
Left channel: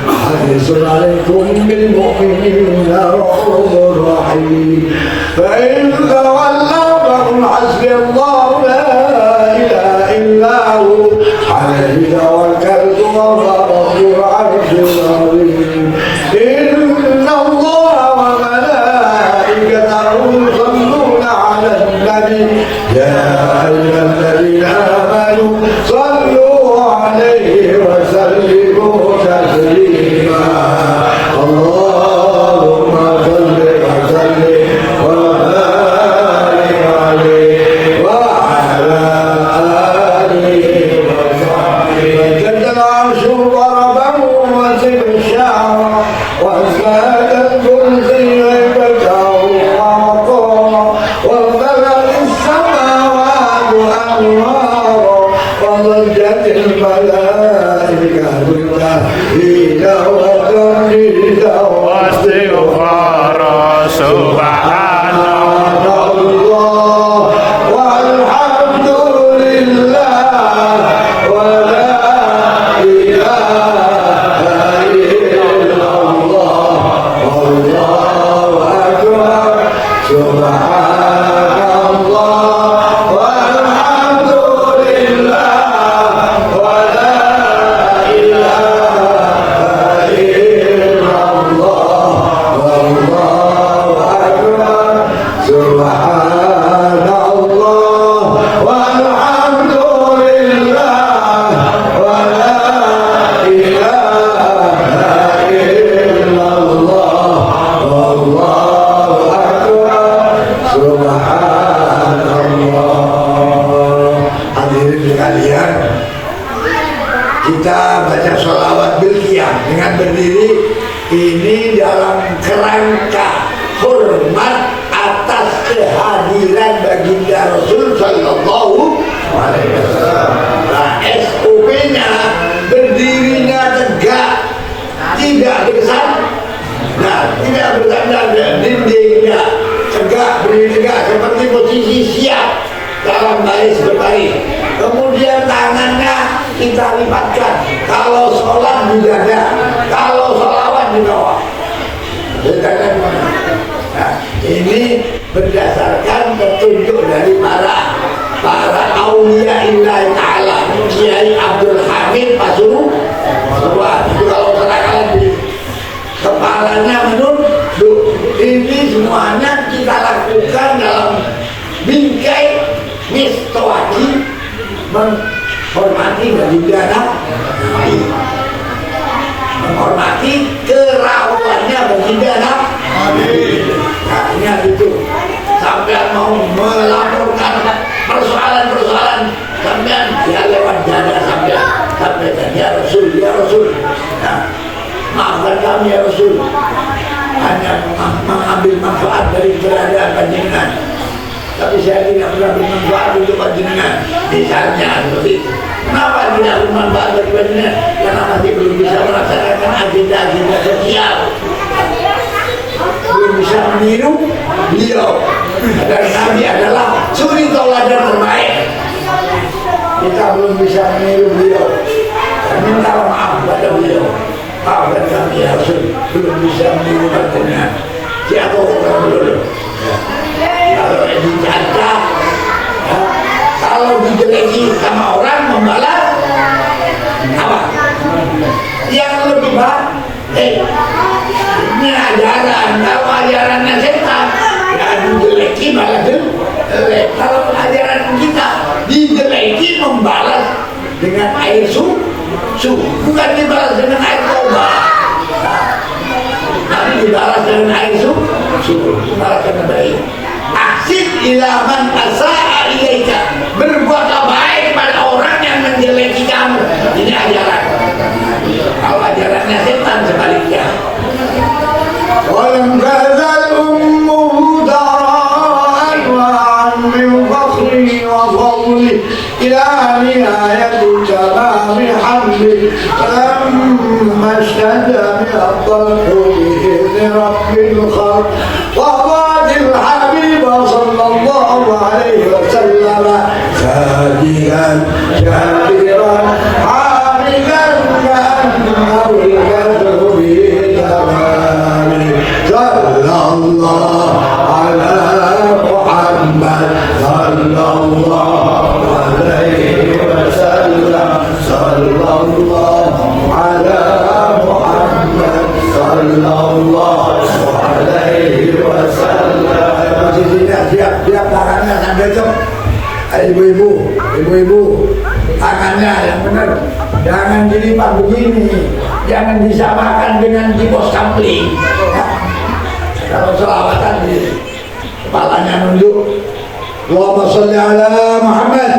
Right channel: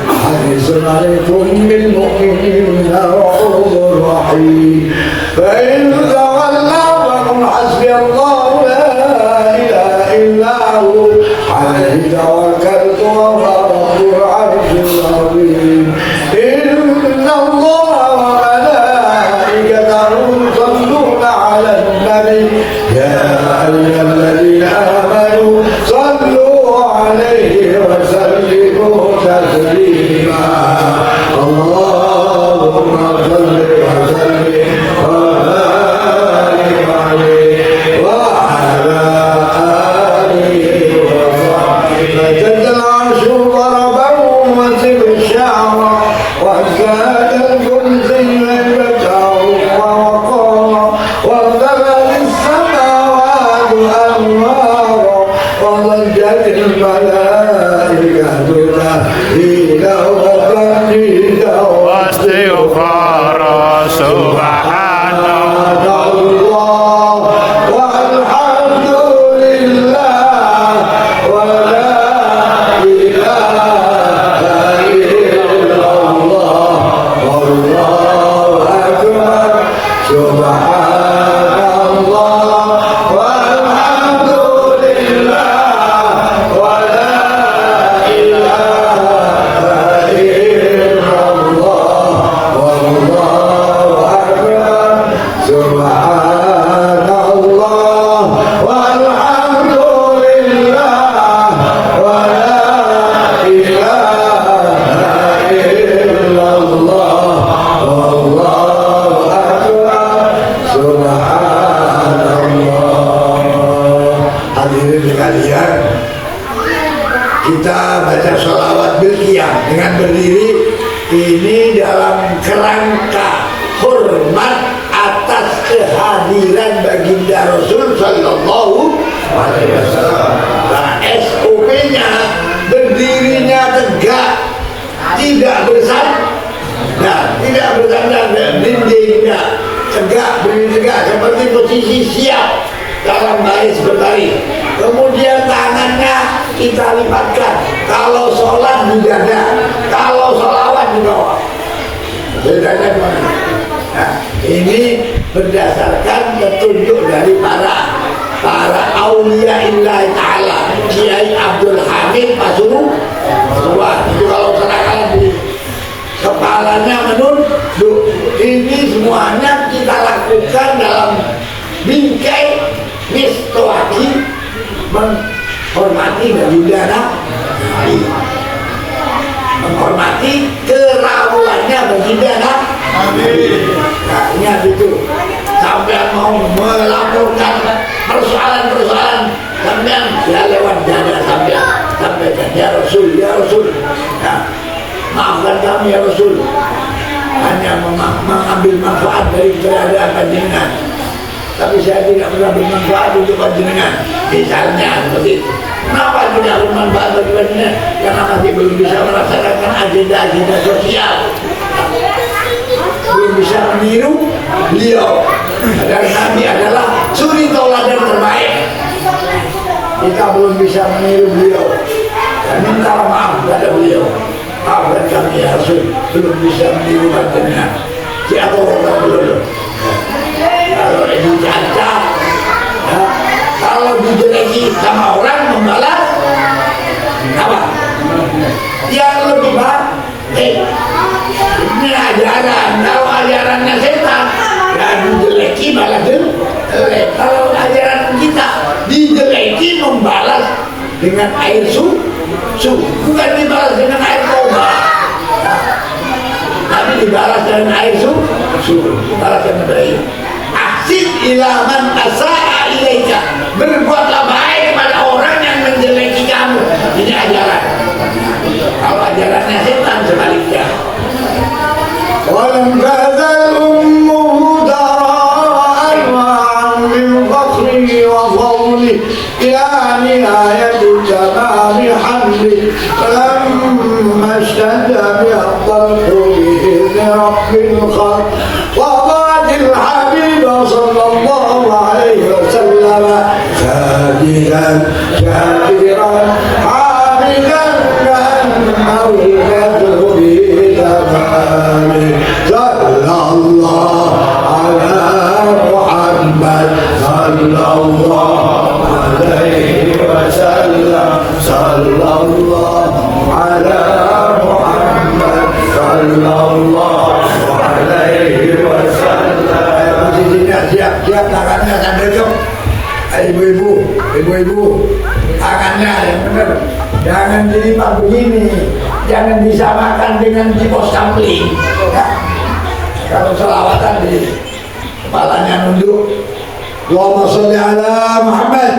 حريص عليكم بالمؤمنين رؤوف رحيم فإن تولوا فقل حسبي الله لا إله إلا هو عليه توكلت وهو رب العرش العظيم إن الله وملائكته يصلون على النبي يا أيها الذين آمنوا صلوا عليه وسلموا تسليما اللهم صل وسلم وبارك عليه وعلى آله وصحبه جد العرش ضربه وسب الشعر وازداد الكرسي عندته ووقارا وامتلأت السماوات أنوارا وضجت الملائكة تهدينا وتمجيدا واستغفارا سبحان الله والحمد لله ولا إله إلا الله والله أكبر سبحان الله والحمد لله ولا إله إلا الله والله أكبر سبحان الله والحمد لله ولا إله إلا الله والله أكبر سبحان الله. Hadirin sekalian, kita baca sholawat berqiyam dengan berdiri ini dalam kerangka hormat atas kehadiran baginda Rasul Sallallahu Alaihi Wasallam. Nah, SOP-nya berdirinya tegak, tidak bersandar, tidak bersandar dan dindingnya tegak, berdiri tegak seperti posisi siap dalam baris berbaris. Kemudian tangannya kita lipatkan. Kalau sholat di dada, kalau sholawat di bawah. Nah, ini berdasarkan petunjuk dari para aulia illah ta'ala. Kiai Abdul Hamid Pasuruan. Itu kalau kalian di kepalanya menunduk. Ini semuanya kita lakukan dalam bingkai mistoaki menghormati baginda Nabi, menghormati kerawannya baginda Nabi. Nah, ingat itu. Sampai mau melaporkan persoalan-persoalan sampai ya lewat dada sampaikan ya Rasul, ya Rasul. Nah, maafkan kami ya Rasul. Hanya mengambil manfaat dari keberadaan panjenengan. Tapi saya tidak pernah bermanfaat untuk panjenengan. Misalnya seperti itu. Kenapa tidak bermanfaat bagi panjenengan? Karena masih belum bisa melaksanakan agenda-agenda sosial. Belum bisa meniru beliau. Dan Nabi adalah suri tauladan terbaik. Kita belum bisa meniru beliau. Dan minta maaf kepada beliau. Maafkan kami ya Rasul, belum bisa meniru panjenengan. Siapa orang belum? Kalau dicacat, kalau dijeleki sama orang membalas apa? Yang lebih baik. Ini ajaran. Kalau ajarannya setan, yang dijeleki malah jelek. Kalau ajaran kita dijeleki membalas dengan air susu, bukan dibalas dengan air toba. Tapi dibalas dengan air susu, dibalas dengan baik. Ahsin ilaman asa'a ilaika, berbuatlah baik pada orang yang menjeleki kamu. Ini ajaran. Kalau ajarannya setan sebaliknya. Walam tazal ummuhu dara'an wa'an min fakhrihi wa fadli ya nihayatu tamami hamdi lamma shada bi'afdal quli rabbil khalq وضعت الحبيب صلى الله عليه وسلم ساجدا شاكرا حامدا لأنه ini ya. Kalau selawatan di kepalanya nunduk, Allahumma sholli ala Muhammad.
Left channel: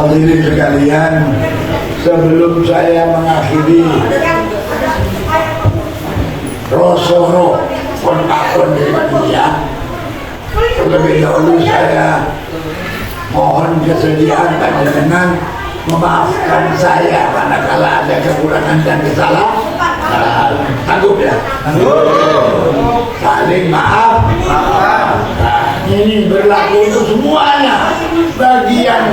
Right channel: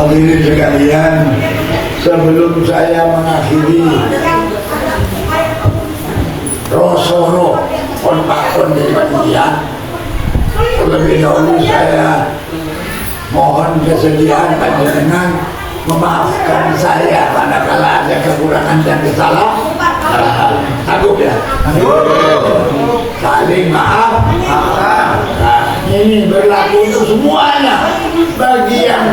Hadirin sekalian, sebelum saya mengakhiri Rosoro konpakon dari panitia, terlebih dahulu saya mohon kesediaan panjenengan memaafkan saya manakala ada kekurangan dan kesalahan. Sanggup ya? Saling maaf. Nah, ini berlaku untuk semuanya. Bagi yang,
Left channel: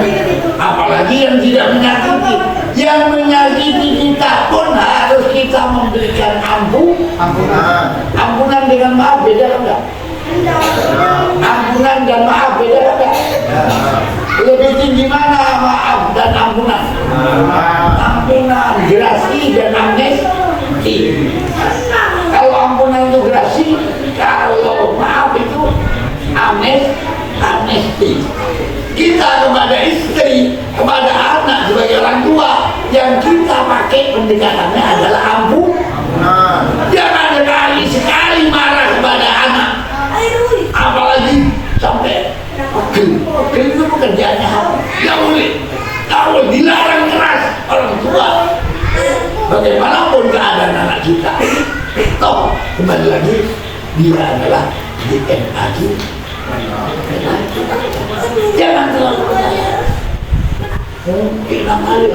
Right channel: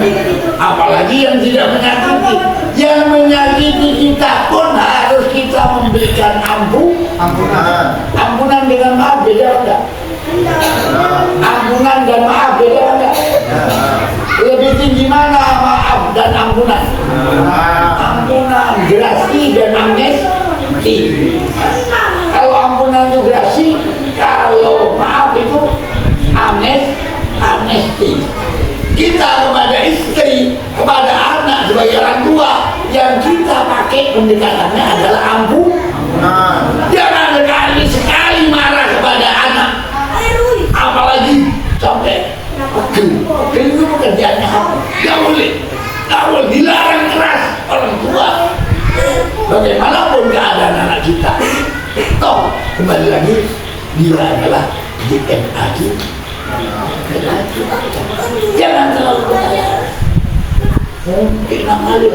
apalagi yang tidak menyakiti, yang menyakiti kita pun harus kita memberikan ampunan dengan maaf, beda enggak? Ampunan dan maaf beda enggak? Lebih tinggi mana maaf dan ampunan? Ampunan, gerasi dan amnesti. Kalau ampunan itu gerasi, kalau maaf itu amnesti. Kita kepada istri, kepada anak sebagai orang tua, yang kita pakai pendekatannya adalah ampunan. Jangan sekali marah kepada anak, apalagi sampai pegel itu pekerjaannya apa? Gak boleh dilarang keras orang tua. Bagaimanapun keadaan anak kita, toh kembali lagi dia adalah DNA kita. Jangan terlalu percaya. Mungkin kali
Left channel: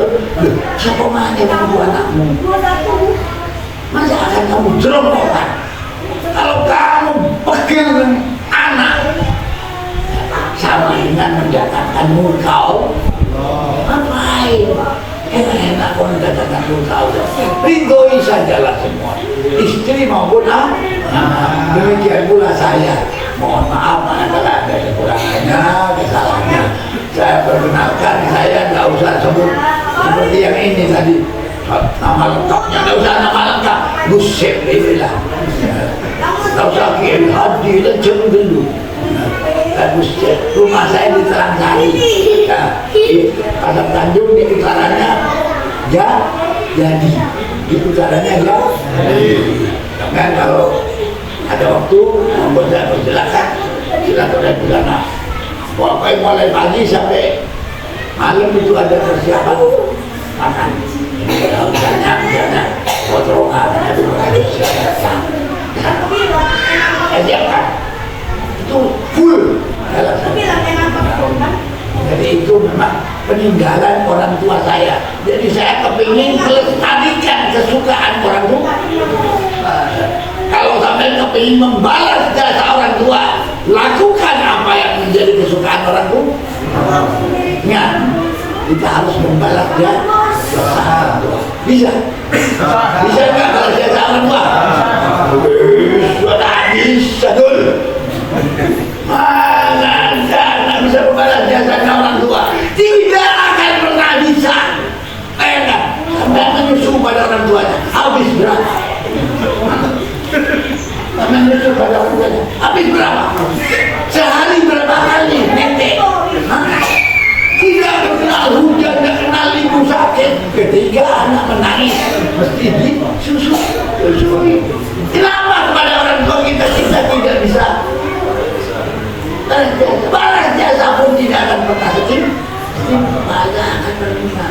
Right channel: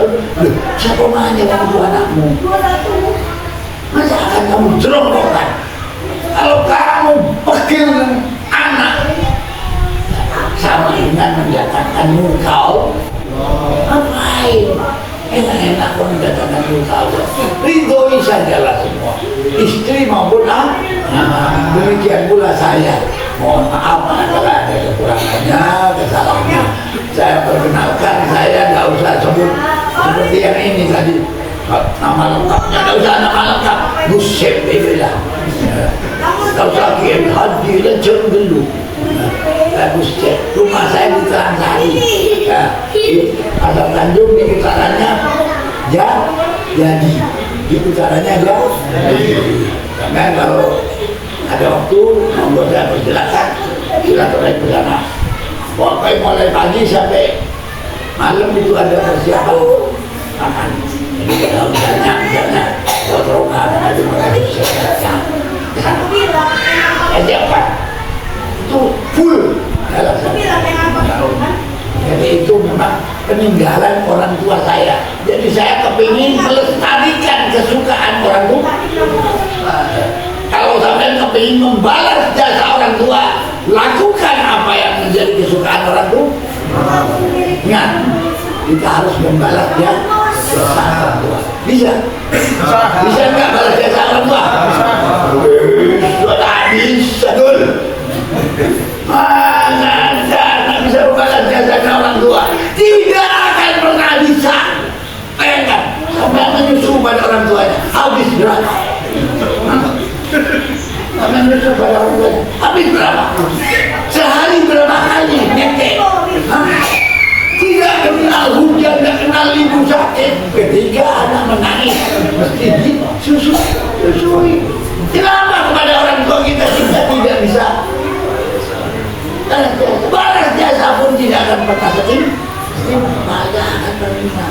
siapa nanya kamu anakmu? Masa akan kamu jerongkokan? Kalau kamu pegel anak sama dengan mendatangkan murkau, ngapain? Enak-enak kau mendatangkan murkau. Ridhoi sajalah semua, istri maupun anak. Demikian pula saya. Mohon maaf manakala ada kekurangannya, kesalahannya. Saya perkenalkan, saya nggak usah sebut seperti yang ini tadi. Nama lengkapnya nggak usah nama lengkap. Gus Septi lah. Nggak usah Kiai Haji Lejeng dulu. Gus Septi. Rumah saya di Terangsari. Pasar Tanjung di putarannya jadi. Di putarannya jadi. Karena kalau ada waktu, membuat saya persilakan silaturahmi bersama. Pokoknya mulai pagi sampai malam itu ada persiapan makan. Jadi kalau misalnya potongan itu mulai disiapkan. Siapkan. Itu full. Jadi itu memang peninggalan orang tua saya. Jadi saya kepingin melestarikan kesukaan orang tua. Kalau sampai kepingin membalas jasa orang tua, lakukan apa yang menjadi kesukaan orang tua. Ingat, kita harus membalas jasa orang tua. Bisa? Bisa nggak balas jasa orang tua? Sudah bisa dulu. Mana nggak bisa membalas jasa orang tua? Tidak akan pernah bisa. Bayangkan, sampai menyusu pada orang tuanya, habis berapa? Menyusul pada orang tuanya habis berapa? Sehari berapa kali nenek? Tidak kenal hujan, tidak kenal ibu sakit. Ketika anak menangis mesti disusui. Kenapa kepada orang tua kita tidak bisa balas jasa pun tidak akan pernah tidak akan menerima.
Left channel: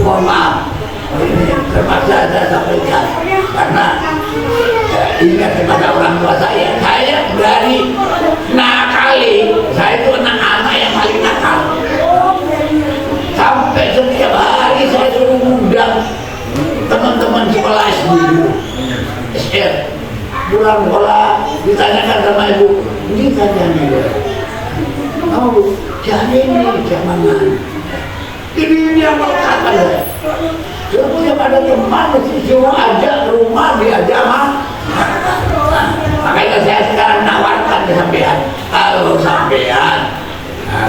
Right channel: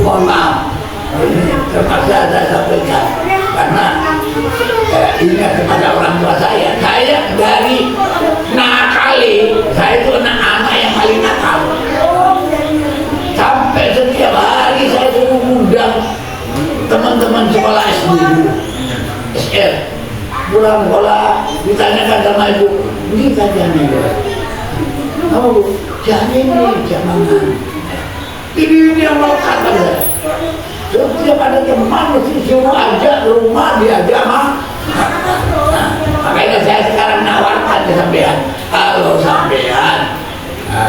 Mohon maaf, ini terpaksa saya sampaikan karena ingat kepada orang tua saya dari nakali, saya itu anak yang paling nakal. Sampai setiap hari saya suruh undang teman-teman sekolah SD dulu, SR, pulang sekolah ditanyakan sama ibu, ini kajian juga. Kamu bu, jangan ini, jangan ini yang melekat pada saya. Setiap ada teman mesti suruh ajak ke rumah, diajak makanya saya sekarang nawarkan ke sampean, kalau sampean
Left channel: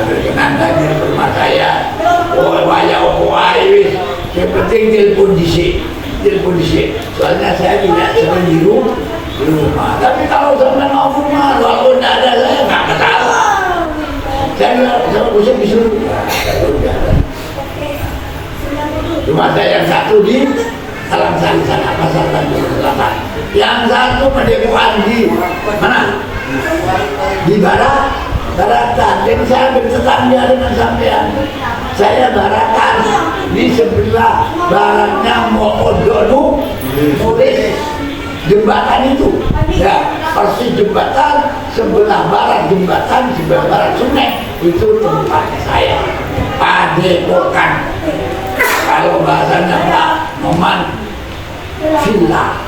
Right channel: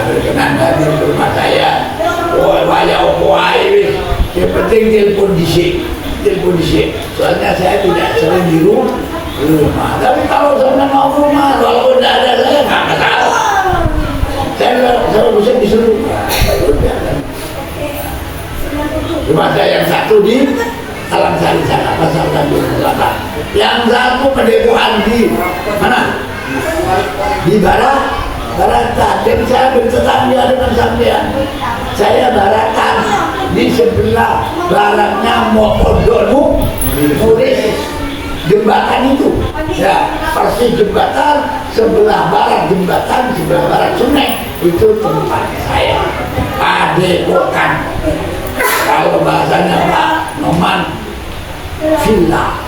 berkenan lagi ke rumah saya, yang penting telepon disik, soalnya saya tidak sering di rumah. Tapi kalau sampean mau rumah, walaupun tidak ada saya nggak kenal. Saya bisa disuruh. Rumah saya yang satu di Terangsari sana, Pasar Tanjung Selatan. Yang satu pendekuan di mana? Di Barat baratan. Dan saya bertetangga dengan sampean. Saya baratan di sebelah baratnya Mokodonu, tulis jembatan itu. Ya, persis jembatan, sebelah barat jembatan, sebelah barat sungai. Itu tempat saya. Padepokan. Kalau bahasanya Pak Noman, villa.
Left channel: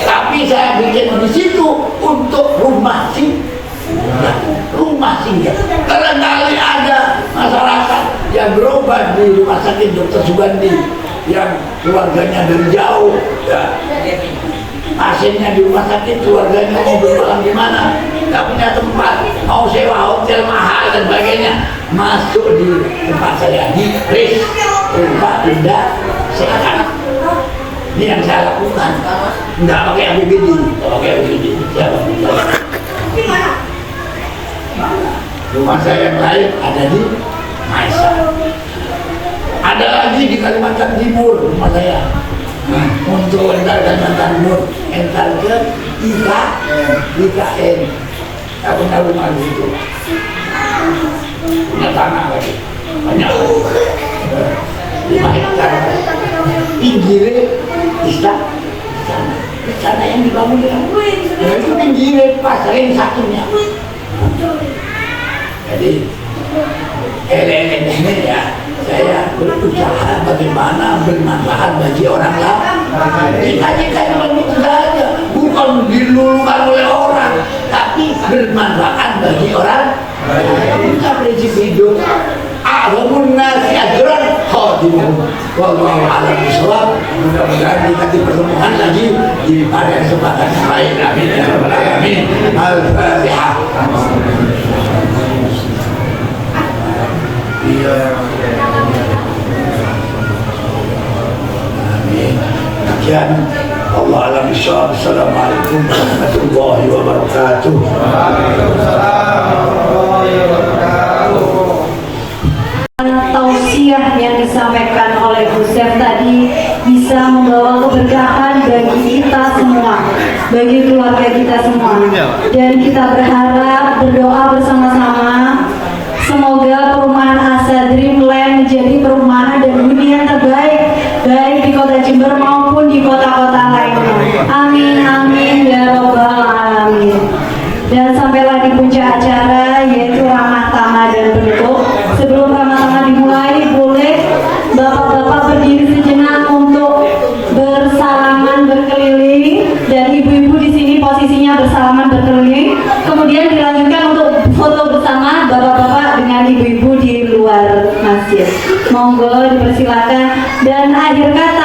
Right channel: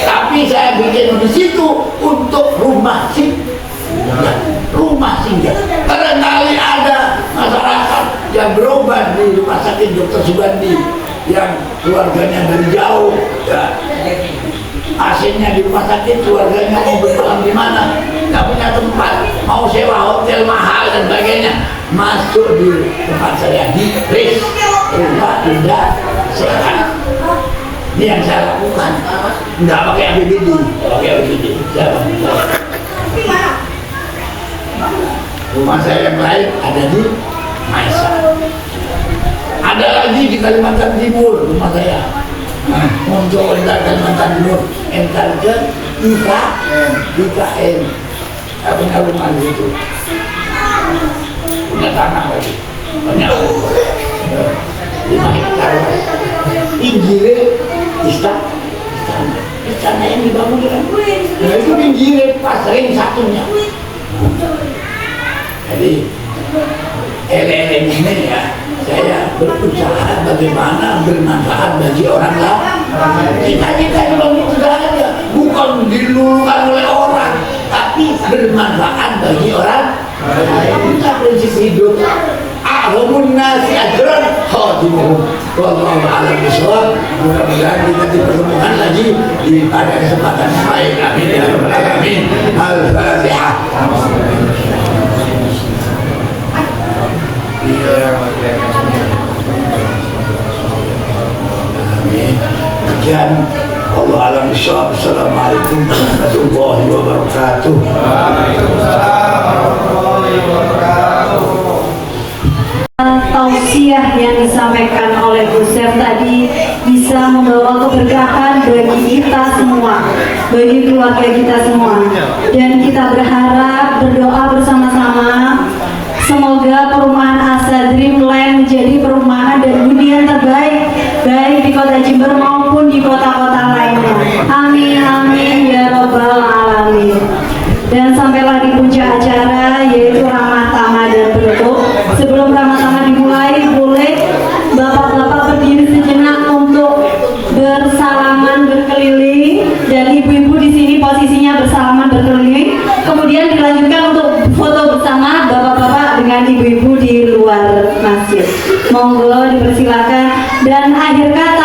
Tapi saya bikin di situ untuk rumah singgah, rumah singgah. Barangkali ada masyarakat yang berobat di rumah sakit Dr. Sugandi yang keluarganya dari jauh, ya. Pasiennya di rumah sakit, keluarganya mau bermalam di mana, nggak punya tempat, mau sewa hotel mahal dan sebagainya, masuk di tempat saya di RIS, rumah indah sehat. Ini yang saya lakukan, nggak pakai APBD, pakai APBD. Rumah saya yang lain ada di Maisa. Ada lagi di Kalimantan Timur rumah saya. Nah, muncul entar Kalimantan Timur, entar ke IKN. Saya punya rumah di situ. Punya tanah lagi, banyak. 5 hektar. Pinggirnya istana yang dibangun dengan ya itu pinggirnya pas ring satunya. Jadi elemen ini ya saya berusaha bagaimana bermanfaat bagi orang lain. Kita aja bukan dilulukan oleh orang, tapi bermanfaat bagi orang lain. Kita prinsip hidup. A'lamun nasi ajran khadimuhum. Wallahu a'lam bishawab. Mudah-mudahan kita dipertemukan lagi di pada kesempatan yang lain. Amin ya rabbal alamin. Al-Fatihah. Amin. Sekian. Allah a'lam bishawab. Assalamualaikum warahmatullahi wabarakatuh. Tausiah yang disampaikan oleh Bu Syaf tadi bisa membawa keberkahan bagi kita semua, bagi keluarga kita semua, dan kita berharap berdoa bersama-sama semoga perumahan Asa Dreamland menjadi perumahan dan hunian terbaik baik di Kota Jember maupun di kota-kota lainnya. Amin amin ya robbal alamin. Dan sampailah di puncak acara yaitu ramah tamah dan penutup. Sebelum ramah tamah dimulai, boleh bapak-bapak berdiri sejenak untuk bersalaman berkeliling dan ibu-ibu di sini posisinya bersalaman berkeliling. Kemudian dilanjutkan untuk foto bersama bapak-bapak dengan ibu-ibu di luar masjid. Monggo dipersilakan dan akhir kata